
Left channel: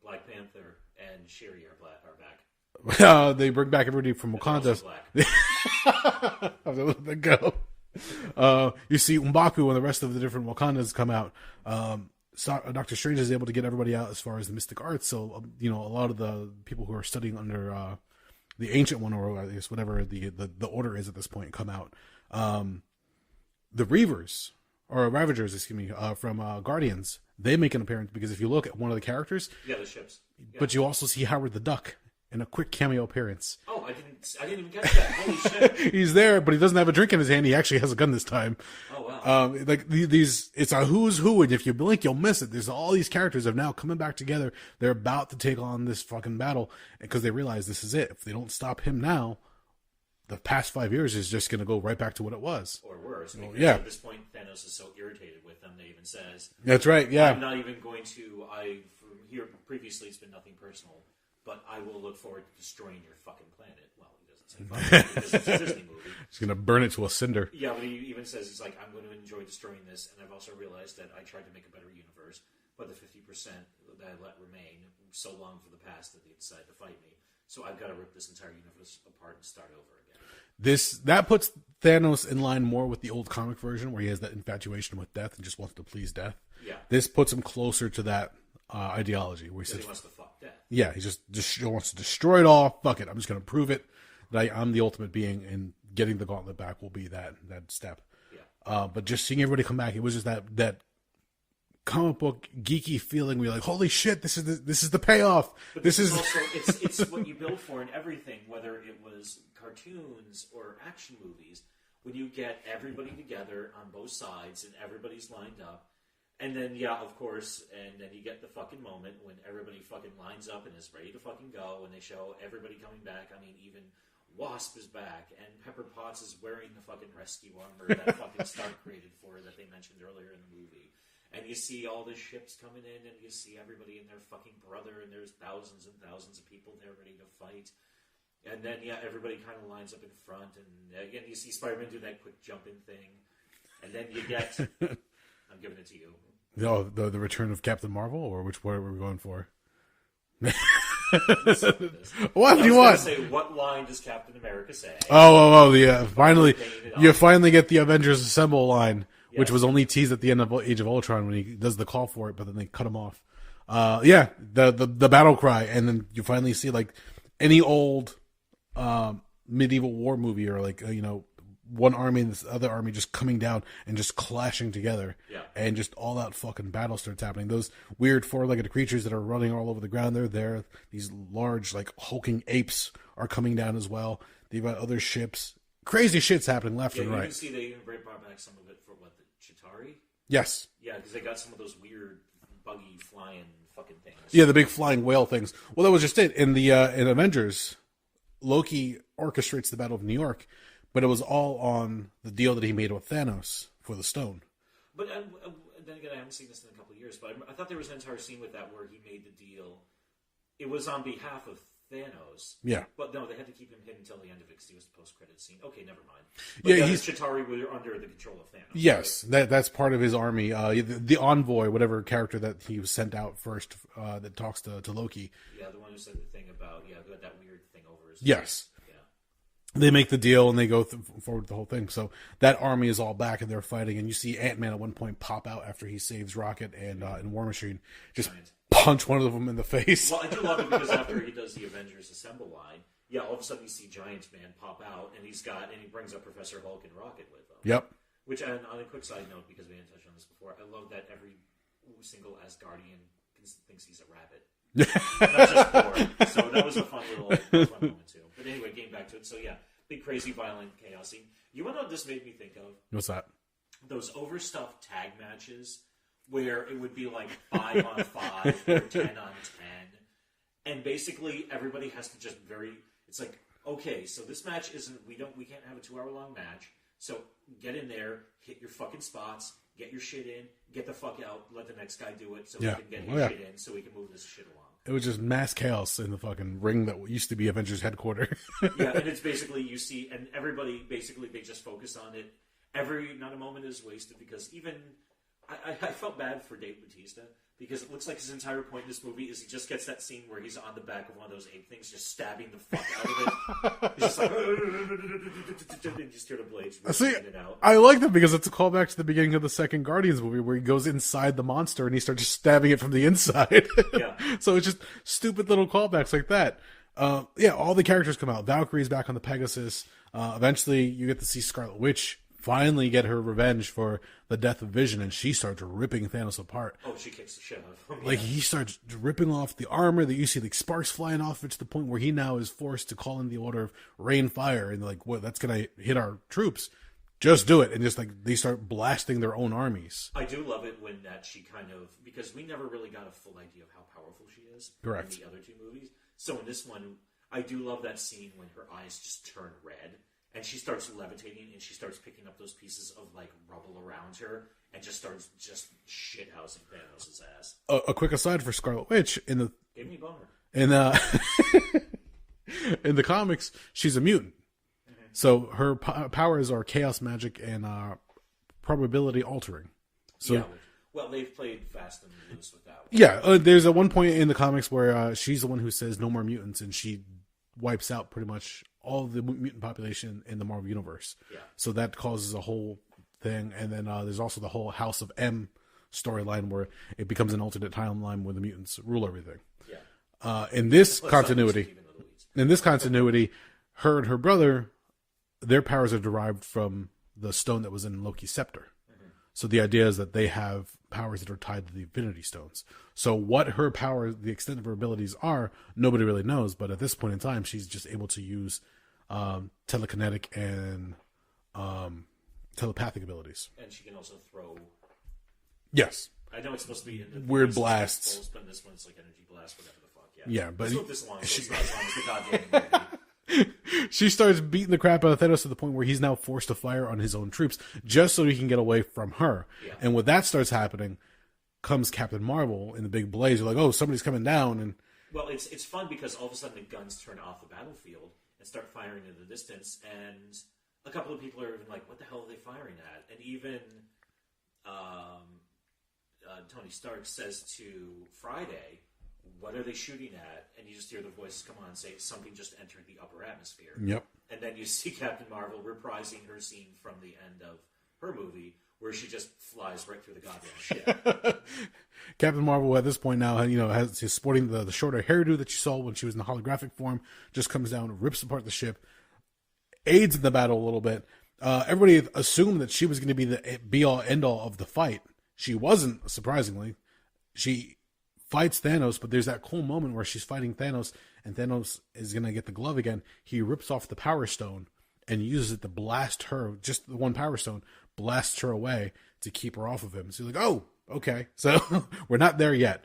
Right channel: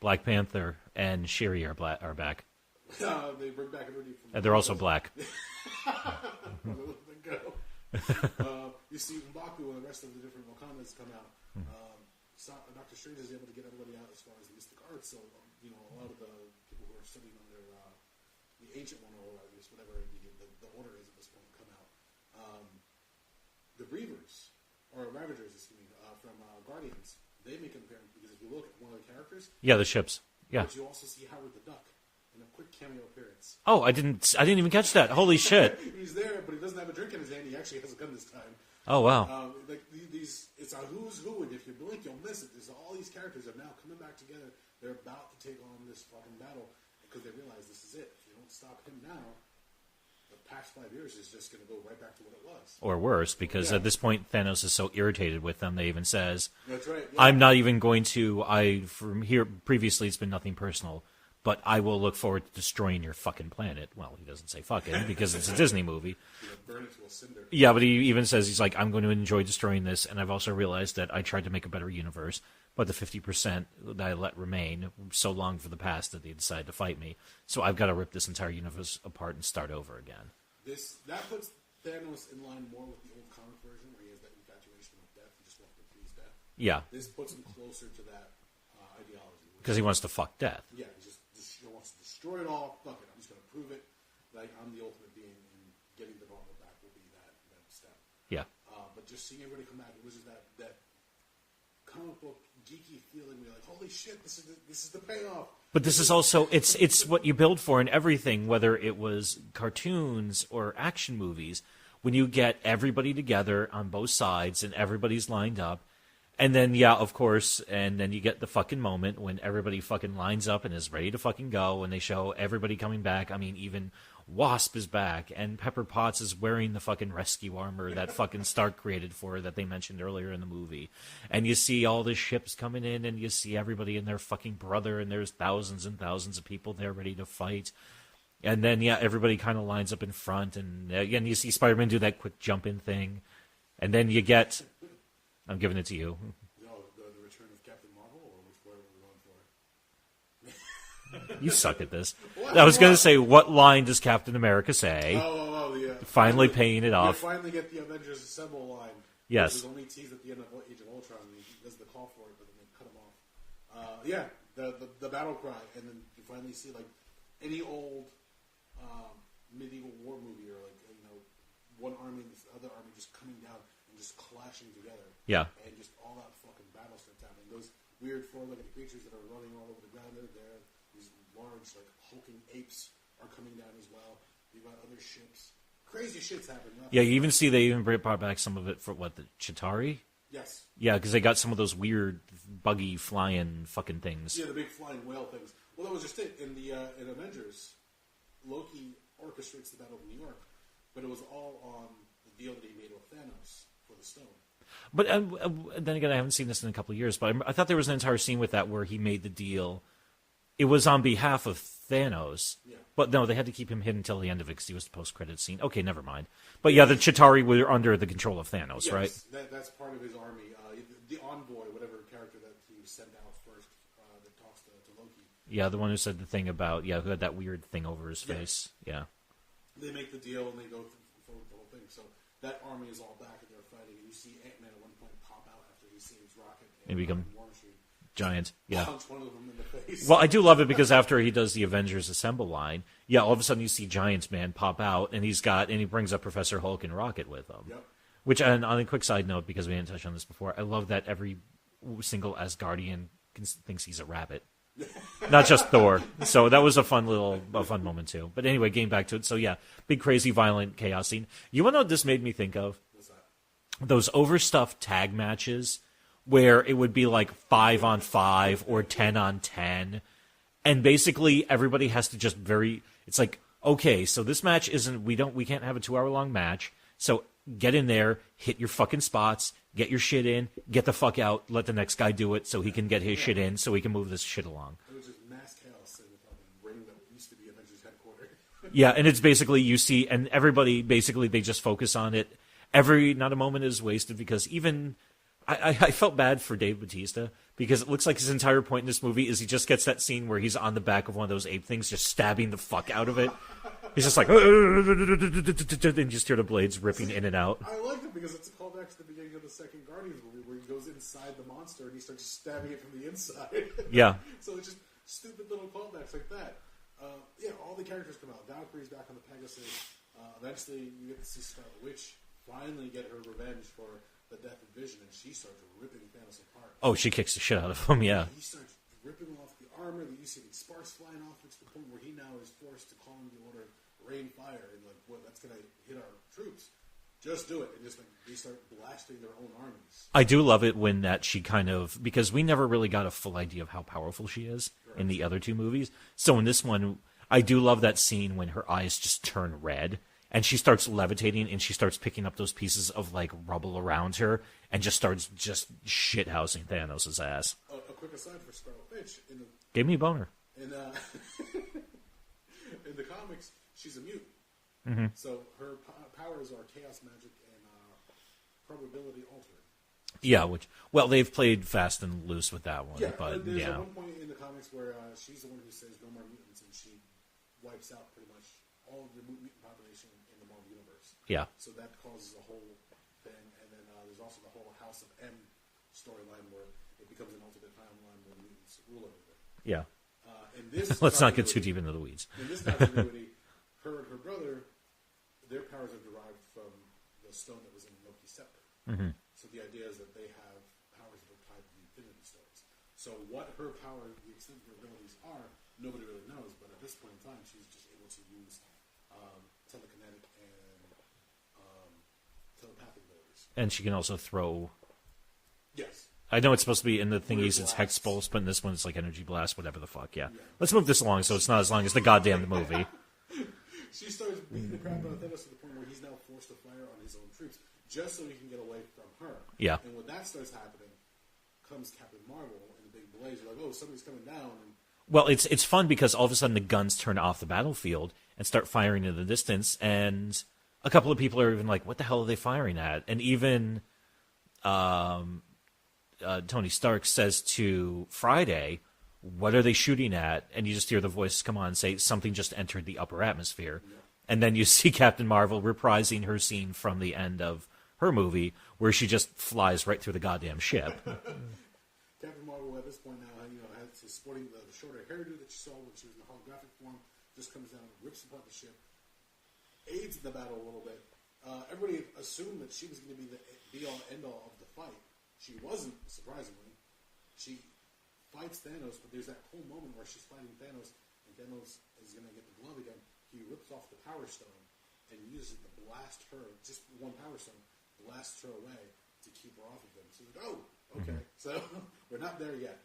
Black Panther and Shuri are back. They bring back everybody from Wakanda. And they're also black. I'll let that go. You see M'Baku and the rest of the different Wakandas come out. Doctor Strange is able to get everybody out as far as the mystic arts. So, a lot of the people who are studying under the Ancient One, or I guess whatever the order is at this point, come out. The Reavers, or Ravagers, excuse me, from Guardians, they make an appearance, because if you look at one of the characters... Yeah, the ships. Yeah. But you also see Howard the Duck in a quick cameo appearance. Oh, I didn't even catch that. Holy shit. He's there, but he doesn't have a drink in his hand. He actually has a gun this time. Oh, wow. It's a who's who, and if you blink, you'll miss it. There's all these characters have now coming back together. They're about to take on this fucking battle, because they realize this is it. If they don't stop him now, the past 5 years is just going to go right back to what it was. Or worse, because at this point, Thanos is so irritated with them, they even says... That's right, yeah. I'm not even going to... From here, previously, it's been nothing personal, but I will look forward to destroying your fucking planet. Well, he doesn't say fuck it, because it's a Disney movie. He's going to burn it to a cinder. Yeah, but he even says, he's like, I'm going to enjoy destroying this, and I've also realized that I tried to make a better universe, but the 50% that I let remain so long for the past that they decided to fight me. So I've got to rip this entire universe apart and start over again. That puts Thanos in line more with the old comic version, where he has that infatuation with death and just wants to please death. Yeah. This puts him closer to that ideology. Because he wants to fuck death. Yeah, he just wants to destroy it all. Fuck it. I'm just going to prove it that I'm the ultimate being, and getting the gauntlet back will be that step. Yeah. But just seeing everybody come back, it was just that comic book geeky feeling where you're like, holy shit, this is the payoff. But this is also it's what you build for in everything, whether it was cartoons or action movies. When you get everybody together on both sides and everybody's lined up, and then of course, and then you get the fucking moment when everybody fucking lines up and is ready to fucking go, and they show everybody coming back. I mean, even Wasp is back, and Pepper Potts is wearing the fucking rescue armor that fucking Stark created for her that they mentioned earlier in the movie. And you see all the ships coming in, and you see everybody and their fucking brother, and there's thousands and thousands of people there ready to fight. And then, everybody kind of lines up in front, and again, you see Spider-Man do that quick jump-in thing. And then you get... I'm giving it to you. Oh, the return of Captain Marvel, or which one are we going for? You suck at this. What? I was going to say, what line does Captain America say? Finally paying it off. You finally get the Avengers Assemble line, yes. Which was only teased at the end of Age of Ultron when he does the call for it, but then they cut him off. The battle cry, and then you finally see like any old medieval war movie, or like one army and this other army just coming down and just clashing together. Yeah. And just all that fucking battle starts happening. Those weird four-legged creatures that are running all over the ground, they're there. These large, like, hulking apes are coming down as well. They've got other ships. Crazy shit's happening left and right. Yeah, you even see they even brought back some of it for, the Chitauri? Yes. Yeah, because they got some of those weird, buggy, flying fucking things. Yeah, the big flying whale things. Well, that was just it. In in Avengers, Loki orchestrates the Battle of New York, but it was all on the deal that he made with Thanos for the stone. But then again, I haven't seen this in a couple of years, but I thought there was an entire scene with that where he made the deal it was on behalf of Thanos. Yeah. But no, they had to keep him hidden until the end of it because he was the post-credit scene. Okay, never mind. But Yeah, the Chitauri were under the control of Thanos, yes, right? that's part of his army. The envoy, whatever character that he was sent out first, that talks to Loki. Yeah, the one who said the thing about, who had that weird thing over his Yes. face. Yeah. They make the deal and they go forward with the whole thing. So that army is all back and they're fighting. And you see Ant-Man at one point pop out after he saves Rocket and War Machine. Just Giant. punch one of them in the face. Well, I do love it because after he does the Avengers Assemble line, all of a sudden you see Giants Man pop out and he brings up Professor Hulk and Rocket with him. Yep. Which, and on a quick side note, because we didn't touch on this before, I love that every single Asgardian thinks he's a rabbit. Not just Thor. So that was a fun moment too. But anyway, getting back to it. So big crazy violent chaos scene. You want to know what this made me think of? What's that? Those overstuffed tag matches where it would be like 5-on-5 or 10-on-10, and basically everybody has to just it's like, okay, so this match we can't have a 2-hour-long match, so get in there, hit your fucking spots, get your shit in, get the fuck out, let the next guy do it so he can get his shit in so he can move this shit along. It was just mass chaos in the fucking ring that used to be Avengers headquarters. And it's basically, you see, and everybody, basically, they just focus on it. Not a moment is wasted because even, I felt bad for Dave Bautista because it looks like his entire point in this movie is he just gets that scene where he's on the back of one of those ape things just stabbing the fuck out of it. He's just like, and you just hear the blades ripping in and out. I like that because it's a callback to the beginning of the second Guardians movie where he goes inside the monster and he starts just stabbing it from the inside. Yeah. So it's just stupid little callbacks like that. All the characters come out. Valkyrie's back on the Pegasus. Eventually you get to see Scarlet Witch finally get her revenge for the death of Vision, and she starts ripping Thanos apart. Oh, she kicks the shit out of him, Like, he starts ripping off the armor that you see like sparks flying off it to the point where he now is forced to call in the order of rain fire, and like, what, that's gonna hit our troops. Just do it. And just like they start blasting their own armies. I do love it when that she kind of, because we never really got a full idea of how powerful she is Correct. in the other two movies. So in this one, I do love that scene when her eyes just turn red and she starts levitating and she starts picking up those pieces of like rubble around her and just starts shithousing Thanos' ass. A quick aside for Scarlet Witch, Gave me a boner. In the comics, she's a mutant. Mm-hmm. So her powers are chaos magic and probability altering. So, they've played fast and loose with that one. Yeah, there's a one point in the comics where she's the one who says no more mutants, and she wipes out pretty much all the mutant population in the Marvel Universe. Yeah. So that causes a whole thing. And then there's also the whole House of M storyline where it becomes an alternate timeline where the mutants rule everything. Yeah. In this Let's continuity, not get too deep into the weeds. In this continuity, her and her brother, their powers are derived from the stone that was in Loki's scepter. Mm-hmm. So the idea is that they have powers that are tied to the Infinity Stones. So what her power, the extent of her abilities are, nobody really knows. But at this point in time, she's just able to use telekinetic and telepathic abilities. And she can also throw... Yes. I know it's supposed to be in the thing it's Expulse, but in this one it's like Energy Blast, whatever the fuck, yeah. Let's move this along so it's not as long as the goddamn movie. She starts beating the crap out of Thanos to the point where he's now forced to fire on his own troops just so he can get away from her. Yeah. And when that starts happening, comes Captain Marvel in the big blaze. You're like, oh, somebody's coming down. And well, it's fun because all of a sudden the guns turn off the battlefield and start firing in the distance, and a couple of people are even like, what the hell are they firing at? And even Tony Stark says to Friday, what are they shooting at? And you just hear the voice come on and say, something just entered the upper atmosphere. Yep. And then you see Captain Marvel reprising her scene from the end of her movie where she just flies right through the goddamn ship. Captain Marvel at this point now, he's sporting the shorter hairdo that you saw when she was in the holographic form, just comes down, rips apart the ship, aids in the battle a little bit. Everybody assumed that she was going to be the be-all, end-all of the fight. She wasn't, surprisingly. She fights Thanos, but there's that cool moment where she's fighting Thanos, and Thanos is going to get the glove again. He rips off the Power Stone and uses it to blast her, just the one Power Stone, blasts her away to keep her off of him. So you're like, oh, okay. So we're not there yet.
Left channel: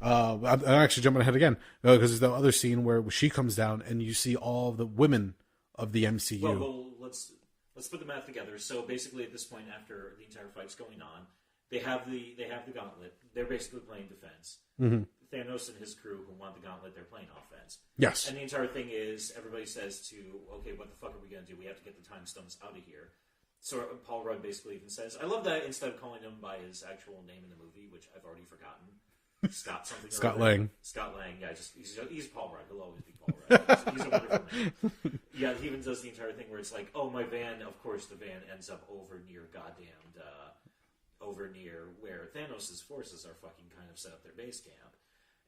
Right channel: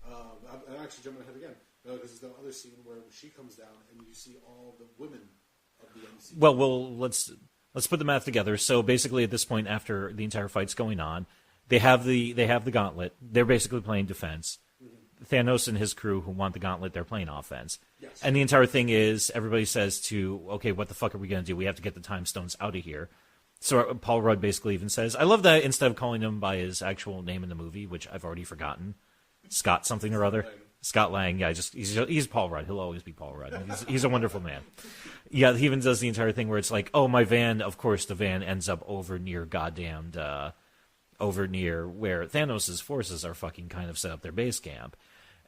I'm actually jumping ahead again, because there's the other scene where she comes down and you see all the women of the MCU. Well, let's put the math together. So basically at this point, after the entire fight's going on, they have the gauntlet. They're basically playing defense. Thanos and his crew who want the gauntlet, they're playing offense. Yes. And the entire thing is everybody says okay, what the fuck are we going to do? We have to get the time stones out of here. So Paul Rudd basically even says, I love that instead of calling him by his actual name in the movie, which I've already forgotten, Scott something or other. Lang. Scott Lang. Yeah, he's Paul Rudd. He'll always be Paul Rudd. He's a wonderful man. Yeah, he even does the entire thing where it's like, oh, my van, of course the van ends up over near where Thanos' forces are fucking kind of set up their base camp.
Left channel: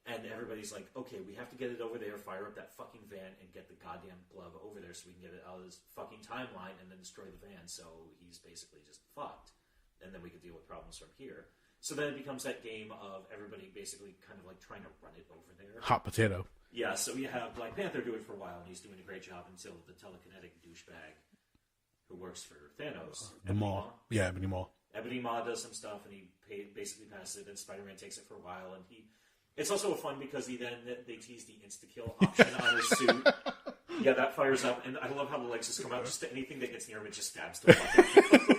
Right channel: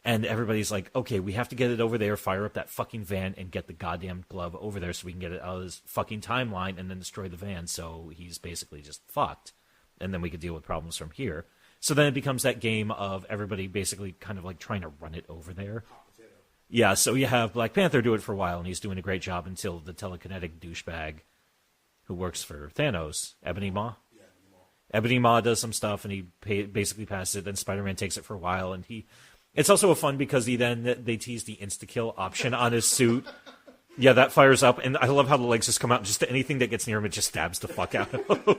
And everybody's like, okay, we have to get it over there, fire up that fucking van, and get the goddamn glove over there so we can get it out of this fucking timeline and then destroy the van. So he's basically just fucked. And then we could deal with problems from here. So then it becomes that game of everybody basically kind of like trying to run it over there. Hot potato. Yeah, so you have Black Panther do it for a while, and he's doing a great job until the telekinetic douchebag who works for Thanos, Ebony Maw. Yeah, Ebony Maw. Ebony Maw does some stuff, and he basically passes it. Then Spider-Man takes it for a while, and it's also fun because they tease the insta-kill option on his suit. Yeah, that fires up, and I love how the legs just come out. Just anything that gets near him, it just stabs the fuck out of him.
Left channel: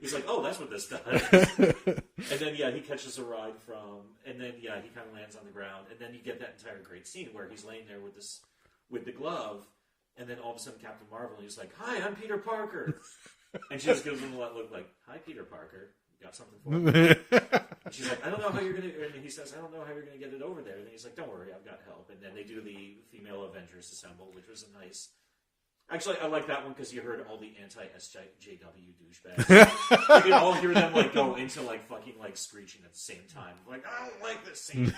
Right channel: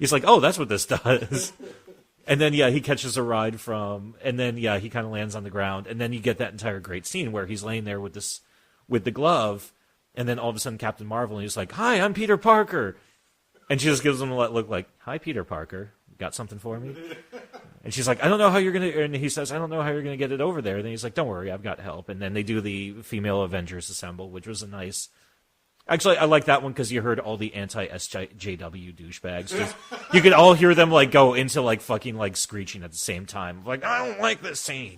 He's like, oh, that's what this does. And then, yeah, he catches a ride and then, yeah, he kind of lands on the ground. And then you get that entire great scene where he's laying there with the glove, and then all of a sudden Captain Marvel, and he's like, hi, I'm Peter Parker. And she just gives him a look like, hi, Peter Parker. Got something for him? And she's like, I don't know how you're going to... And he says, I don't know how you're going to get it over there. And then he's like, don't worry, I've got help. And then they do the female Avengers assemble, which was a nice... Actually, I like that one because you heard all the anti-SJW douchebags. You could all hear them like go into like fucking like screeching at the same time. Like, I don't like this scene.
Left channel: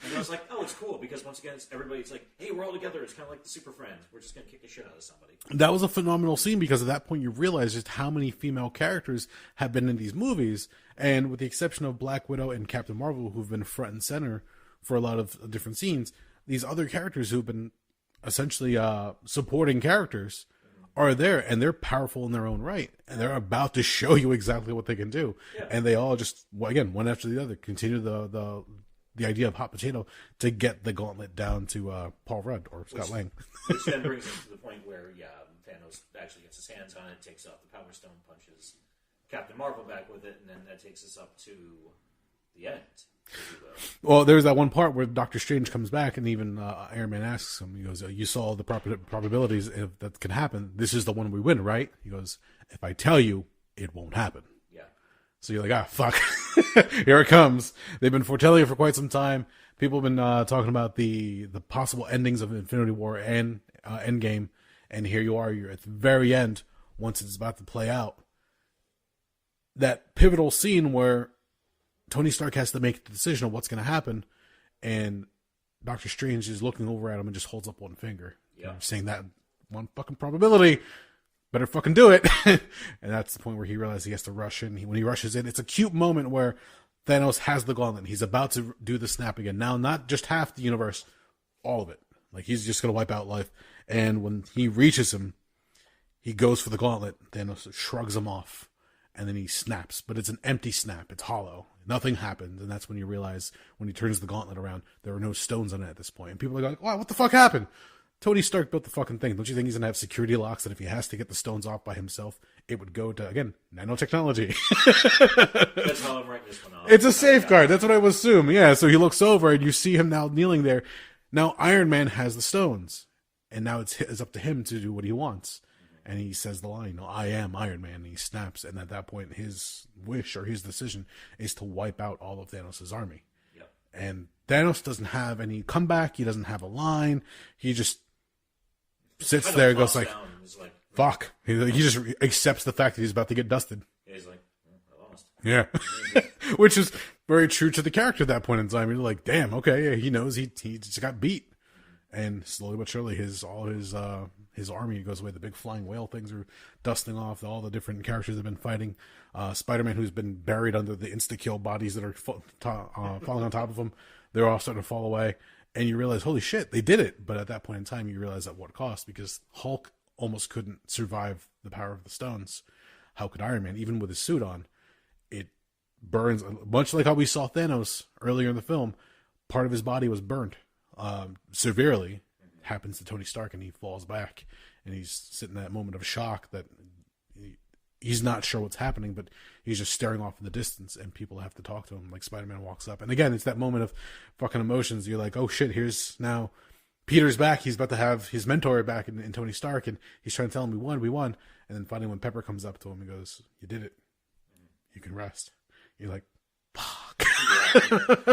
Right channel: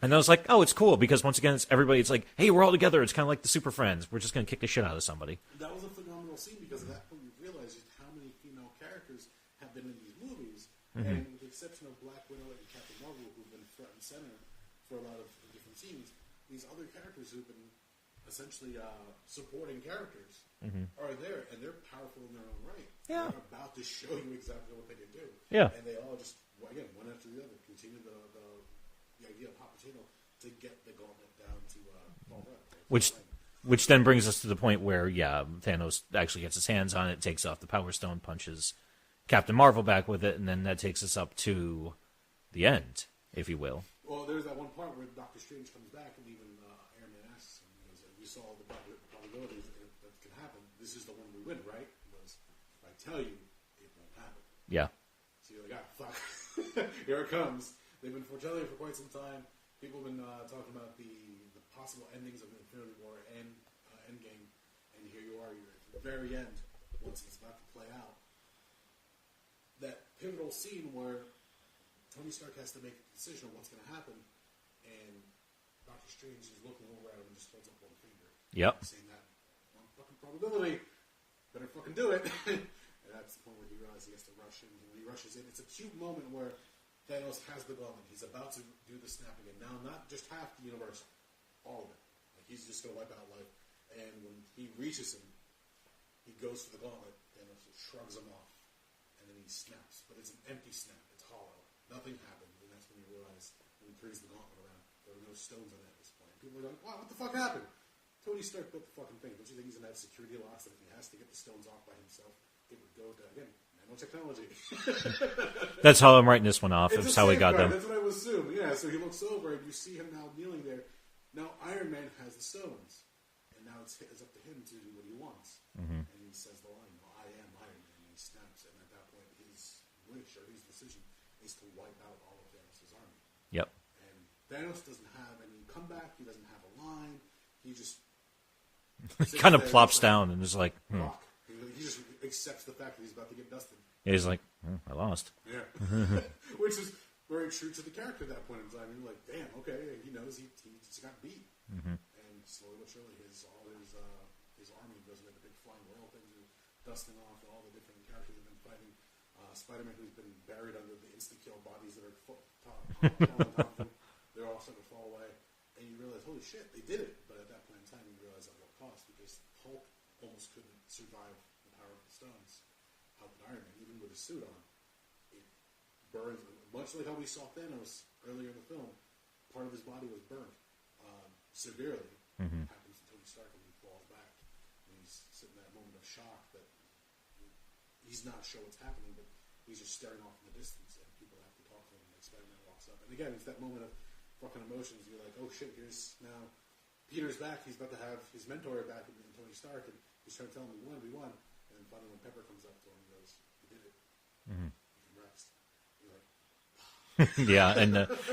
And I was like, oh, it's cool because once again, it's like, hey, we're all together. It's kind of like the Super Friends. We're just going to kick the shit out of somebody. That was a phenomenal scene because at that point you realize just how many female characters have been in these movies. Mm-hmm. And with the exception of Black Widow and Captain Marvel, who've been front and center for a lot of different scenes, these other characters who've been essentially supporting characters are there, and they're powerful in their own right. And they're about to show you exactly what they can do. Yeah. And they all just, again, one after the other, continue the idea of hot potato to get the gauntlet down to Paul Rudd or Scott Lang. Which then brings us to the point where, yeah, Thanos actually gets his hands on it, takes off the Power Stone, punches Captain Marvel back with it, and then that takes us up to the end, if you will. Well, there's that one part where Doctor Strange comes back, and even Iron Man asks him, he goes, you saw the probabilities that can happen. This is the one we win, right? He goes, if I tell you, it won't happen. Yeah. So you're like, fuck. Here it comes. They've been foretelling it for quite some time. People have been talking about the possible endings of Infinity War and Endgame. And here you are. You're at the very end, once it's about to play out. That pivotal scene where Tony Stark has to make the decision of what's going to happen. And Doctor Strange is looking over at him and just holds up one finger. Yep. Saying that one fucking probability. Better fucking do it. And that's the point where he realizes he has to rush in. When he rushes in, it's a cute moment where Thanos has the gauntlet. He's about to do the snap again. Now, not just half the universe, all of it. Like, he's just going to wipe out life. And when he reaches him, he goes for the gauntlet. Thanos shrugs him off. And then he snaps. But it's an empty snap. It's hollow. Nothing happens. And that's when you realize, when he turns the gauntlet around, there are no stones on it at this point. And people are going, wow, what the fuck happened? Tony Stark built the fucking thing. Don't you think he's going to have security locks that if he has to get the stones off by himself, it would go to, again, nanotechnology? That's how I'm writing this one off. It's a safeguard. That's what I would assume. Yeah, so he looks over and you see him now kneeling there. Now Iron Man has the stones. And now it's up to him to do what he wants. Mm-hmm. And he says the line, I am Iron Man. And he snaps. And at that point, his wish or his decision is to wipe out all of Thanos' army. Yep. And Thanos doesn't have any comeback. He doesn't have a line. He just sits kind of there, plops down and is like, fuck. He just accepts the fact that he's about to get dusted. Yeah, he's like, I lost. Yeah. Which is very true to the character at that point in time. You're like, damn, okay, yeah, he knows he just got beat. Mm-hmm. And slowly but surely his army goes away. The big flying whale things are dusting off. All the different characters have been fighting. Spider-Man, who's been buried under the insta-kill bodies that are falling on top of him, they're all starting to fall away. And you realize, holy shit, they did it. But at that point in time, you realize at what cost? Because Hulk almost couldn't survive the power of the stones. How could Iron Man, even with his suit on? It burns, much like how we saw Thanos earlier in the film. Part of his body was burnt severely. Mm-hmm. Happens to Tony Stark, and he falls back. And he's sitting in that moment of shock that he's not sure what's happening, but he's just staring off in the distance, and people have to talk to him. Like Spider-Man walks up, and again, it's that moment of fucking emotions. You're like, oh shit, here's now Peter's back. He's about to have his mentor back in Tony Stark, and he's trying to tell him we won. And then finally, when Pepper comes up to him, he goes, "You did it. You can rest." You're like, "Fuck." Yeah,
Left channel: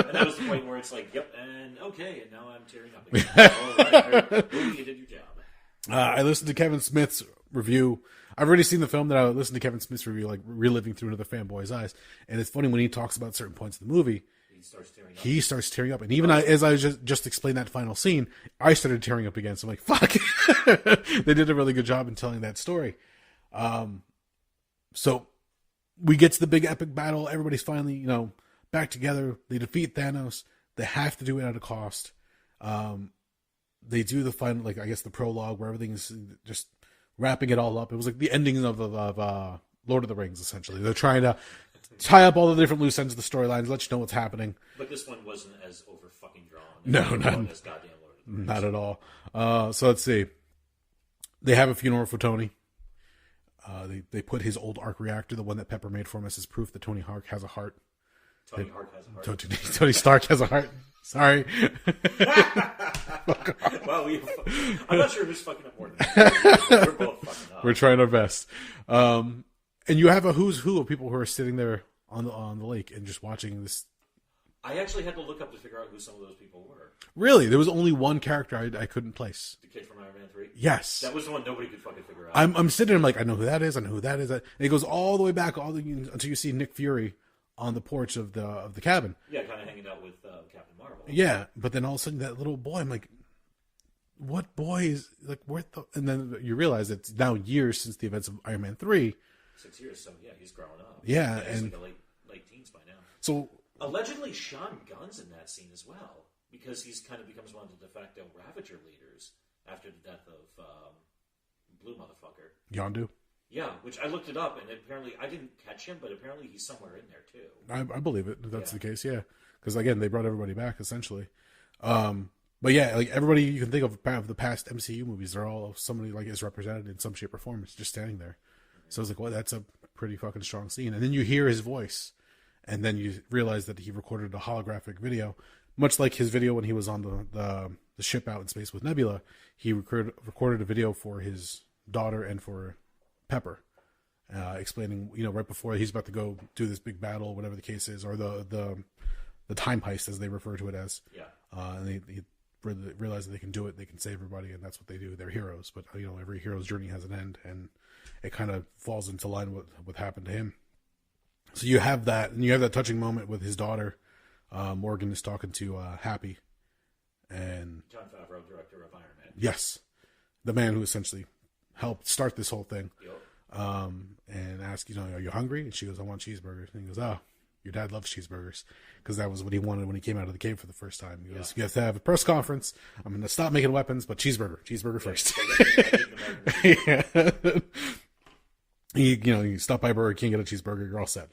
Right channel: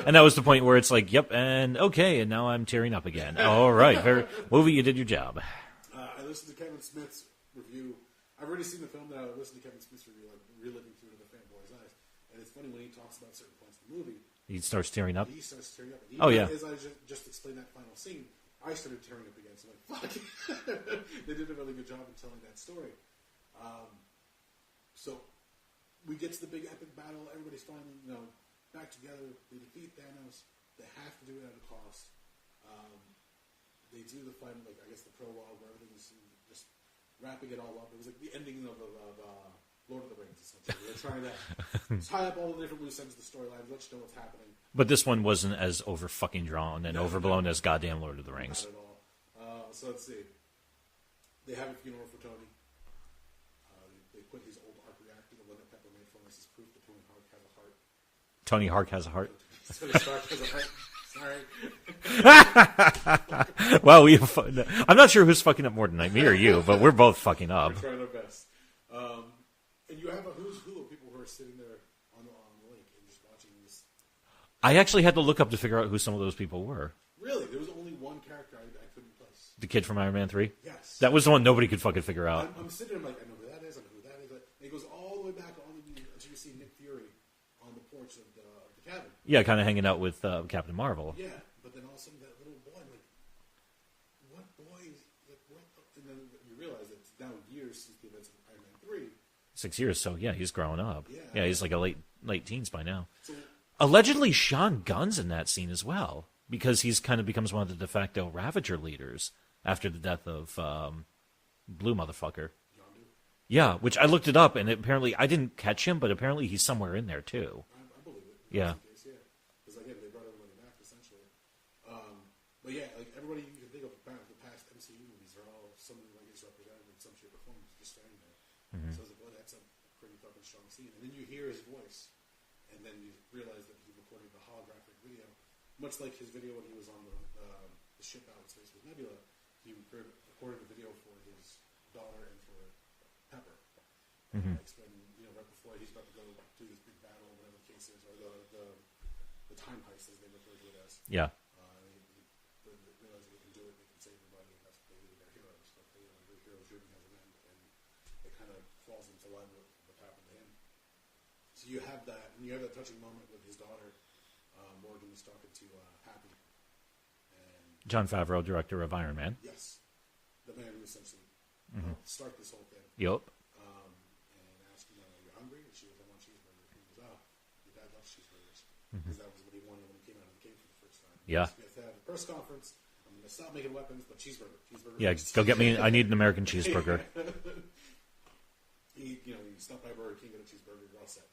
and that was the point where it's like, "Yep," and okay, and now I'm tearing up again. All right, movie, you did your job. I listened to Kevin Smith's review. I've already seen the film, that I listened to Kevin Smith's review, like reliving through another fanboy's eyes. And it's funny when he talks about certain points in the movie. He starts tearing up. And even as I just explained that final scene, I started tearing up again. So I'm like, fuck. They did a really good job in telling that story. So we get to the big epic battle. Everybody's finally, back together. They defeat Thanos. They have to do it at a cost. They do the final, like, I guess the prologue where everything's just wrapping it all up. It was like the ending of Lord of the Rings, essentially. They're trying to tie up all the different loose ends of the storylines, let you know what's happening. But this one wasn't as over fucking drawn and overblown as goddamn Lord of the Rings. Not at all. So let's see. They have a funeral for Tony. They put his old arc reactor, the one that Pepper made for him, as his proof that Tony Stark has a heart. Tony Stark has a heart. Tony Stark has a heart. Sorry. Well, I'm not sure who's fucking up more than me or you, but we're both fucking up. We're trying our best. And you have a who's who of people who are sitting there on the lake and just watching this. I actually had to look up to figure out who some of those people were. Really? There was only one character I couldn't place. The kid from Iron Man 3? Yes. That was the one nobody could fucking figure out. I'm sitting there, I'm like, I know who that is. And it goes all the way back until you see Nick Fury on the porch of the cabin. Yeah, kind of hanging out with Captain Marvel. Yeah, but then all of a sudden that little boy, I'm like, what boy is, like, where the... And then you realize it's now years since the events of Iron Man 3. 6 years, so yeah, he's growing up. Yeah. Yeah, he's like a late teens by now. So... Allegedly, Sean Gunn's in that scene as well, because he's kind of becomes one of the de facto Ravager leaders after the death of Blue Motherfucker. Yondu? Yeah, which I looked it up, and apparently I didn't catch him, but apparently he's somewhere in there too. I believe it. If that's the case, yeah. Because again, they brought everybody back essentially. But yeah, like everybody you can think of the past MCU movies, they're all somebody like is represented in some shape or form. It's just standing there. Mm-hmm. So I was like, well, that's a pretty fucking strong scene. And then you hear his voice, and then you realize that he recorded a holographic video, much like his video when he was on the ship out in space with Nebula. He recorded a video for his daughter and for Pepper, explaining, right before he's about to go do this big battle, whatever the case is, or the time heist as they refer to it as. Yeah. And they realize that they can do it, they can save everybody, and that's what they do. They're heroes, but every hero's journey has an end, and it kind of falls into line with what happened to him. So you have that, and you have that touching moment with his daughter. Morgan is talking to Happy, and Jon Favreau, director of Iron Man. Yes, the man who essentially helped start this whole thing. Yep. And ask, are you hungry? And she goes, I want cheeseburgers. And he goes, oh, your dad loves cheeseburgers, because that was what he wanted when he came out of the cave for the first time. He goes, you have to have a press conference. I'm going to stop making weapons, but cheeseburger first. Go get me. I need an American cheeseburger. You stop by Burger King, get a cheeseburger, you're all set.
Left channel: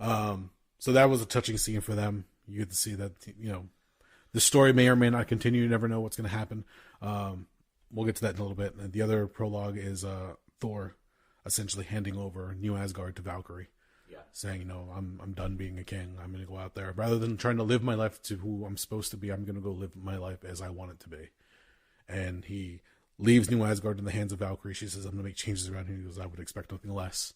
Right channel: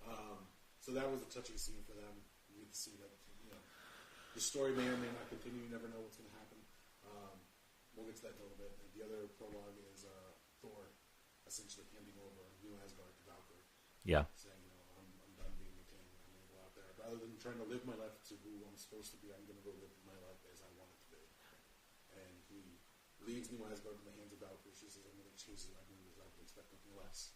So that was a touching scene for them. You get to see that, the story may or may not continue. You never know what's going to happen. We'll get to that in a little bit. And the other prologue is Thor essentially handing over New Asgard to Valkyrie. Yeah. Saying, I'm done being a king. I'm going to go out there. Rather than trying to live my life to who I'm supposed to be, I'm going to go live my life as I want it to be. And he leaves New Asgard in the hands of Valkyrie. She says, I'm going to make changes around here. He goes, I would expect nothing less.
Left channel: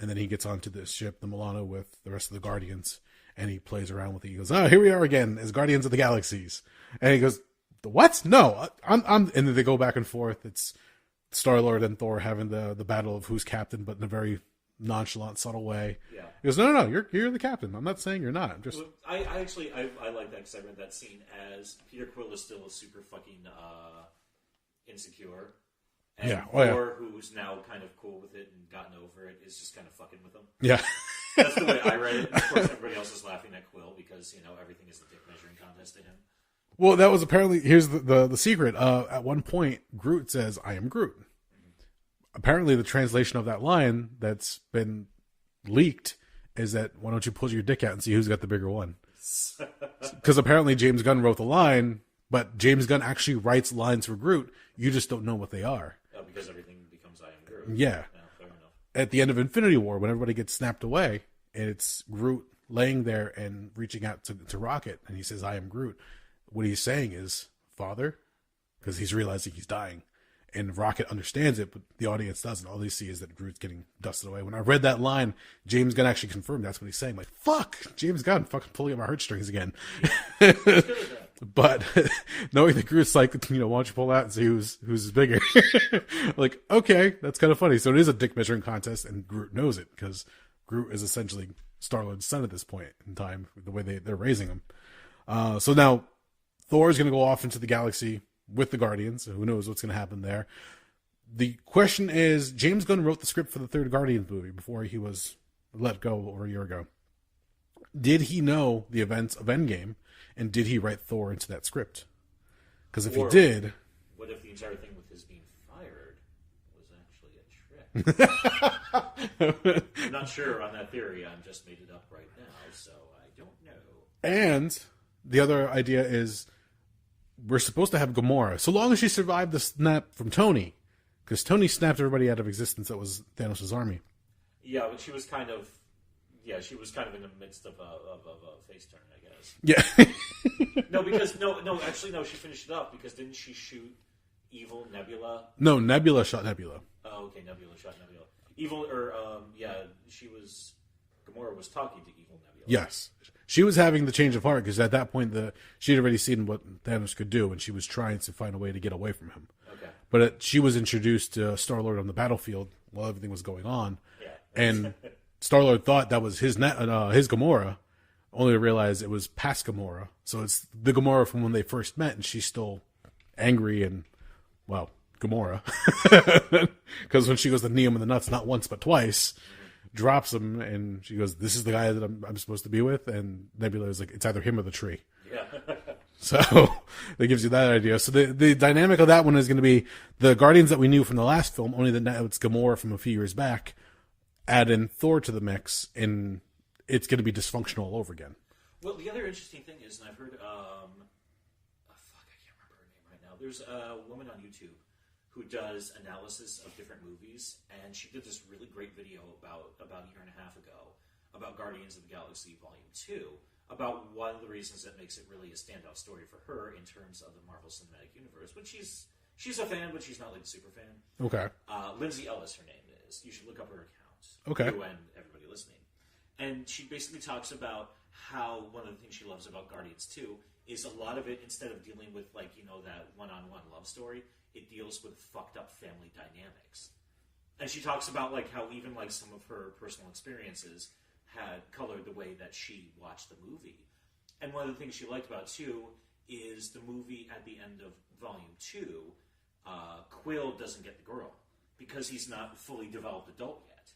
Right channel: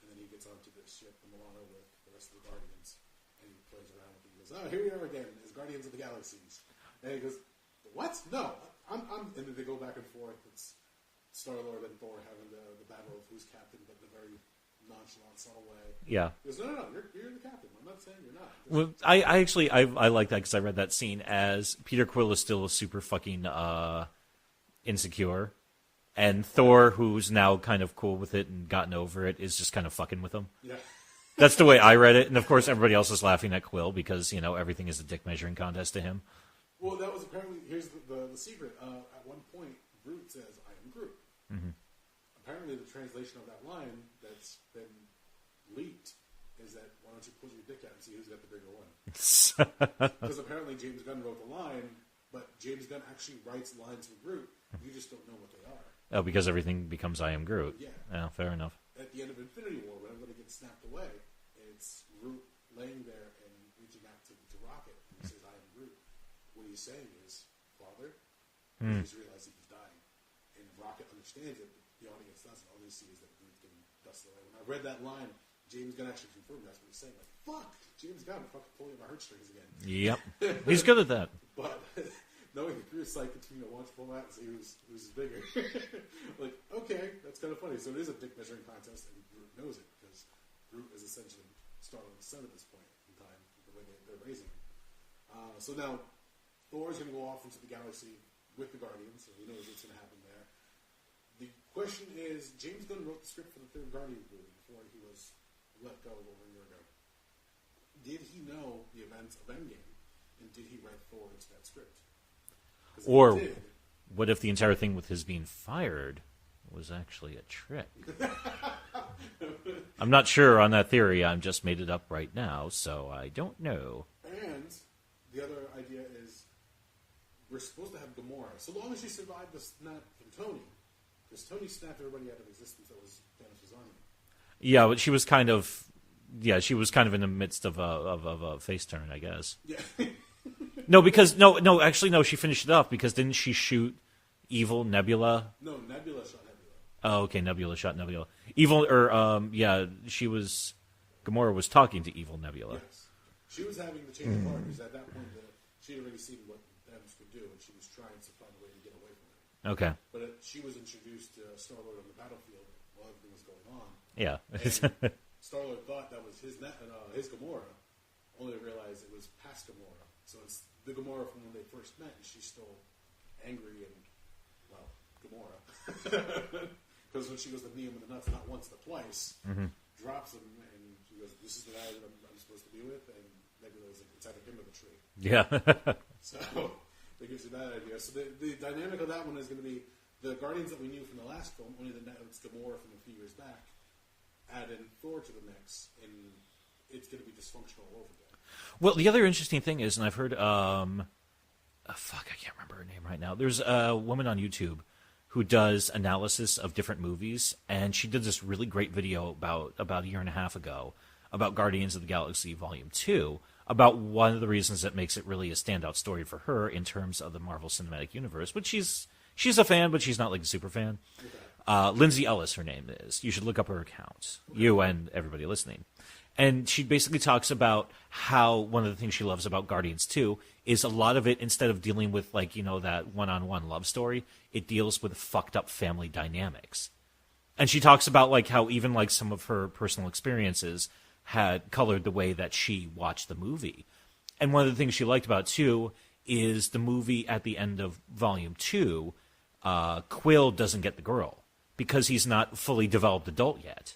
And then he gets onto this ship, the Milano, with the rest of the Guardians, and he plays around with it. He goes, oh, here we are again as Guardians of the Galaxies. And he goes, what? No, I'm. And then they go back and forth. It's Star-Lord and Thor having the battle of who's captain, but in a very nonchalant, subtle way. Yeah. He goes, no, you're the captain. I'm not saying you're not. Well, I actually like that, because I read that scene as Peter Quill is still super fucking insecure, and Thor, who's now kind of cool with it and gotten over it, is just kind of fucking with him. Yeah. That's the way I read it. And of course everybody else is laughing at Quill, because everything is a dick measuring contest to him. Well, that was apparently, here's the secret. At one point, Groot says, I am Groot. Mm-hmm. Apparently, the translation of that line that's been leaked is that, why don't you pull your dick out and see who's got the bigger one? Because apparently James Gunn wrote the line, but James Gunn actually writes lines for Groot. You just don't know what they are. Oh, because everything becomes I am Groot. Yeah. Oh, fair enough. At the end of Infinity War, when everybody gets snapped away, and it's Groot laying there and reaching out to Rocket, and he says, "I am Groot." What he's saying is, "Father," because he's realizing he's dying. And Rocket understands it, but the audience doesn't. All they see is that Groot's getting dusted away. When I read that line, James Gunn actually confirmed that's what he's saying. Like, fuck, James Gunn fucking pulling at my heartstrings again. Yep. He's good at that. But knowing that Groot's like, why don't you pull out and see who's bigger? Like, okay, that's kind of funny. So it is a dick measuring contest, and Groot knows it, because Groot is essentially Star-Lord's son at this point in time, the way they're raising him. So now Thor is going to go off into the galaxy with the Guardians. So who knows what's going to happen there. The question is, James Gunn wrote the script for the third Guardians movie before he was let go over a year ago. Did he know the events of Endgame, and did he write Thor into that script? Because if he did... What if the entire thing with his being fired was actually a trick? I'm not sure on that theory. I'm just made it up right now, so I don't know. And the other idea is, we're supposed to have Gamora, so long as she survived the snap from Tony, because Tony snapped everybody out of existence that was Thanos' army. Yeah, but she was kind of in the midst of a face turn, I guess. Yeah. Actually, she finished it off, because didn't she shoot evil Nebula? No, Nebula shot Nebula. Oh, okay, Nebula shot Nebula. Gamora was talking to evil Nebula. Yes. She was having the change of heart, because at that point she'd already seen what Thanos could do, and she was trying to find a way to get away from him. Okay. But she was introduced to Star-Lord on the battlefield while everything was going on. Yeah. And Star-Lord thought that was his Gamora, only to realize it was past Gamora. So it's the Gamora from when they first met, and she's still angry and, well, Gamora. Because when she goes to knee him in the nuts, not once but twice, drops him, and she goes, "This is the guy that I'm supposed to be with," and Nebula is like, "It's either him or the tree." Yeah. So that gives you that idea. So the dynamic of that one is going to be the Guardians that we knew from the last film, only that now it's Gamora from a few years back. Add in Thor to the mix, and it's going to be dysfunctional all over again. Well, the other interesting thing is, and I've heard, I can't remember her name right now. There's a woman on YouTube who does analysis of different movies, and she did this really great video about a year and a half ago about Guardians of the Galaxy Volume 2, about one of the reasons that makes it really a standout story for her in terms of the Marvel Cinematic Universe, which she's a fan, but she's not like a super fan. Okay. Lindsay Ellis, her name is. You should look up her account. Okay. You and everybody listening. And she basically talks about how one of the things she loves about Guardians 2 is a lot of it, instead of dealing with, like, that one-on-one love story, it deals with fucked up family dynamics. And she talks about, like, how even, like, some of her personal experiences had colored the way that she watched the movie. And one of the things she liked about it, too, is the movie at the end of Volume 2, Quill doesn't get the girl because he's not fully developed adult yet.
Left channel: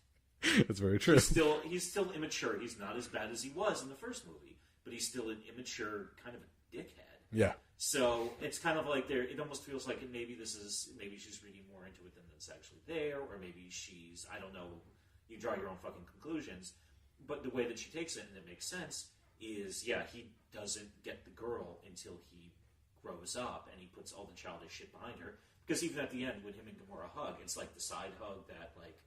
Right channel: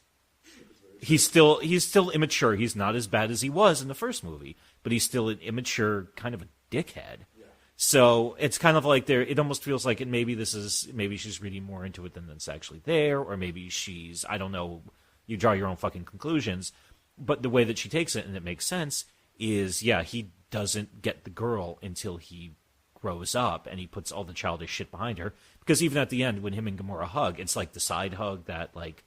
That's very true. He's still immature. He's not as bad as he was in the first movie, but he's still an immature kind of a dickhead. Yeah. So it's kind of like it almost feels like maybe she's reading more into it than it's actually there, or maybe she's, I don't know, you draw your own fucking conclusions. But the way that she takes it, and it makes sense, is, he doesn't get the girl until he grows up and he puts all the childish shit behind her. Because even at the end, when him and Gamora hug, it's like the side hug that, like,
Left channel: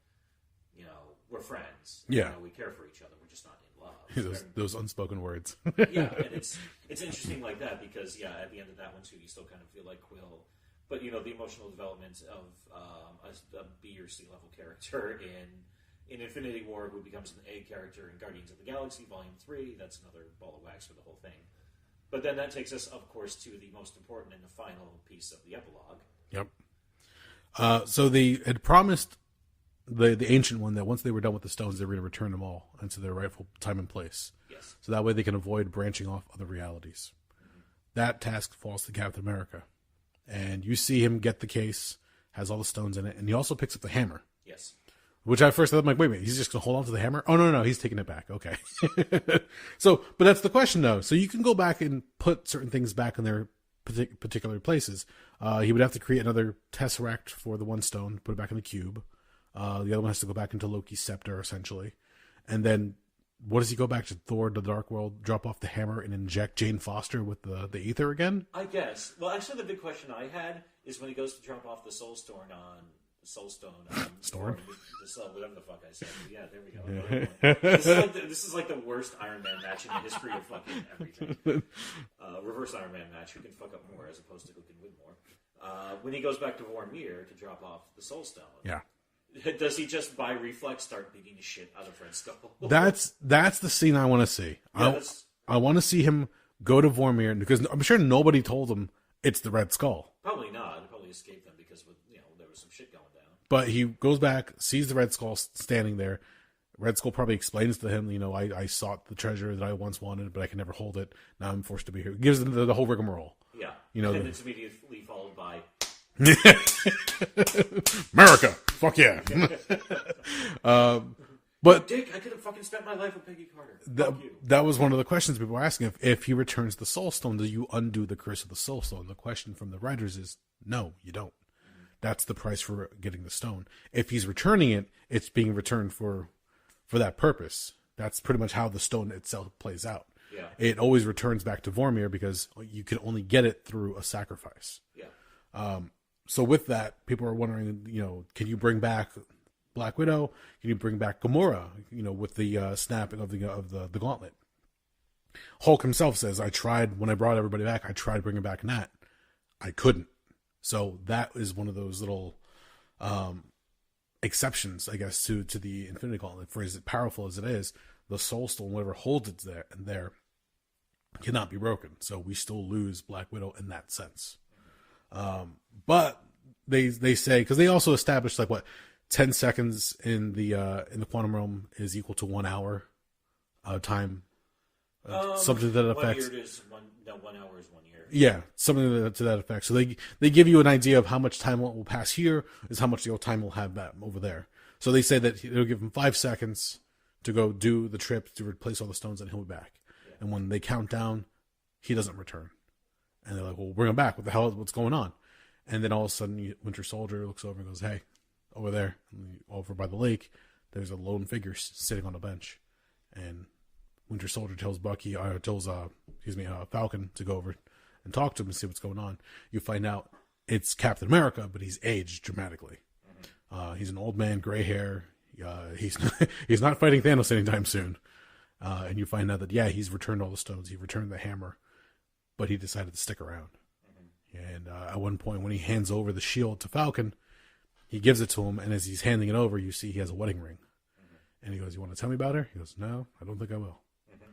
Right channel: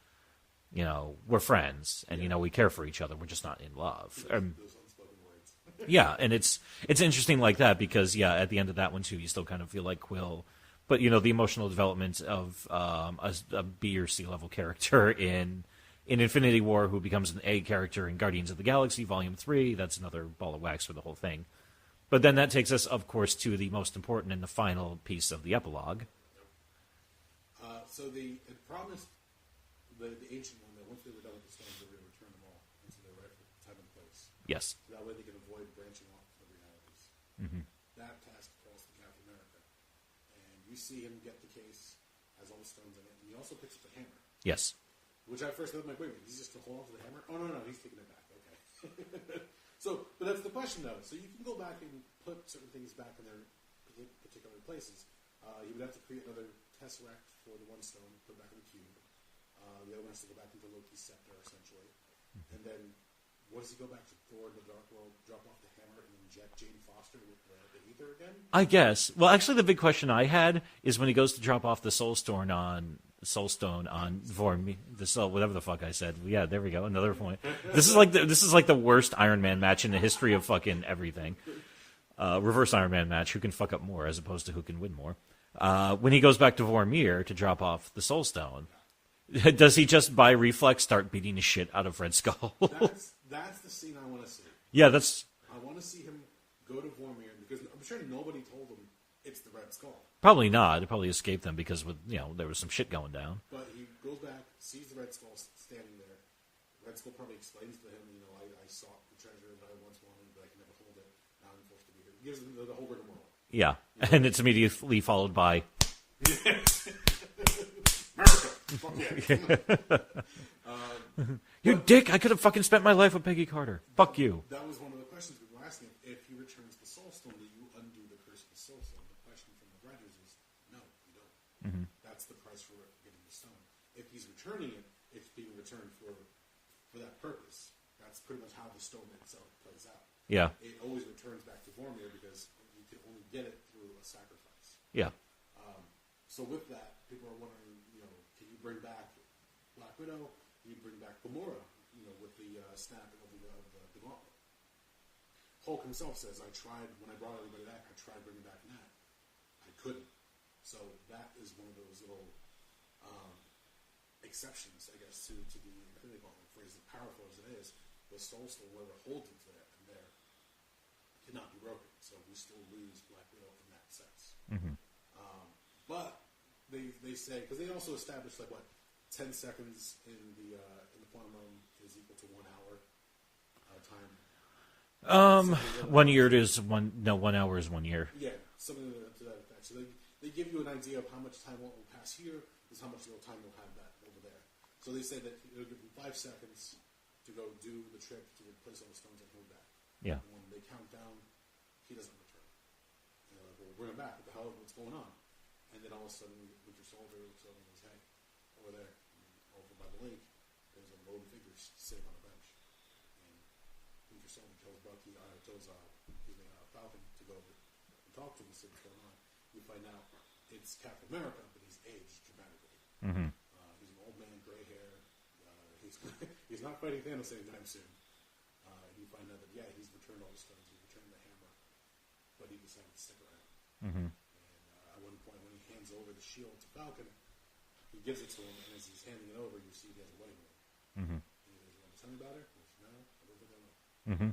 we're friends, and, we care for each other. We're just not in love. Those unspoken words. Yeah, and it's interesting like that because, at the end of that one, too, you still kind of feel like Quill. But, the emotional development of a B or C level character in Infinity War who becomes an A character in Guardians of the Galaxy Volume 3, that's another ball of wax for the whole thing. But then that takes us, of course, to the most important and the final piece of the epilogue. Yep. So they had promised the Ancient One that once they were done with the stones, they were going to return them all into their rightful time and place. Yes. So that way they can avoid branching off other realities. Mm-hmm. That task falls to Captain America. And you see him get the case, has all the stones in it, and he also picks up the hammer. Yes. Which at first I'm like, wait a minute, he's just going to hold on to the hammer? Oh, no, he's taking it back. Okay. But that's the question, though. So you can go back and put certain things back in their particular places. He would have to create another tesseract for the one stone, put it back in the cube. The other one has to go back into Loki's scepter, essentially. And then, what does he go back to Thor, the Dark World, drop off the hammer, and inject Jane Foster with the ether again? I guess. Well, actually, the big question I had is when he goes to drop off the Soul Stone on Soul Stone on the Soul, whatever the fuck I said. Yeah, there we go. Another point. This is like the worst Iron Man match in the history of fucking everything. Reverse Iron Man match. Who can fuck up more as opposed to who can win more? When he goes back to Vormir to drop off the Soul Stone. Yeah. Does he just by reflex start beating the shit out of Red Skull? That's the scene I want to see. Yeah, I want to see him go to Vormir because I'm sure nobody told him it's the Red Skull. Probably not. It probably escaped them because there was some shit going down. But he goes back, sees the Red Skull standing there. Red Skull probably explains to him, I sought the treasure that I once wanted, but I can never hold it. Now I'm forced to be here. Gives them the whole rigmarole. Yeah, and it's immediately followed by America, fuck yeah. But Dick, I could have fucking spent my life with Peggy Carter. Fuck you. That was one of the questions people were asking. If he returns the Soul Stone, do you undo the curse of the Soul Stone? The question from the writers is, no, you don't. Mm-hmm. That's the price for getting the stone. If he's returning it, it's being returned for that purpose. That's pretty much how the stone itself plays out. Yeah. It always returns back to Vormir because you can only get it through a sacrifice. Yeah. So with that, people are wondering, can you bring back Black Widow? Can you bring back Gamora? With the snapping of the gauntlet. Hulk himself says, when I brought everybody back, I tried bringing back Nat. I couldn't. So that is one of those little exceptions, I guess, to the Infinity Gauntlet. For as powerful as it is, the Soul Stone, whatever holds it there, cannot be broken. So we still lose Black Widow in that sense. Mm-hmm. But they say, because they also established 10 seconds in the quantum realm is equal to 1 hour time. Something to that effect. 1 year is 1 hour is 1 year. Yeah, something to that effect. So they give you an idea of how much time will pass here is how much time will have that over there. So they say that it'll give him 5 seconds to go do the trip to replace all the stones, and he'll be back. Yeah. And when they count down, he doesn't return. And they're like, well, bring him back. What the hell? What's going on? And then all of a sudden, Winter Soldier looks over and goes, hey, over there, over by the lake, there's a lone figure sitting on a bench. And Winter Soldier tells Falcon to go over and talk to him and see what's going on. You find out it's Captain America, but he's aged dramatically. Mm-hmm. He's an old man, gray hair. He's not fighting Thanos anytime soon. And you find out that, he's returned all the stones. He returned the hammer, but he decided to stick around. Mm-hmm. And at one point, when he hands over the shield to Falcon, he gives it to him, and as he's handing it over, you see he has a wedding ring. Mm-hmm. And he goes, you want to tell me about her? He goes, no, I don't think I will. Mm-hmm.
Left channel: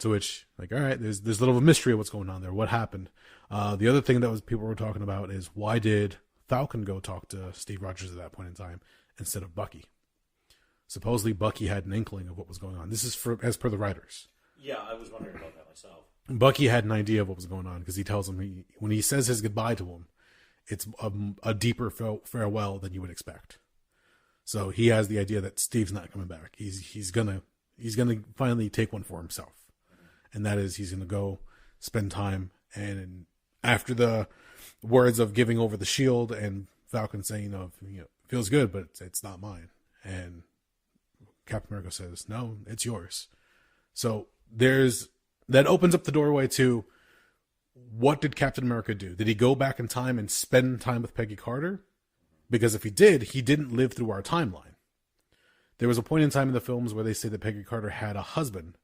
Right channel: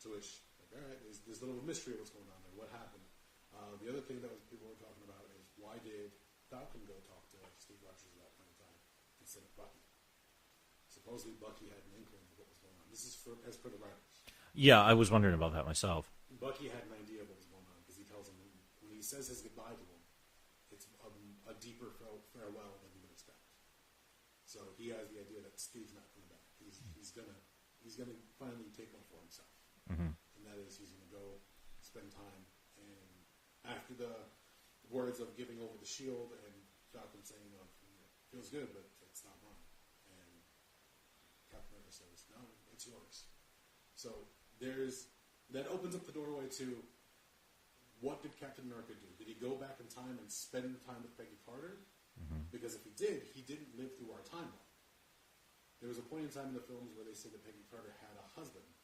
To which, all right, there's a little of a mystery of what's going on there. What happened? The other thing that people were talking about is, why did Falcon go talk to Steve Rogers at that point in time instead of Bucky? Supposedly Bucky had an inkling of what was going on. This is as per the writers. Yeah, I was wondering about that myself. Bucky had an idea of what was going on because he tells him, when he says his goodbye to him, it's a deeper farewell than you would expect. So he has the idea that Steve's not coming back. He's gonna finally take one for himself, mm-hmm. and that is he's gonna go spend time. And after the words of giving over the shield and Falcon saying, feels good, but it's not mine, and Captain America says, no, it's yours. So that opens up the doorway to, what did Captain America do? Did he go back in time and spend time with Peggy Carter? Mm-hmm. Because if he did, he didn't live through our timeline. There was a point in time in the films where they say that Peggy Carter had a husband,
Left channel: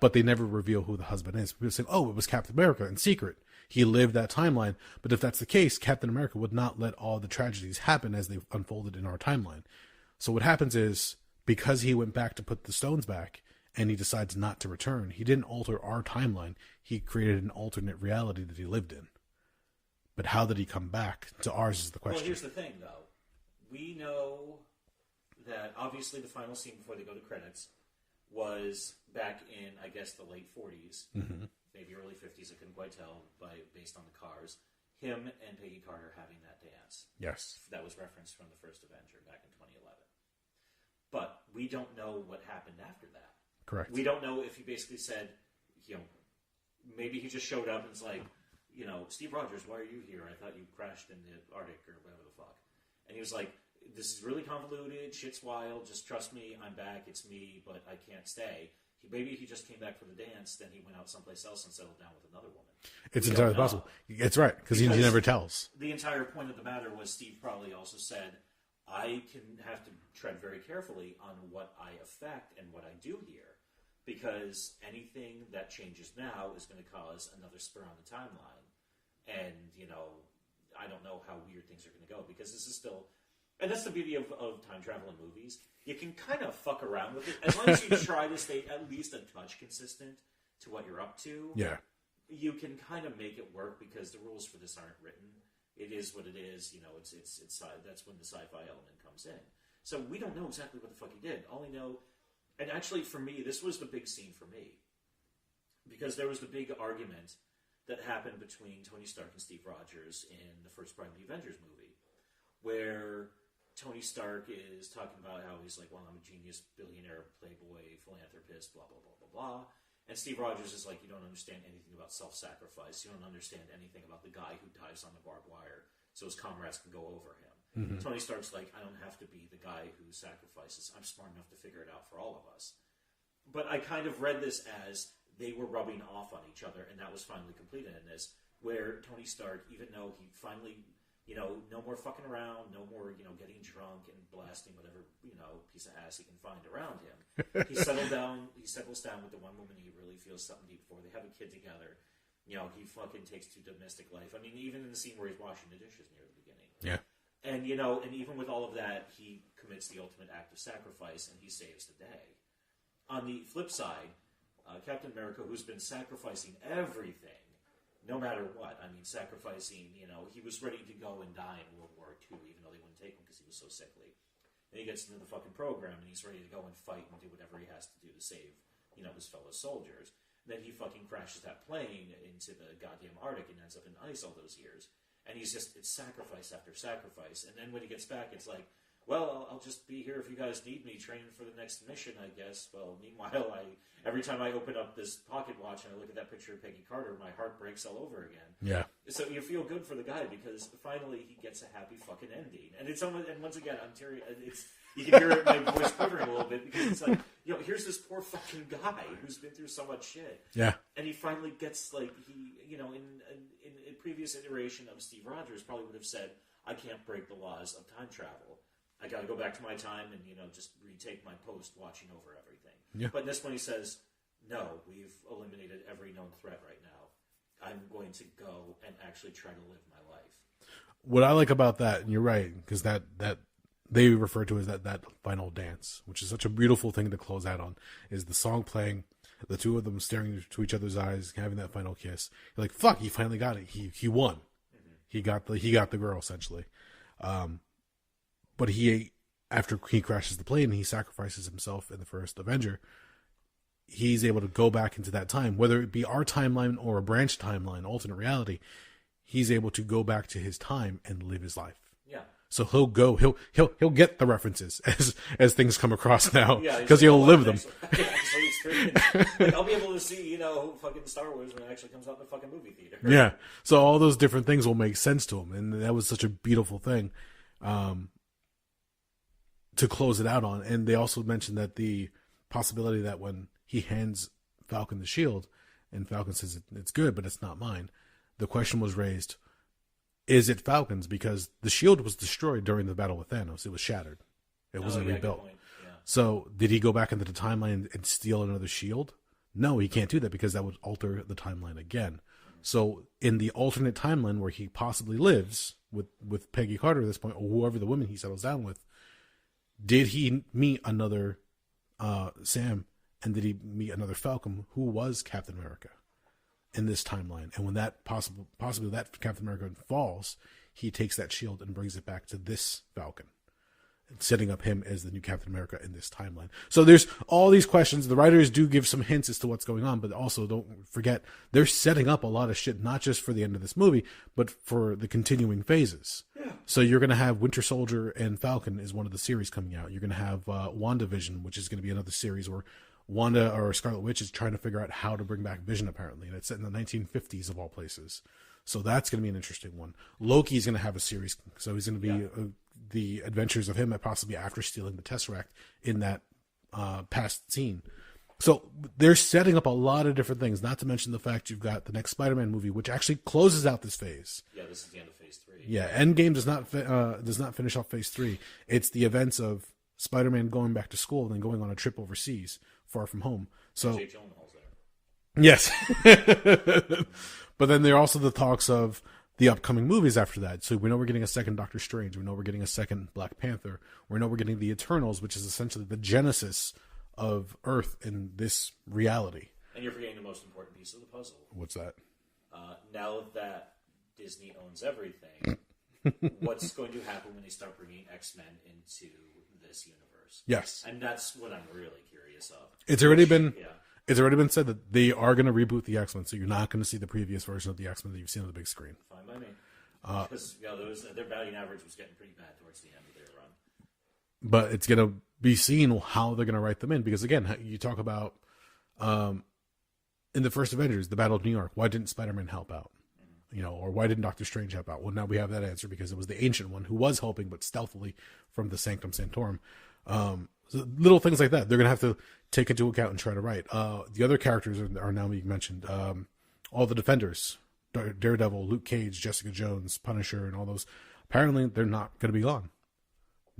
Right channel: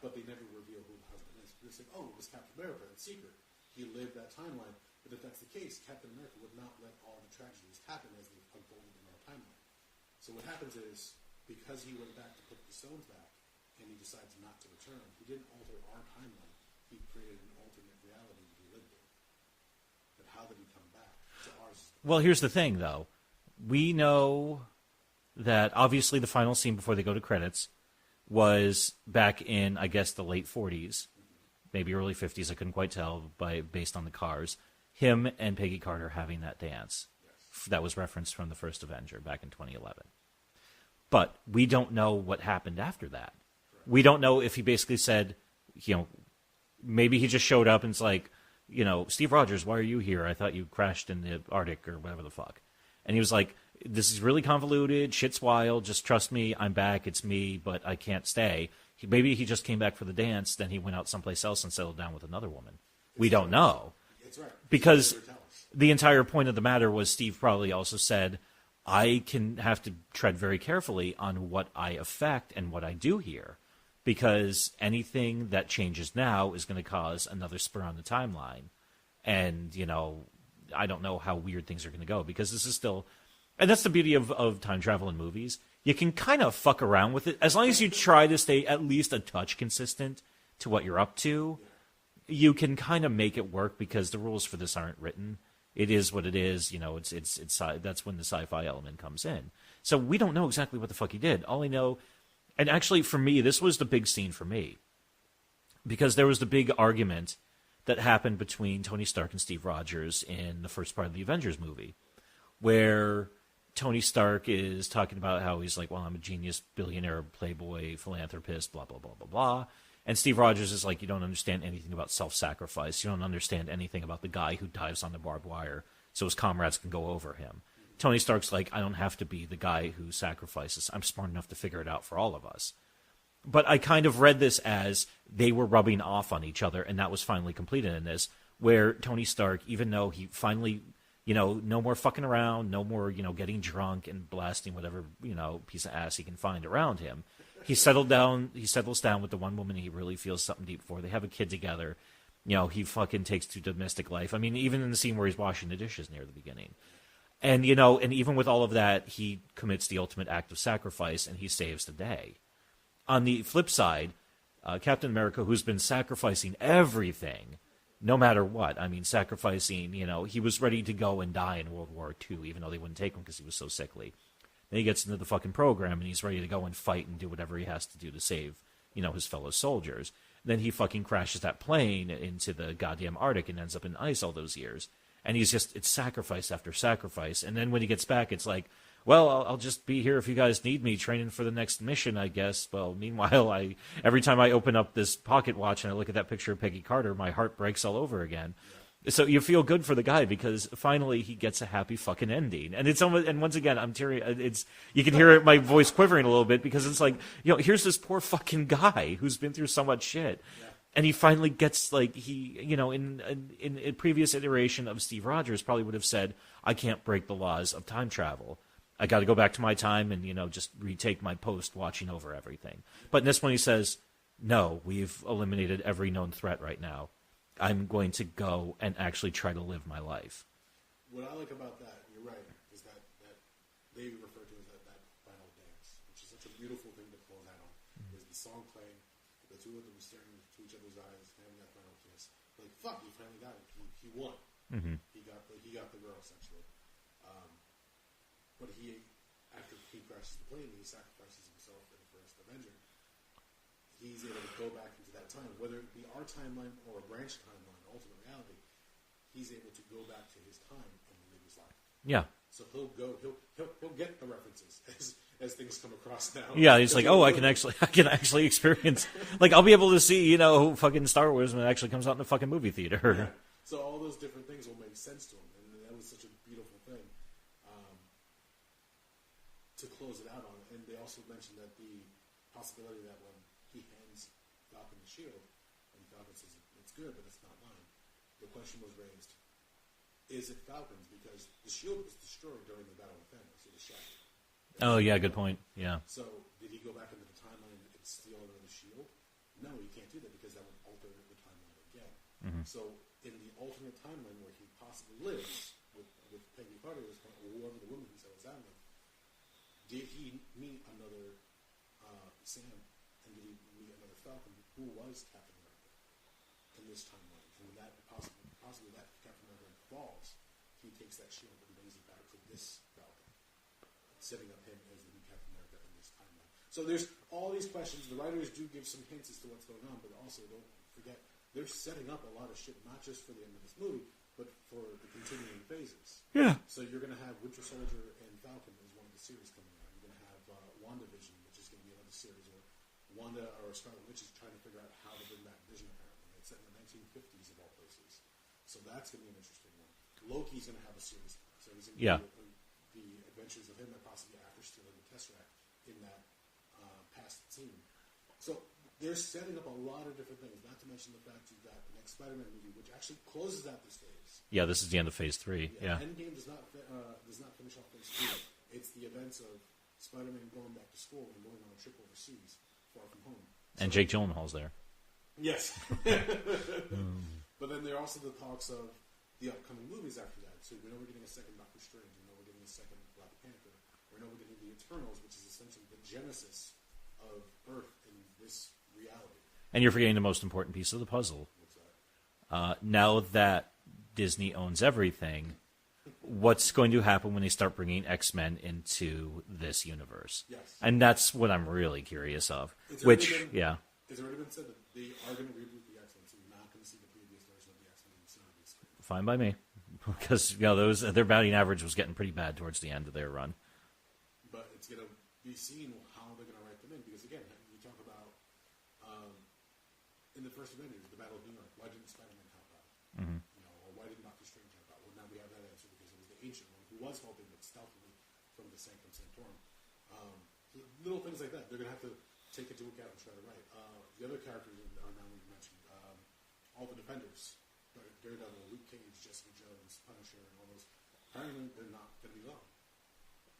but they never reveal who the husband is. People say, oh, it was Captain America in secret. He lived that timeline. But if that's the case, Captain America would not let all the tragedies happen as they unfolded in our timeline. So what happens is, because he went back to put the stones back, and he decides not to return, he didn't alter our timeline. He created an alternate reality that he lived in. But how did he come back to ours is the question. Well, here's the thing, though. We know that obviously the final scene before they go to credits was back in, I guess, the late 40s, mm-hmm. maybe early 50s. I couldn't quite tell based on the cars. Him and Peggy Carter having that dance. Yes. That was referenced from the first Avenger back in 2011. But we don't know what happened after that. Correct. We don't know if he basically said, maybe he just showed up and it's like, Steve Rogers, why are you here? I thought you crashed in the Arctic or whatever the fuck. And he was like, this is really convoluted. Shit's wild. Just trust me. I'm back. It's me, but I can't stay. Maybe he just came back for the dance. Then he went out someplace else and settled down with another woman. We don't know. It's right. Because he never tells. The entire point of the matter was Steve probably also said, I can have to tread very carefully on what I affect and what I do here, because anything that changes now is going to cause another spur on the timeline. And, I don't know how weird things are going to go, because this is still, and that's the beauty of time travel in movies. You can kind of fuck around with it as long as you try to stay at least a touch consistent to what you're up to. Yeah. You can kind of make it work, because the rules for this aren't written. It is what it is. It's that's when the sci-fi element comes in. So we don't know exactly what the fuck he did. All I know, and actually for me, this was the big scene for me, because there was the big argument that happened between Tony Stark and Steve Rogers in the first part of the Avengers movie, where Tony Stark is talking about how he's like, well, I'm a genius, billionaire, playboy, philanthropist, blah, blah, blah, blah, blah. And Steve Rogers is like, you don't understand anything about self-sacrifice. You don't understand anything about the guy who dives on the barbed wire so his comrades can go over him. Mm-hmm. Tony Stark's like, I don't have to be the guy who sacrifices. I'm smart enough to figure it out for all of us. But I kind of read this as they were rubbing off on each other, and that was finally completed in this, where Tony Stark, even though he finally, no more fucking around, no more, getting drunk and blasting whatever, piece of ass he can find around him. He settles down with the one woman he really feels something deep for. They have a kid together. He fucking takes to domestic life. I mean, even in the scene where he's washing the dishes near the beginning. Yeah. And, and even with all of that, he commits the ultimate act of sacrifice, and he saves the day. On the flip side, Captain America, who's been sacrificing everything, no matter what. I mean, sacrificing, he was ready to go and die in World War II, even though they wouldn't take him because he was so sickly. Then he gets into the fucking program, and he's ready to go and fight and do whatever he has to do to save, his fellow soldiers. Then he fucking crashes that plane into the goddamn Arctic and ends up in ice all those years. And it's sacrifice after sacrifice. And then when he gets back, it's like, well, I'll just be here if you guys need me, training for the next mission, I guess. Well, meanwhile, every time I open up this pocket watch and I look at that picture of Peggy Carter, my heart breaks all over again. Yeah. So you feel good for the guy, because finally he gets a happy fucking ending. And it's almost, and once again, I'm teary. You can hear my voice quivering a little bit, because it's like, here's this poor fucking guy who's been through so much shit. Yeah. And he finally gets, like, in a previous iteration of Steve Rogers probably would have said, I can't break the laws of time travel. I got to go back to my time and, just retake my post watching over everything. Yeah. But in this one he says, no, we've eliminated every known threat right now. I'm going to go and actually try to live my life. What I like about that, and you're right, because that they refer to as that final dance, which is such a beautiful thing to close out on, is the song playing, the two of them staring to each other's eyes, having that final kiss. You're like, fuck, he finally got it. He won. Mm-hmm. He got the girl, essentially. But after he crashes the plane, he sacrifices himself in the first Avenger. He's able to go back into that time, whether it be our timeline or a branch timeline, alternate reality. He's able to go back to his time and live his life. Yeah. So he'll get the references as things come across now. Yeah, because like, I can actually experience. Like, I'll be able to see, fucking Star Wars when it actually comes out in the fucking movie theater. Yeah. So all those different things will make sense to him, and that was such a beautiful thing. To close it out on. And they also mentioned that the possibility that when he hands Falcon the shield and Falcon says it's good, but it's not mine, the question was raised, is it Falcon's? Because the shield was destroyed during the battle with Thanos. It was shattered. Good point. Yeah. So did he go back into the timeline and steal another shield? No, he can't do that, because that would alter the timeline again. Mm-hmm. So in the alternate timeline where he possibly lives with Peggy Carter at this point, or whoever the woman he settles down with, did he meet another Sam, and did he meet another Falcon who was Captain America in this timeline? And when that possibly that Captain America falls, he takes that shield and brings it back to this Falcon, setting up him as the new Captain America in this timeline. So there's all these questions. The writers do give some hints as to what's going on, but also don't forget they're setting up a lot of shit, not just for the end of this movie, but for the continuing phases. Yeah. So you're going to have Winter Soldier and Falcon is one of the series coming out. You're going to have WandaVision, which is going to be another series where Wanda or Scarlet Witch is trying to figure out how to bring back Vision, apparently. And it's set in the 1950s of all places. So that's going to be an interesting one. Loki's going to have a series. So he's going to be the adventures of him, possibly after stealing the Tesseract in that past scene. So they're setting up a lot of different things, not to mention the fact you've got the next Spider-Man movie, which actually closes out this phase. Yeah, this is the end of Phase 3. Yeah, Endgame does not finish off Phase 3. It's the events of Spider-Man going back to school and then going on a trip overseas, far from home. So, and Jake Gyllenhaal's there. Yes. But then there are also the talks of the upcoming movies after that. So we know we're getting a second Doctor Strange. We know we're getting a second Black Panther. We know we're getting the Eternals, which is essentially the genesis of Earth in this reality. And you're forgetting the most important piece of the puzzle. What's that? Now that Disney owns everything, what's going to happen when they start bringing X-Men into this universe? Yes. And that's what I'm really curious of. It's already been said that they are going to reboot the X-Men, so you're not going to see the previous version of the X-Men that you've seen on the big screen. Fine by me. Because their batting average was getting pretty bad towards the end of their run. But it's going to be seen how they're going to write them in. Because, again, you talk about in the first Avengers, the Battle of New York, why didn't Spider-Man help out? Mm-hmm. Or why didn't Doctor Strange help out? Well, now we have that answer because it was the Ancient One who was helping, but stealthily from the Sanctum Sanctorum. So little things like that, they're going to have to take into account and try to write. The other characters are now being mentioned. All the Defenders, Daredevil, Luke Cage, Jessica Jones, Punisher, and all those. Apparently, they're not going to be gone.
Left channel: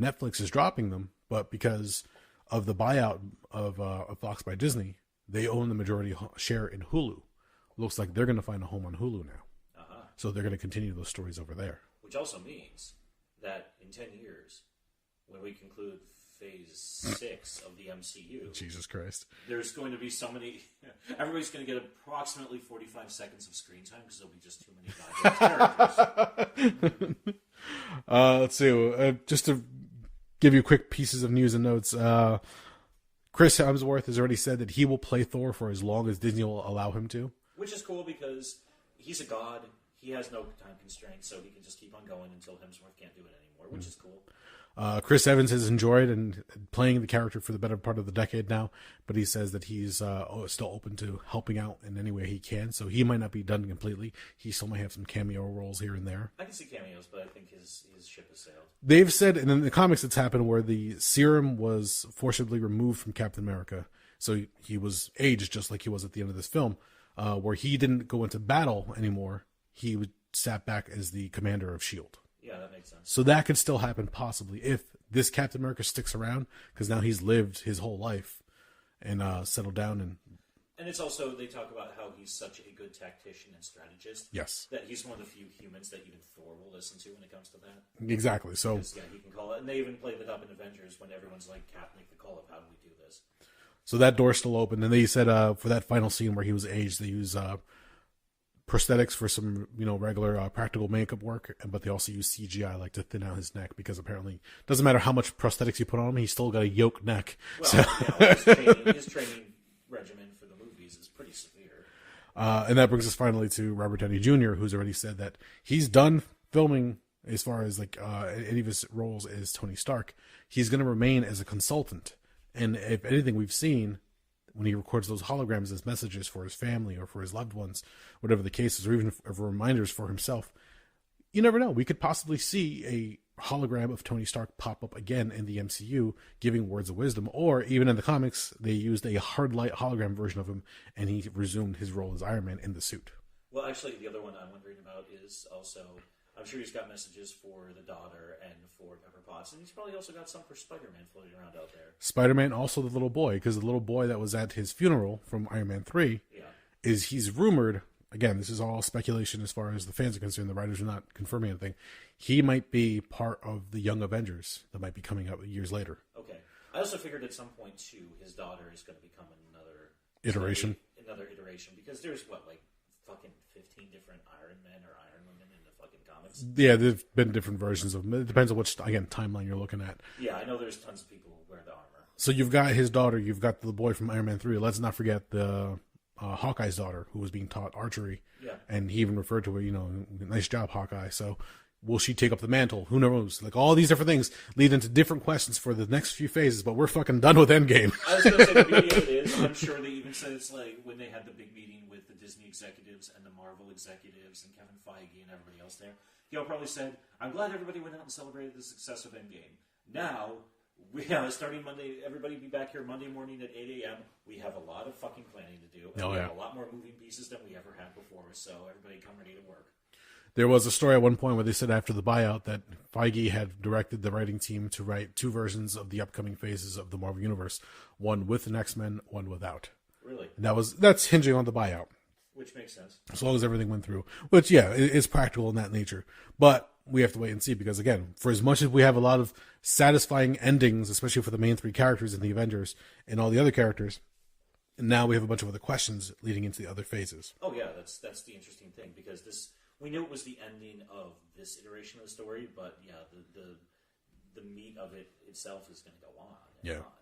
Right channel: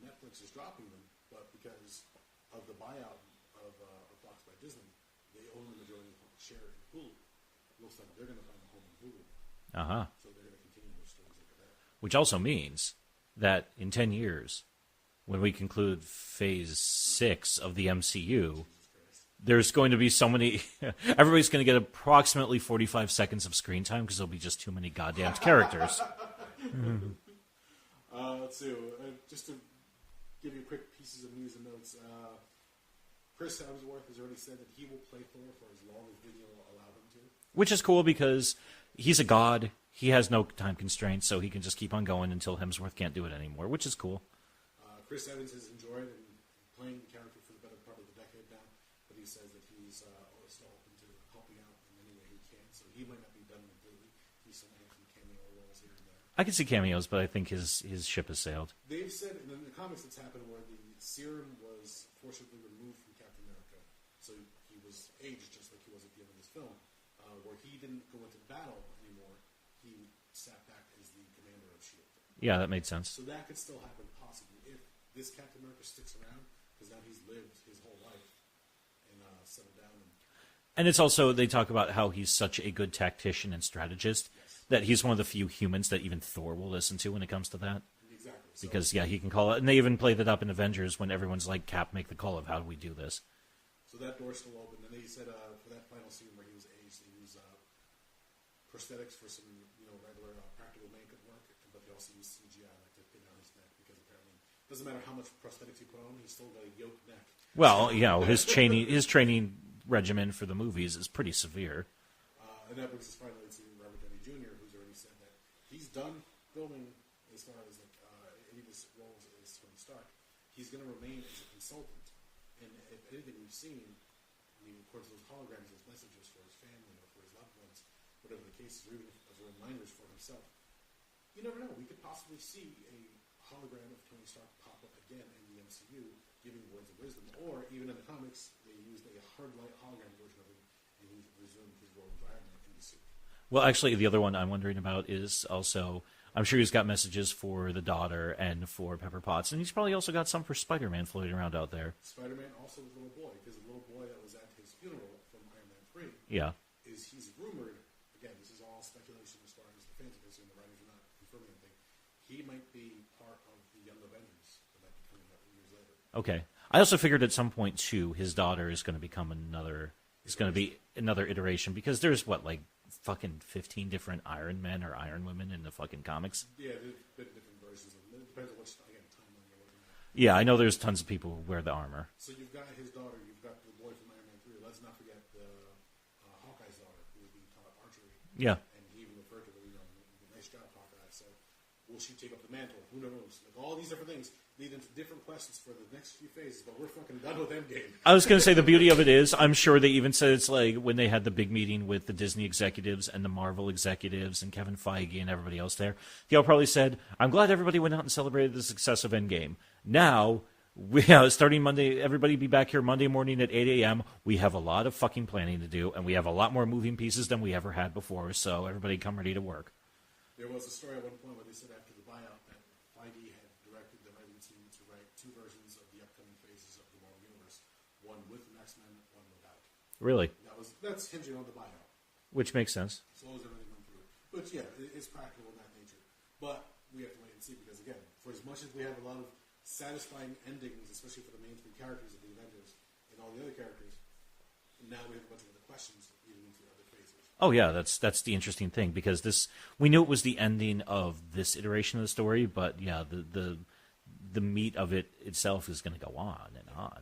Netflix is dropping them, but because of the buyout of Fox by Disney, they own the majority share in Hulu. Looks like they're going to find a home on Hulu now. Uh-huh. So they're going to continue those stories over there. Which also means that in 10 years, when we conclude Phase 6 of the MCU, Jesus Christ, there's going to be so many... everybody's going to get approximately 45 seconds of screen time because there'll be just too many goddamn characters. Let's see. Just to give you quick pieces of news and notes, Chris Hemsworth has already said that he will play Thor for as long as Disney will allow him to. Which is cool because he's a god. He has no time constraints, so he can just keep on going until Hemsworth can't do it anymore, which is cool. Chris Evans has enjoyed and playing the character for the better part of the decade now, but he says that he's still open to helping out in any way he can, so he might not be done completely. He still might have some cameo roles here and there. I can see cameos, but I think his ship has sailed. They've said, and in the comics it's happened where the serum was forcibly removed from Captain America, so he was aged just like he was at the end of this film, where he didn't go into battle anymore. He sat back as the commander of S.H.I.E.L.D. Yeah, that made sense. So that could still happen possibly if this Captain America sticks around, because now he's lived his whole life and settled down. And it's also, they talk about how he's such a good tactician and strategist. Yes. That he's one of the few humans that even Thor will listen to when it comes to that. Exactly. So because, yeah, he can call it. And they even played that up in Avengers when everyone's like, Cap, make the call of how do we do this. So that door's still open. And they said for that final scene where he was aged, they use prosthetics for some, regular practical makeup work, but they also use CGI like to thin out his neck because apparently it doesn't matter how much prosthetics you put on him, he's still got a yoked neck. Well, his training regimen for the movies is pretty severe. And that brings us finally to Robert Downey Jr., who's already said that he's done filming as far as any of his roles as Tony Stark. He's going to remain as a consultant, and if anything, we've seen when he records those holograms as messages for his family or for his loved ones, whatever the case is, or even as reminders for himself, you never know. We could possibly see a hologram of Tony Stark pop up again in the MCU, giving words of wisdom, or even in the comics, they used a hard light hologram version of him, and he resumed his role as Iron Man in the suit. Well, actually, the other one I'm wondering about is also, I'm sure he's got messages for the daughter and for Pepper Potts, and he's probably also got some for Spider-Man floating around out there. Spider-Man, also the little boy, because the little boy that was at his funeral from Iron Man 3, he's rumored, again, this is all speculation as far as the fans are concerned, the writers are not confirming anything, he might be part of the Young Avengers that might be coming out years later. Okay. I also figured at some point, too, his daughter is going to become another iteration, because there's, fucking 15 different Iron Men or Iron Women in the fucking comics. Yeah, there've been different versions of them. It depends on which, again, timeline you're looking at. Yeah, I know there's tons of people who wear the armor. So you've got his daughter, you've got the boy from Iron Man 3. Let's not forget the Hawkeye's daughter, who was being taught archery. Yeah. And he even referred to her, nice job, Hawkeye. So will she take up the mantle? Who knows? All these different things lead into different questions for the next few phases, but we're fucking done with Endgame. I was going to say, the beauty of it is, I'm sure they even said it's like when they had the big meeting with the Disney executives and the Marvel executives and Kevin Feige and everybody else there, they all probably said, I'm glad everybody went out and celebrated the success of Endgame. Now, Starting Monday, everybody be back here Monday morning at 8 a.m. We have a lot of fucking planning to do, and we have a lot more moving pieces than we ever had before, so everybody come ready to work. There was a story at one point where they said after the buyout that Feige had directed the writing team to write 2 versions of the upcoming phases of the Marvel Universe, one with an X-Men, one without. Really? That's hinging on the buyout. Which makes sense. As long as everything went through. Which, yeah, is practical in that nature. But we have to wait and see because, again, for as much as we have a lot of satisfying endings, especially for the main 3 characters in the Avengers and all the other characters, now we have a bunch of other questions leading into the other phases. Oh yeah, that's the interesting thing because we knew it was the ending of this iteration of the story, but yeah, the meat of it itself is going to go on and on.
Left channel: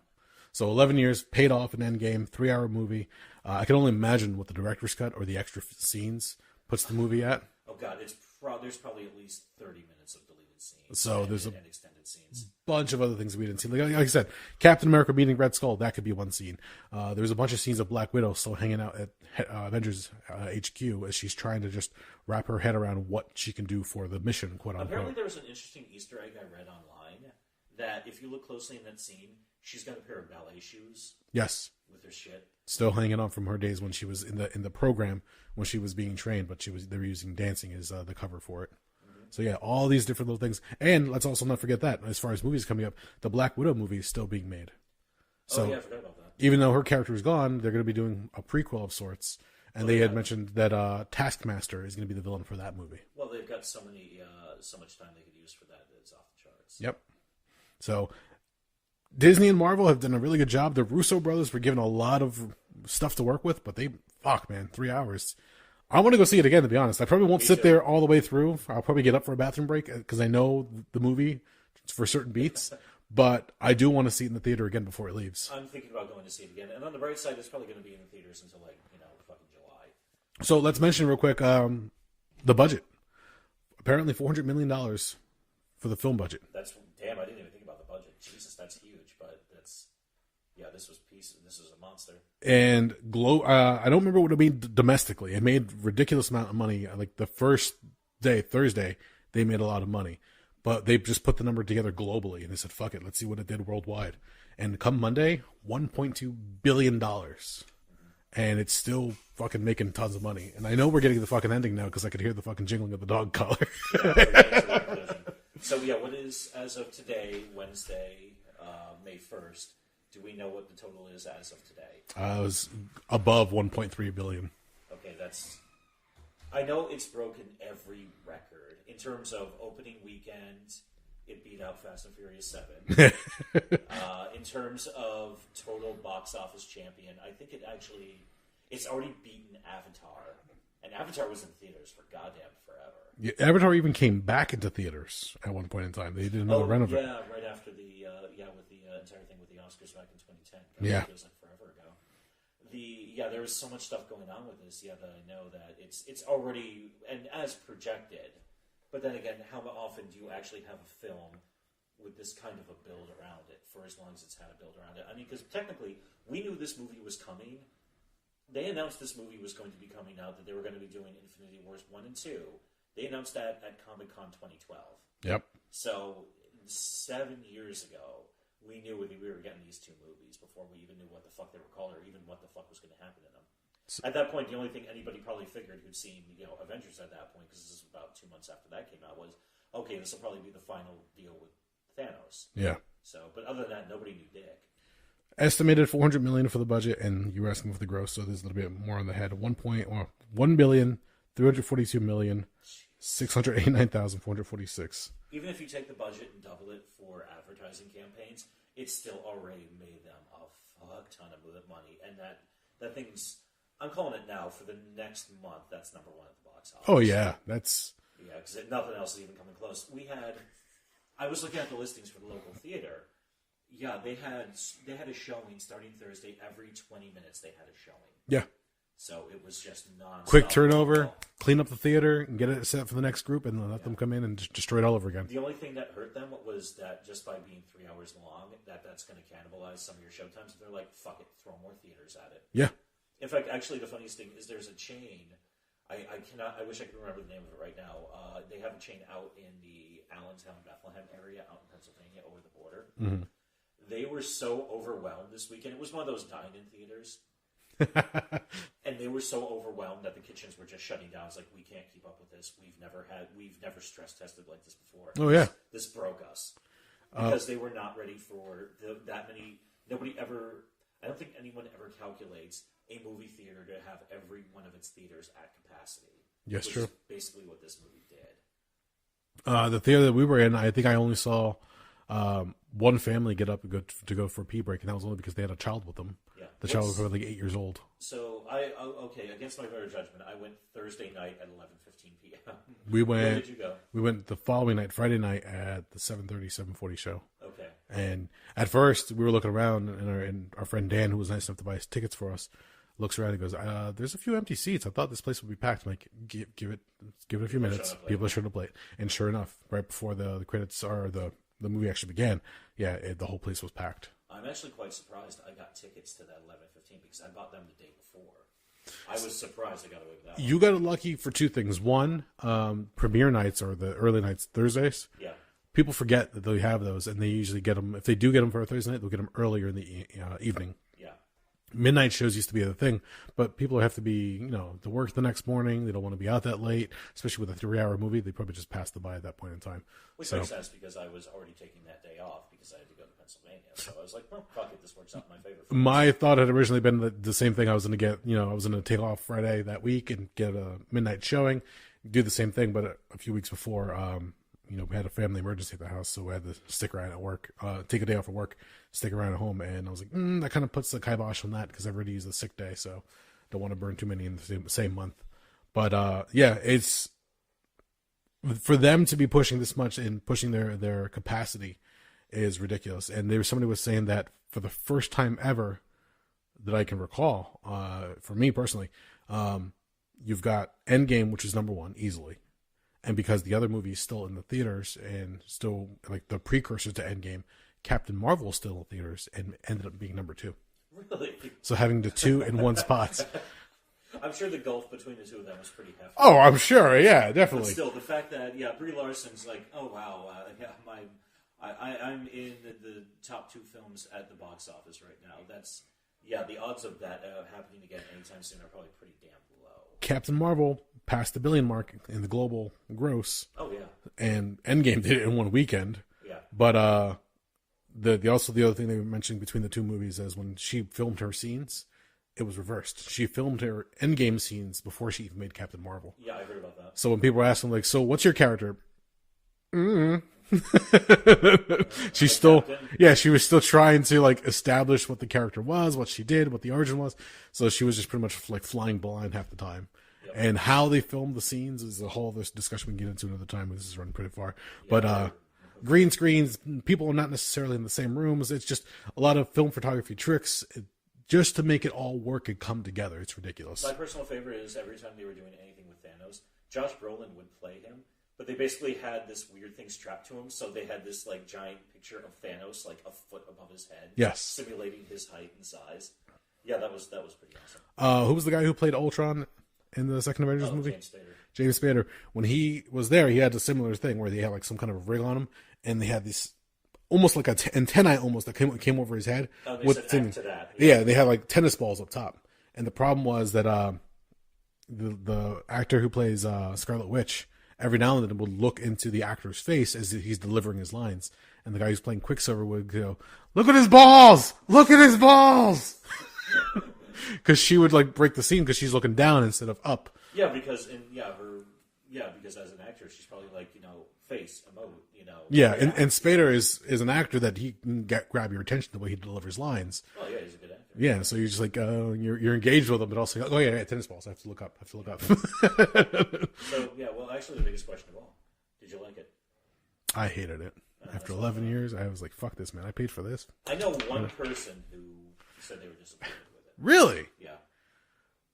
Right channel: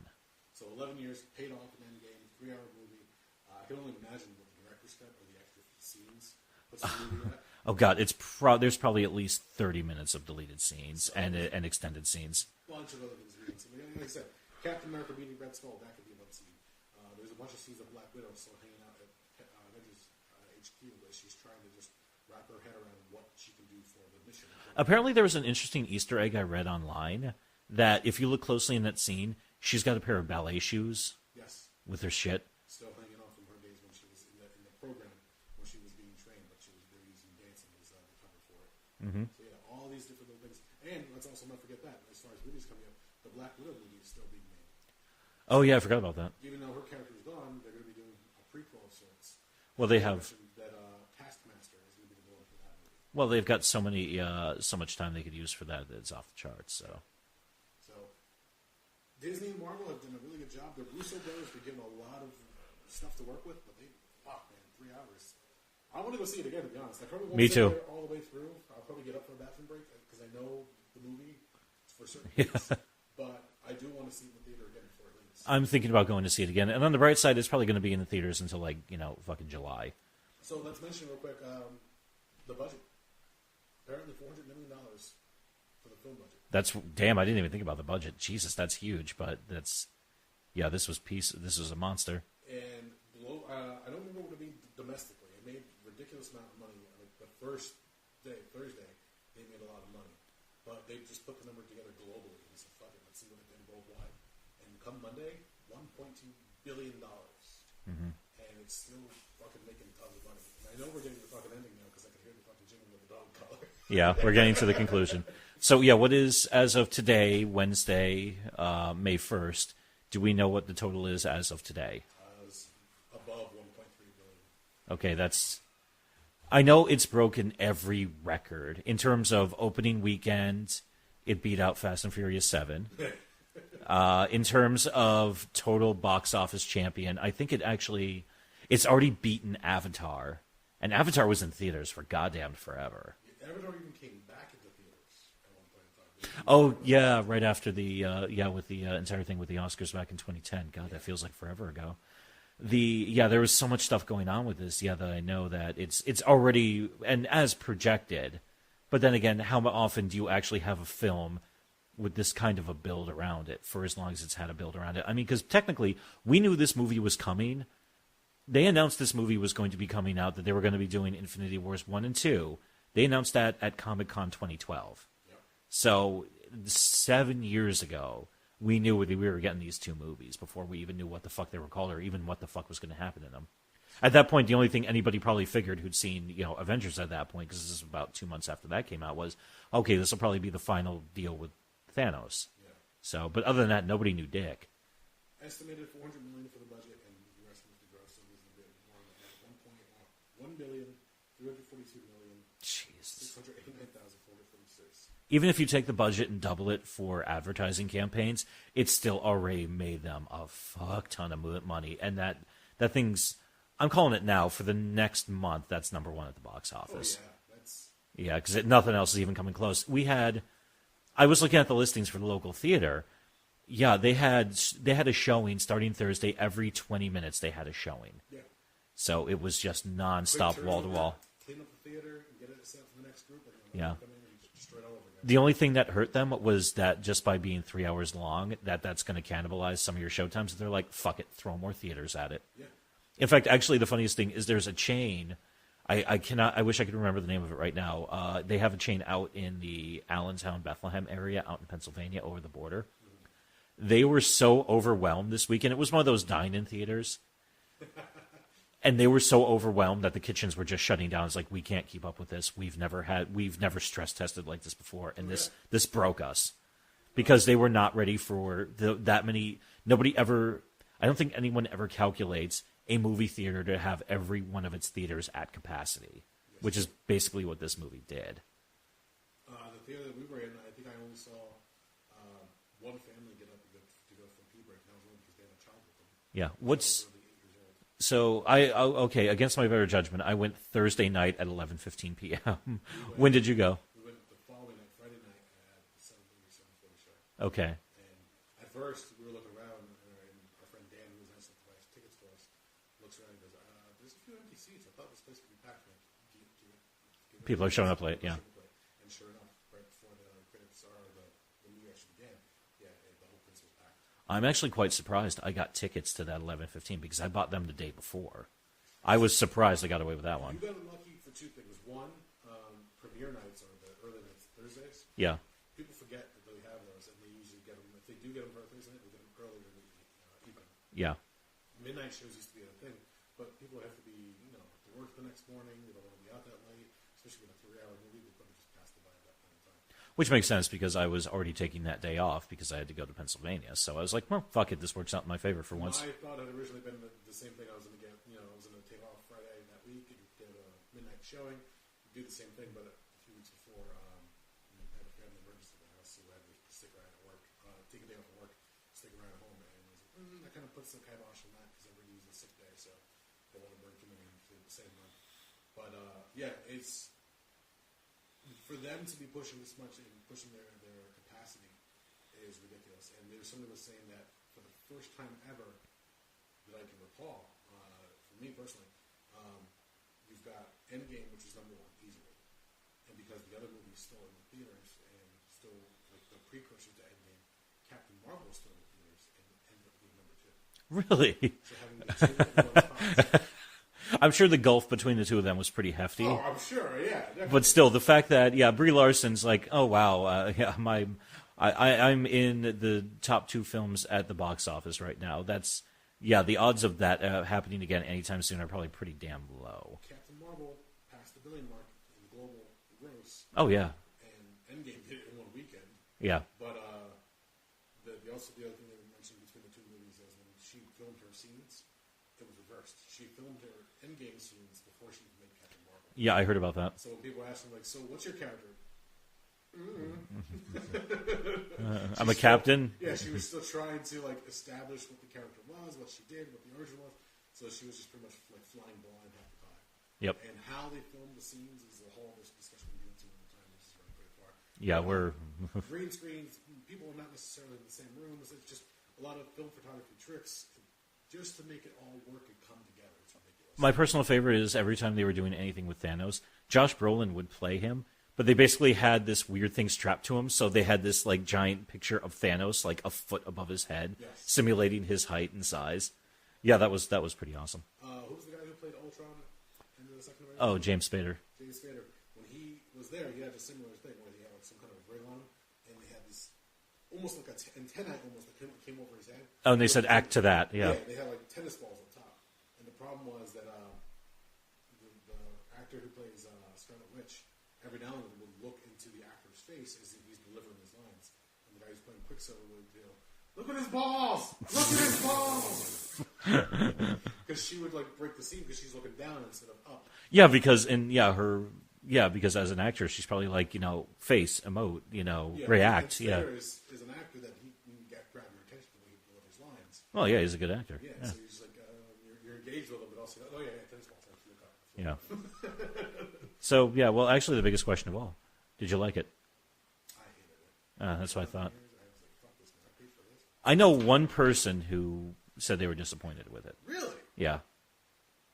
So 11 years paid off in Endgame, 3-hour movie. I can only imagine what the director's cut or the extra scenes puts the movie at. Oh god, there's probably at least 30 minutes of deleted scenes and extended scenes. Bunch of other things we didn't see. Like I said, Captain America meeting Red Skull, that could be one scene. There's a bunch of scenes of Black Widow still hanging out at Avengers HQ as she's trying to just wrap her head around what she can do for the mission. Apparently there was an interesting Easter egg I read online that if you look closely in that scene, she's got a pair of ballet shoes. Yes. With her shit. Still hanging on from her days when she was in the program when she was being trained, but they were using dancing as the cover for it. Mm-hmm. So yeah, all these different little things. And let's also not forget that as far as movies coming up, the Black Widow movie is still being made. So, I forgot about that. Even though her character is gone, they're going to be doing a prequel of sorts. And they had mentioned that Taskmaster is going to be the villain for that movie. Well, they've got so much time they could use for that it's off the charts. So. Yep. So Disney and Marvel have done a really good job. The Russo brothers were given a lot of stuff to work with, but 3 hours. I want to go see it again, to be honest. I probably won't sit there all the way through. I'll probably get up for a bathroom break because I know the movie for certain beats. But I do want to see it in the theater again before it leaves. I'm thinking about going to see it again. And on the bright side, it's probably going to be in the theaters until fucking July. So let's mention real quick the budget. Apparently $400 million for the film budget. Damn, I didn't even think about the budget. Jesus, that's huge. But this was a monster. And I don't remember what it made domestically. It made ridiculous amount of money. Like the first day, Thursday, they made a lot of money. But they just put the number together globally, and they said, fuck it, let's see what it did worldwide. And come Monday, $1.2 billion. Mm-hmm. And it's still fucking making tons of money. And I know we're getting to the fucking ending now because I could hear the fucking jingling of the dog collar. Yeah, we're getting to the conclusion. So, yeah, what is, as of today, Wednesday, May 1st, do we know what the total is as of today? It was above $1.3 billion. Okay, I know it's broken every record. In terms of opening weekend, it beat out Fast and Furious 7. In terms of total box office champion, I think it's already beaten Avatar. And Avatar was in theaters for goddamn forever. Yeah, Avatar even came back into theaters at one point in time. They didn't right after with the entire thing with the Oscars back in 2010. God, it feels like forever ago. There was so much stuff going on with this, that I know that it's already, and as projected, but then again, how often do you actually have a film with this kind of a build around it for as long as it's had a build around it? I mean, because technically, we knew this movie was coming. They announced this movie was going to be coming out, that they were going to be doing Infinity Wars 1 and 2. They announced that at Comic-Con 2012. Yep. So 7 years ago, we knew we were getting these 2 movies before we even knew what the fuck they were called or even what the fuck was going to happen in them. At that point, the only thing anybody probably figured who'd seen Avengers at that point, because this is about 2 months after that came out, was, okay, this will probably be the final deal with Thanos. Yeah. So, but other than that, nobody knew dick. Estimated $400 million for the budget, and you were asking for the gross, so there's a little bit more on the head. $1,342,689,446. Even if you take the budget and double it for advertising campaigns, it's still already made them a fuck ton of money. And that thing's, I'm calling it now, for the next month, that's number 1 at the box office. Oh, yeah. Yeah, because nothing else is even coming close. I was looking at the listings for the local theater. Yeah, they had a showing starting Thursday. Every 20 minutes they had a showing. Yeah. So it was just nonstop. Quick turnover, clean up the theater, and get it set for the next group, and let them come in and just destroy it all over again. The only thing that hurt them was that just by being 3 hours long, that's going to cannibalize some of your showtimes. They're like, fuck it, throw more theaters at it. Yeah. In fact, actually, the funniest thing is there's a chain. I wish I could remember the name of it right now. They have a chain out in the Allentown, Bethlehem area out in Pennsylvania over the border. Mm-hmm. They were so overwhelmed this weekend. It was one of those dine-in theaters. And they were so overwhelmed that the kitchens were just shutting down. It's like, we can't keep up with this. We've never stress tested like this before. And this broke us because they were not ready for that many. Nobody ever, I don't think anyone ever calculates a movie theater to have every one of its theaters at capacity, which is basically what this movie did. The theater that we were in, I think I only saw one family get up and go for a pee break, and that was only because they had a child with them. Yeah, the child was like 8 years old. So okay, against my better judgment, I went Thursday night at 11:15 p.m. When did you go? We went the following night, Friday night, at the 7:40 show. Okay. And at first, we were looking around, and our friend Dan, who was nice enough to buy us tickets for us, looks around and goes, "There's a few empty seats. I thought this place would be packed." I'm like, give it a few minutes. People are showing up late. People are showing up late. And sure enough, right before the credits or the movie actually began, the whole place was packed. I'm actually quite surprised I got tickets to that 11:15 because I bought them the day before. I was surprised I got away with that one. You got lucky for two things. One, premiere nights or the early nights, Thursdays. Yeah. People forget that they have those, and they usually get them. If they do get them for a Thursday night, they'll get them earlier in the evening. Yeah. Midnight shows used to be the thing, but people have to be, to work the next morning. They don't want to be out that late, especially with a 3-hour movie. They probably just passed the by at that point in time. Which makes sense because I was already taking that day off because I had to go to Pennsylvania. So I was like, well, fuck it. This works out in my favor. For my thought had originally been the same thing. I was going to get, I was going to take off Friday that week and get a midnight showing, do the same thing. But a few weeks before, we had a family emergency at the house, so we had to stick around at work, take a day off of work, stick around at home. And I was like, that kind of puts the kibosh on that because everybody used a sick day, so don't want to burn too many in the same month. But it's for them to be pushing this much and pushing their capacity is ridiculous. And somebody was saying that for the first time ever that I can recall, for me personally, you've got Endgame, which is number one easily. And because the other movie is still in the theaters and still like the precursor to Endgame, Captain Marvel is still in theaters and ended up being number 2. Really? So having the two in one spot. I'm sure the gulf between the two of them was pretty hefty. Oh, I'm sure. Yeah, definitely. But still, the fact that, Brie Larson's like, oh, wow, I'm in the top 2 films at the box office right now. That's, the odds of that happening again anytime soon are probably pretty damn low. Captain Marvel passed the $1 billion mark in the global gross. Oh, yeah. And Endgame did it in one weekend. Yeah. But the other thing they were mentioning between the two movies is when she filmed her scenes, it was reversed. She filmed her Endgame scenes before she even made Captain Marvel. Yeah, I heard about that. So when people were asking, like, so what's your character? She's still, captain. Yeah, she was still trying to like establish what the character was, what she did, what the origin was. So she was just pretty much like flying blind half the time. Yep. And how they filmed the scenes is a whole other discussion we can get into another time. This is running pretty far. Yeah, but green screens, people are not necessarily in the same rooms. It's just a lot of film photography tricks just to make it all work and come together. It's ridiculous. My personal favorite is every time they were doing anything with Thanos, Josh Brolin would play him, but they basically had this weird thing strapped to him. So they had this like giant picture of Thanos like a foot above his head, yes, simulating his height and size. Yeah, that was pretty awesome. Who was the guy who played Ultron in the second Avengers movie? James Spader. James Spader. When he was there, he had a similar thing where they had like some kind of a rig on him, and they had this almost like antennae almost that came over his head. Oh, and they said act to that. Yeah, they had like tennis balls up top. And the problem was that the actor who plays Scarlet Witch every now and then would look into the actor's face as he's delivering his lines. And the guy who's playing Quicksilver would go, "Look at his balls! Look at his balls!" Because she would like break the scene because she's looking down instead of up. Yeah, because because as an actress, she's probably like, face, emote, react. And Spader is an actor that he can grab your attention the way he delivers lines. Well, yeah, he's a good actor. Yeah, so you're just like, you're engaged with him, but also, tennis balls. I have to look up. So, well, actually, the biggest question of all, did you like it? I hated it. After 11 years, I was like, fuck this, man. I paid for this. I know one person who said they were disappointed with it. Really? Yeah.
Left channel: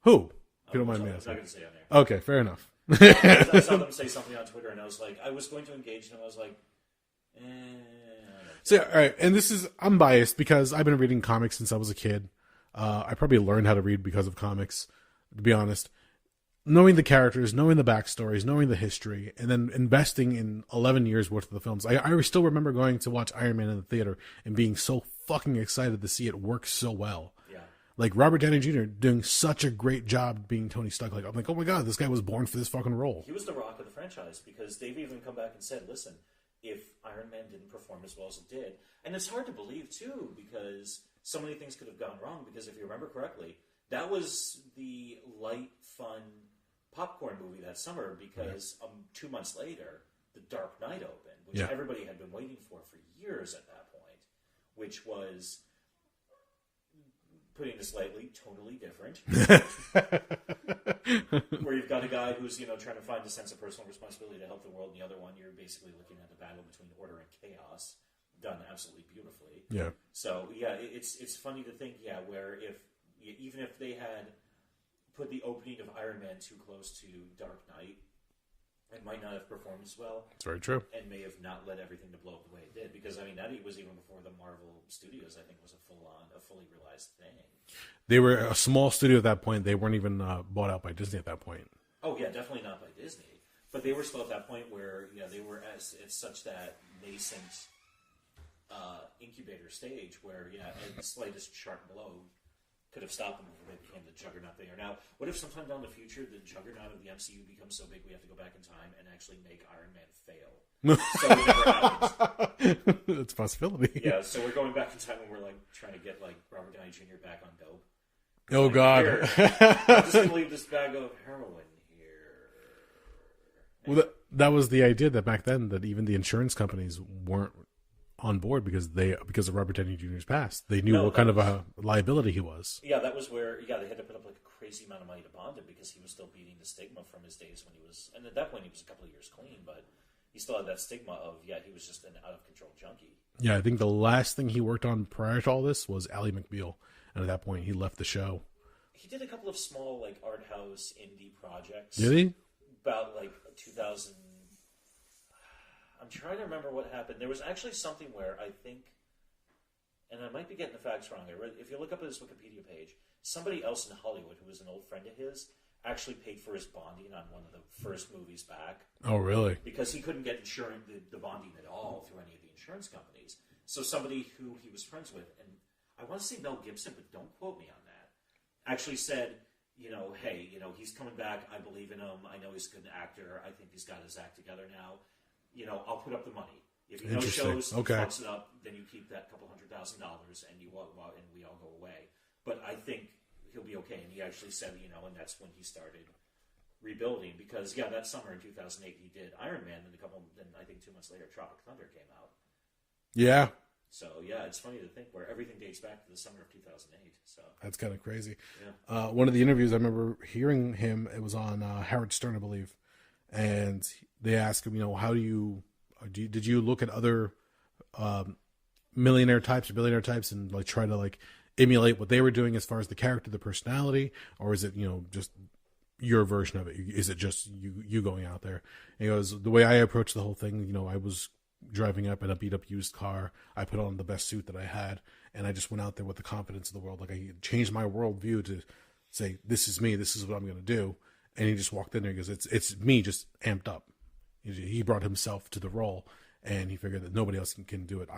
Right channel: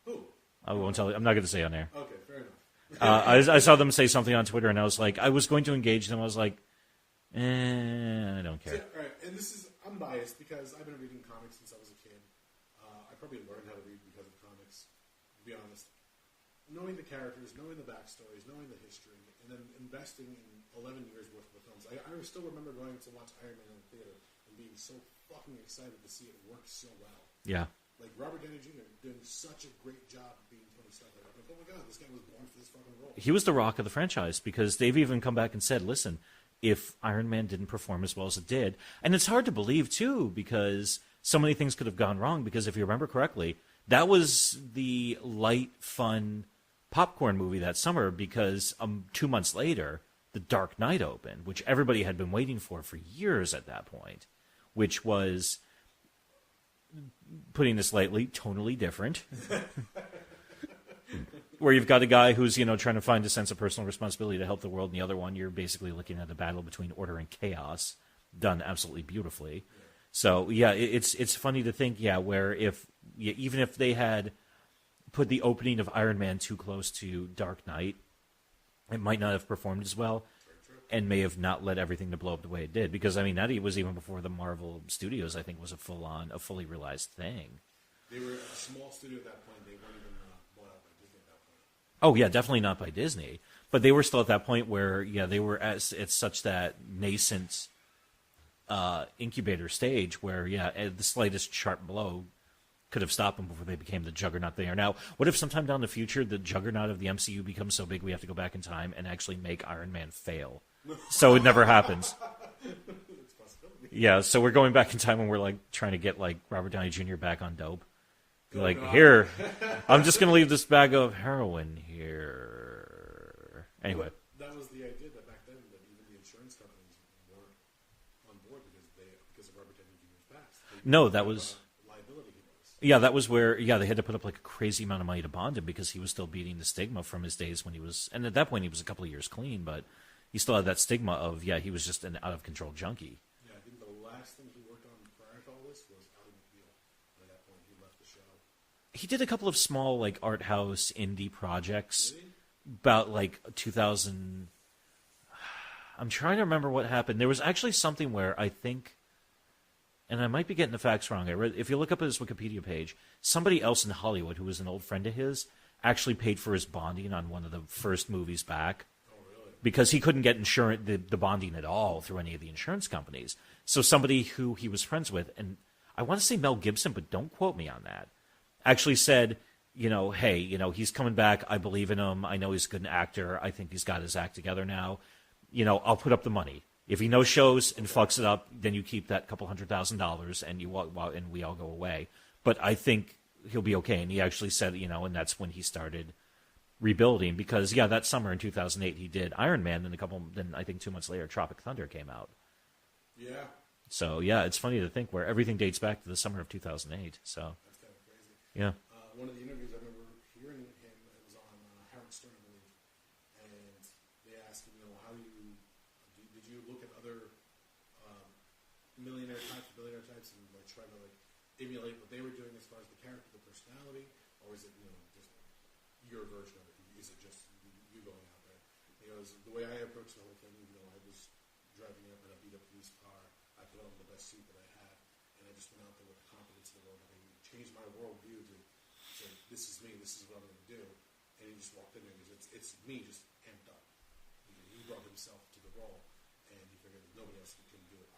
Who? I'm not going to say on air. Okay, fair enough. I saw them say something on Twitter, and I was like, I was going to engage them. I was like, I don't care. So, all right, and I'm biased because I've been reading comics since I was a kid. I probably learned how to read because of comics, to be honest. knowing the characters, knowing the backstories, knowing the history, and then investing in 11 years worth of the films. I still remember going to watch Iron Man in the theater and being so fucking excited to see it work so well. Yeah. Like Robert Downey Jr. doing such a great job being Tony Stark. Like I'm like, oh my god, this guy was born for this fucking role. He was the rock of the franchise because they've even come back and said, listen, if Iron Man didn't perform as well as it did, and it's hard to believe too because so many things could have gone wrong. Because if you remember correctly, that was the light, fun popcorn movie that summer because 2 months later, The Dark Knight opened, which everybody had been waiting for years at that point, which was, putting this lightly, tonally different. Where you've got a guy who's, trying to find a sense of personal responsibility to help the world, and the other one, you're basically looking at a battle between order and chaos, done absolutely beautifully. Yeah. So, it's funny to think, where even if they had put the opening of Iron Man too close to Dark Knight, it might not have performed as well. That's very true. And may have not led everything to blow up the way it did. Because, that was even before the Marvel Studios, I think, was a fully realized thing. They were a small studio at that point. They weren't even bought out by Disney at that point. Oh, yeah, definitely not by Disney. But they were still at that point where, they were at such that nascent incubator stage where, the slightest sharp blow could have stopped them before they became the juggernaut they are now. What if sometime down the future the juggernaut of the MCU becomes so big we have to go back in time and actually make Iron Man fail? So it never happens. That's a possibility. Yeah, so we're going back in time and we're like trying to get like Robert Downey Jr. back on dope. Oh, like, God. Here, I'm just going to leave this bag of heroin here. Anyway. Well, that was the idea that back then that even the insurance companies weren't on board because of Robert Downey Jr.'s past. They knew what kind of a liability he was. Yeah, that was where they had to put up like a crazy amount of money to bond him because he was still beating the stigma from his days when he was, and at that point he was a couple of years clean, but he still had that stigma of he was just an out of control junkie. Yeah, I think the last thing he worked on prior to all this was Ally McBeal, and at that point he left the show. He did a couple of small like art house indie projects. Did he? About like 2000. I'm trying to remember what happened. There was actually something where I think, and I might be getting the facts wrong. If you look up his Wikipedia page, somebody else in Hollywood who was an old friend of his actually paid for his bonding on one of the first movies back. Oh, really? Because he couldn't get the bonding at all through any of the insurance companies. So somebody who he was friends with, and I want to say Mel Gibson, but don't quote me on that, actually said, hey, he's coming back. I believe in him. I know he's a good actor. I think he's got his act together now. I'll put up the money. If he no shows and fucks it up, then you keep that couple $100,000 and and we all go away. But I think he'll be okay. And he actually said, and that's when he started rebuilding because that summer in 2008 he did Iron Man, and then I think 2 months later Tropic Thunder came out. Yeah. So it's funny to think where everything dates back to the summer of 2008. So that's kind of crazy. Yeah. One of the interviews I remember hearing him, it was on Howard Stern, I believe, and they asked him, how did you look at other millionaire types or billionaire types and like try to like emulate what they were doing as far as the character, the personality, or is it just your version of it? Is it just you going out there? And he goes, the way I approached the whole thing, I was driving up in a beat up used car. I put on the best suit that I had, and I just went out there with the confidence of the world. Like I changed my worldview to say, this is me. This is what I'm going to do. And he just walked in there and goes, it's me, just amped up. He brought himself to the role, and he figured that nobody else can do it.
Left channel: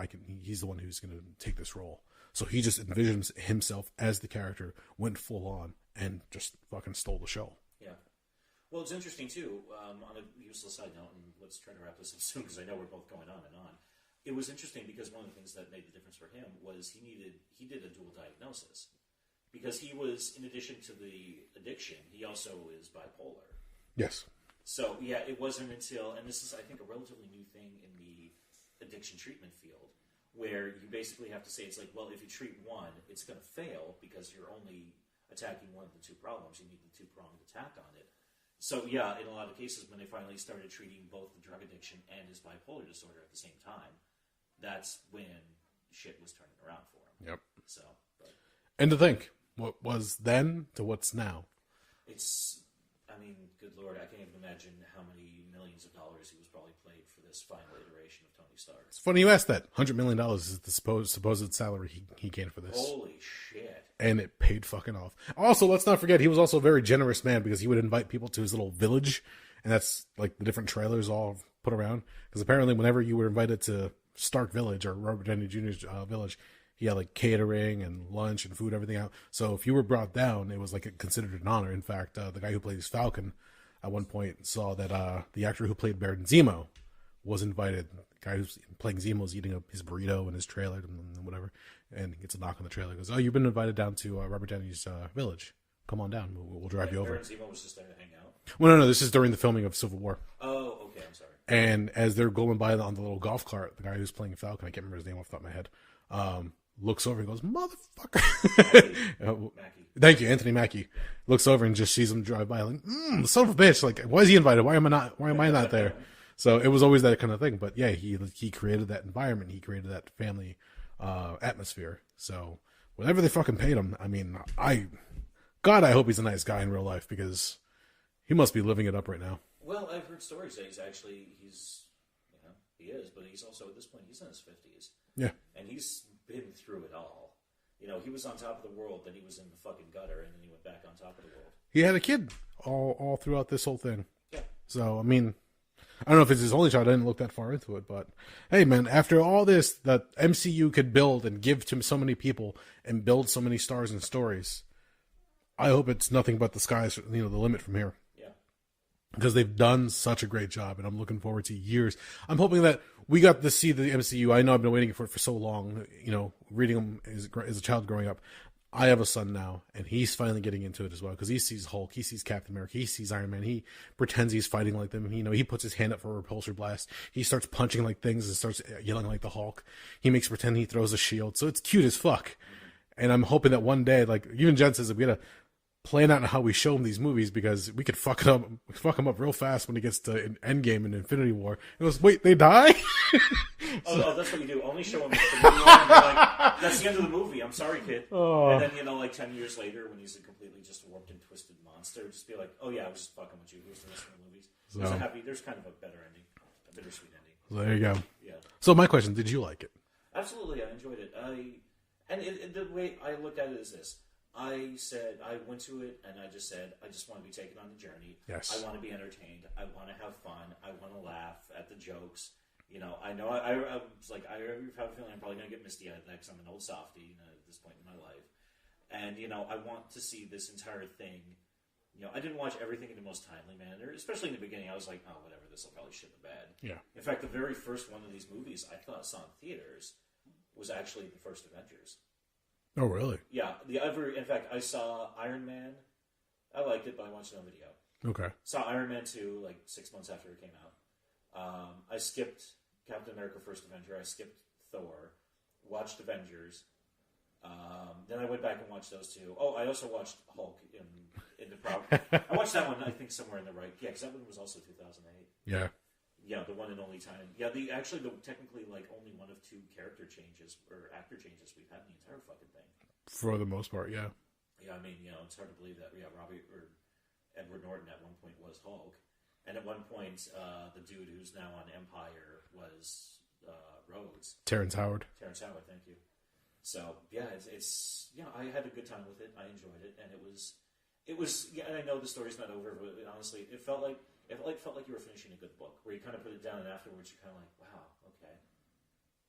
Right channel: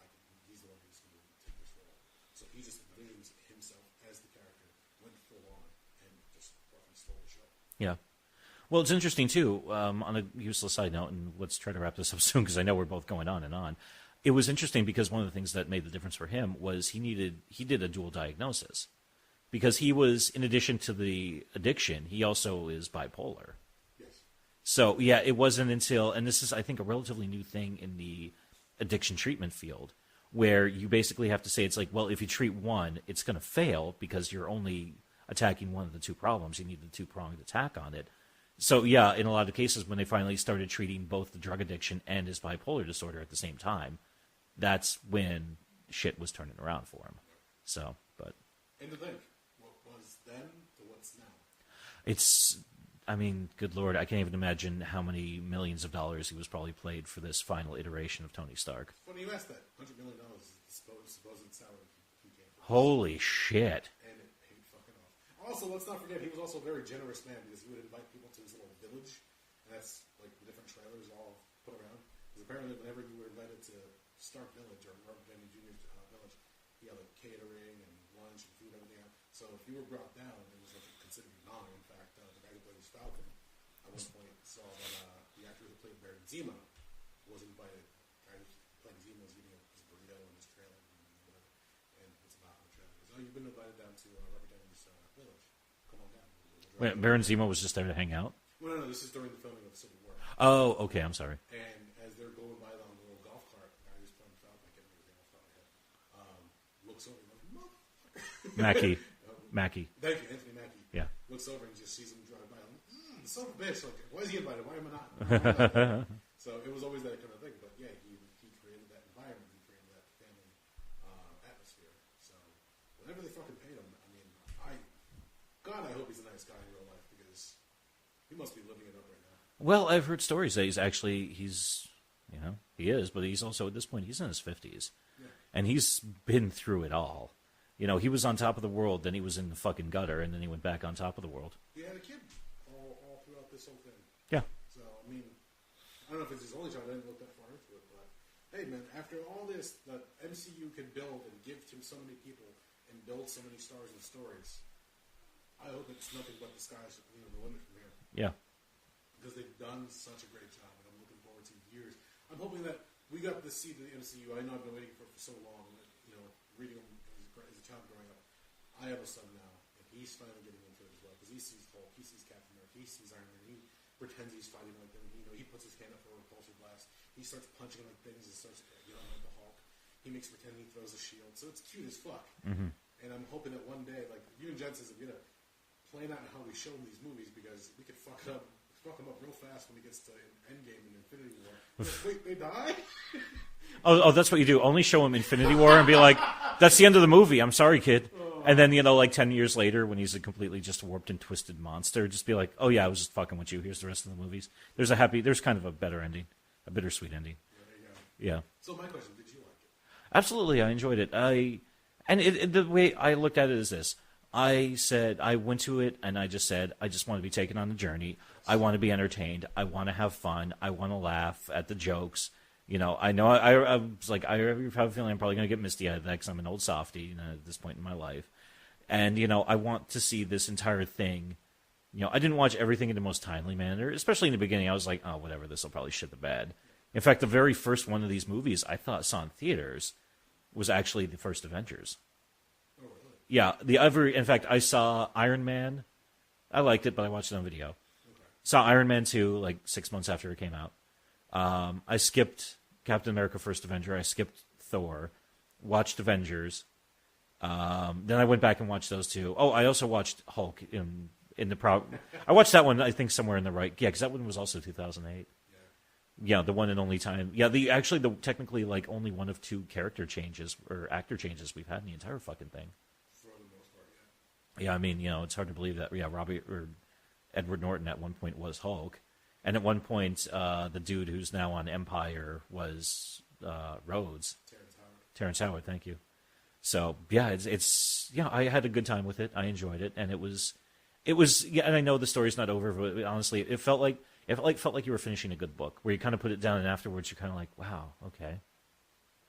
He's the one who's going to take this role. So he just envisioned himself as the character, went full on, and just fucking stole the show. Yeah. Well, it's interesting, too, on a useless side note, and let's try to wrap this up soon because I know we're both going on and on. It was interesting because one of the things that made the difference for him was he did a dual diagnosis. Because he was, in addition to the addiction, he also is bipolar. Yes. So, it wasn't until, and this is, I think, a relatively new thing in the addiction treatment field, where you basically have to say, it's like, well, if you treat one, it's going to fail because you're only attacking one of the two problems. You need the two-pronged attack on it. So, in a lot of cases, when they finally started treating both the drug addiction and his bipolar disorder at the same time, that's when shit was turning around for him. Yep. So, but... And to think, what was then to what's now. I mean, good Lord, I can't even imagine how many millions of dollars he was probably paid for this final iteration of Tony Stark. It's funny you asked that. $100 million is the supposed salary he gained for this. Holy shit. And it paid fucking off. Also, let's not forget, he was also a very generous man because he would invite people to his little village, and that's like the different trailers all put around. Because apparently whenever you were invited to Stark Village or Robert Downey Jr.'s village, he had like catering and lunch and food, everything out. So if you were brought down, it was like considered an honor. In fact, the guy who plays Falcon at one point saw that the actor who played Baron Zemo was invited. The guy who's playing Zemo is eating his burrito in his trailer and whatever, and he gets a knock on the trailer. He goes, "Oh, you've been invited down to Robert Downey's village. Come on down. We'll drive you over." Baron Zemo was just there to hang out? Well, no. This is during the filming of Civil War. Oh, okay. I'm sorry. And as they're going by on the little golf cart, the guy who's playing Falcon, I can't remember his name off the top of my head, looks over and goes, "Motherfucker." Mackie. Thank you, Anthony Mackie. Yeah. Looks over and just sees him drive by, like, son of a bitch. Like, why is he invited? Why am I not there? So it was always that kind of thing. But yeah, he created that environment. He created that family atmosphere. So whatever they fucking paid him, I mean, I hope he's a nice guy in real life because he must be living it up right now. Well, I've heard stories that he is, but he's also, at this point, he's in his 50s. Yeah. And he's been through it all. You know, he was on top of the world, then he was in the fucking gutter, and then he went back on top of the world. He had a kid all throughout this whole thing. Yeah. So, I mean, I don't know if it's his only child. I didn't look that far into it. But, hey, man, after all this that MCU could build and give to so many people and build so many stars and stories, I hope it's nothing but the sky's, the limit from here. Yeah. Because they've done such a great job, and I'm looking forward to years. I'm hoping that we got to see the MCU. I know I've been waiting for it for so long, reading them as a child growing up. I have a son now, and he's finally getting into it as well, because he sees Hulk, he sees Captain America, he sees Iron Man, he pretends he's fighting like them. He puts his hand up for a repulsor blast. He starts punching like things and starts yelling like the Hulk. He makes pretend he throws a shield. So it's cute as fuck. Mm-hmm. And I'm hoping that one day, like even Jen says, that we gotta plan out how we show him these movies, because we could fuck him up real fast when he gets to Endgame and Infinity War. It was, wait, they die? oh, that's what you do. Only show him Infinity War and be like, that's the end of the movie. I'm sorry, kid. Oh. And then, like 10 years later, when he's a completely just warped and twisted monster, just be like, oh yeah, I was just fucking with you. Here's the rest of the movies. There's kind of a better ending, a bittersweet ending. There you go. Yeah. So my question, did you like it? Absolutely, I enjoyed it. The way I looked at it is this. I went to it and I just said, I just want to be taken on a journey. Yes. I want to be entertained. I want to have fun. I want to laugh at the jokes. I know I was like, I have a feeling I'm probably going to get misty-eyed at that because I'm an old softie at this point in my life. And, I want to see this entire thing. I didn't watch everything in the most timely manner, especially in the beginning. I was like, oh, whatever, this will probably shit the bed. Yeah. In fact, the very first one of these movies I saw in theaters was actually the first Avengers. Oh, really? Yeah. In fact, I saw Iron Man. I liked it, but I watched it on video. Okay. Saw Iron Man 2 like 6 months after it came out. I skipped Captain America First Avenger. I skipped Thor. Watched Avengers. Then I went back and watched those two. Oh, I also watched Hulk in the I watched that one, I think, somewhere in the right. Yeah, because that one was also 2008. Yeah. Yeah, the one and only time. Yeah, technically like only one of two character changes or actor changes we've had in the entire fucking thing. For the most part, yeah. Yeah, I mean, it's hard to believe that. Yeah, Edward Norton at one point was Hulk, and at one point, the dude who's now on Empire was Rhodes. Terrence Howard. Thank you. So yeah, it's I had a good time with it. I enjoyed it, and it was yeah. And I know the story's not over, but honestly, it felt like you were finishing a good book, where you kind of put it down, and afterwards you're kind of like, wow, okay,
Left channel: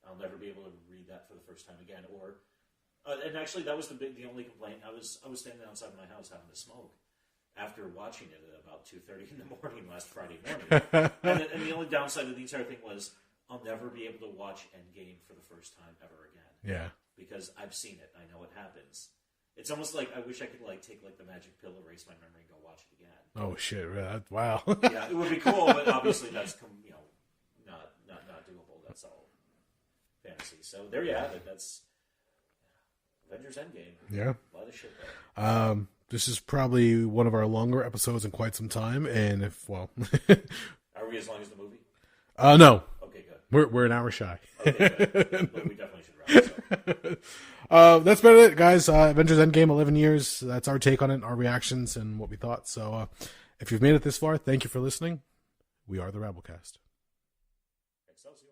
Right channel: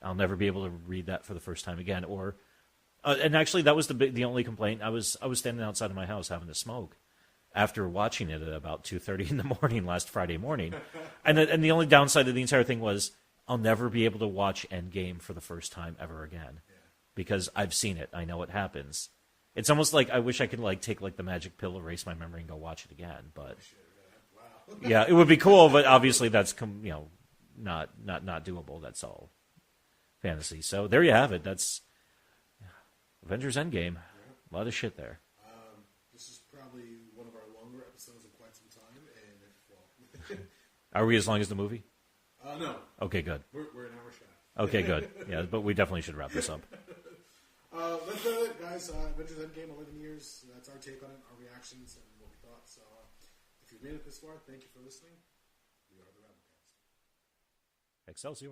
I'll never be able to read that for the first time again. Or, and actually, that was the only complaint. I was standing outside of my house having a smoke after watching it at about 2:30 in the morning last Friday morning, and the only downside of the entire thing was I'll never be able to watch Endgame for the first time ever again. Yeah, because I've seen it. I know what happens. It's almost like I wish I could take the magic pill, erase my memory, and go watch it again. But, oh shit! Wow. Yeah, it would be cool, but obviously that's not doable. That's all fantasy. So there you have it. That's Avengers Endgame. Yeah, a lot of shit there. This is probably one of our longer episodes in quite some time, and are we as long as the movie? No. Okay, good. We're an hour shy. Okay, good. Yeah, but we definitely should wrap this up. That's been it, guys. Avengers Endgame, 11 years. That's our take on it, our reactions, and what we thought. So, If you've made it this far, thank you for listening. We are the Rabblecast. Excelsior.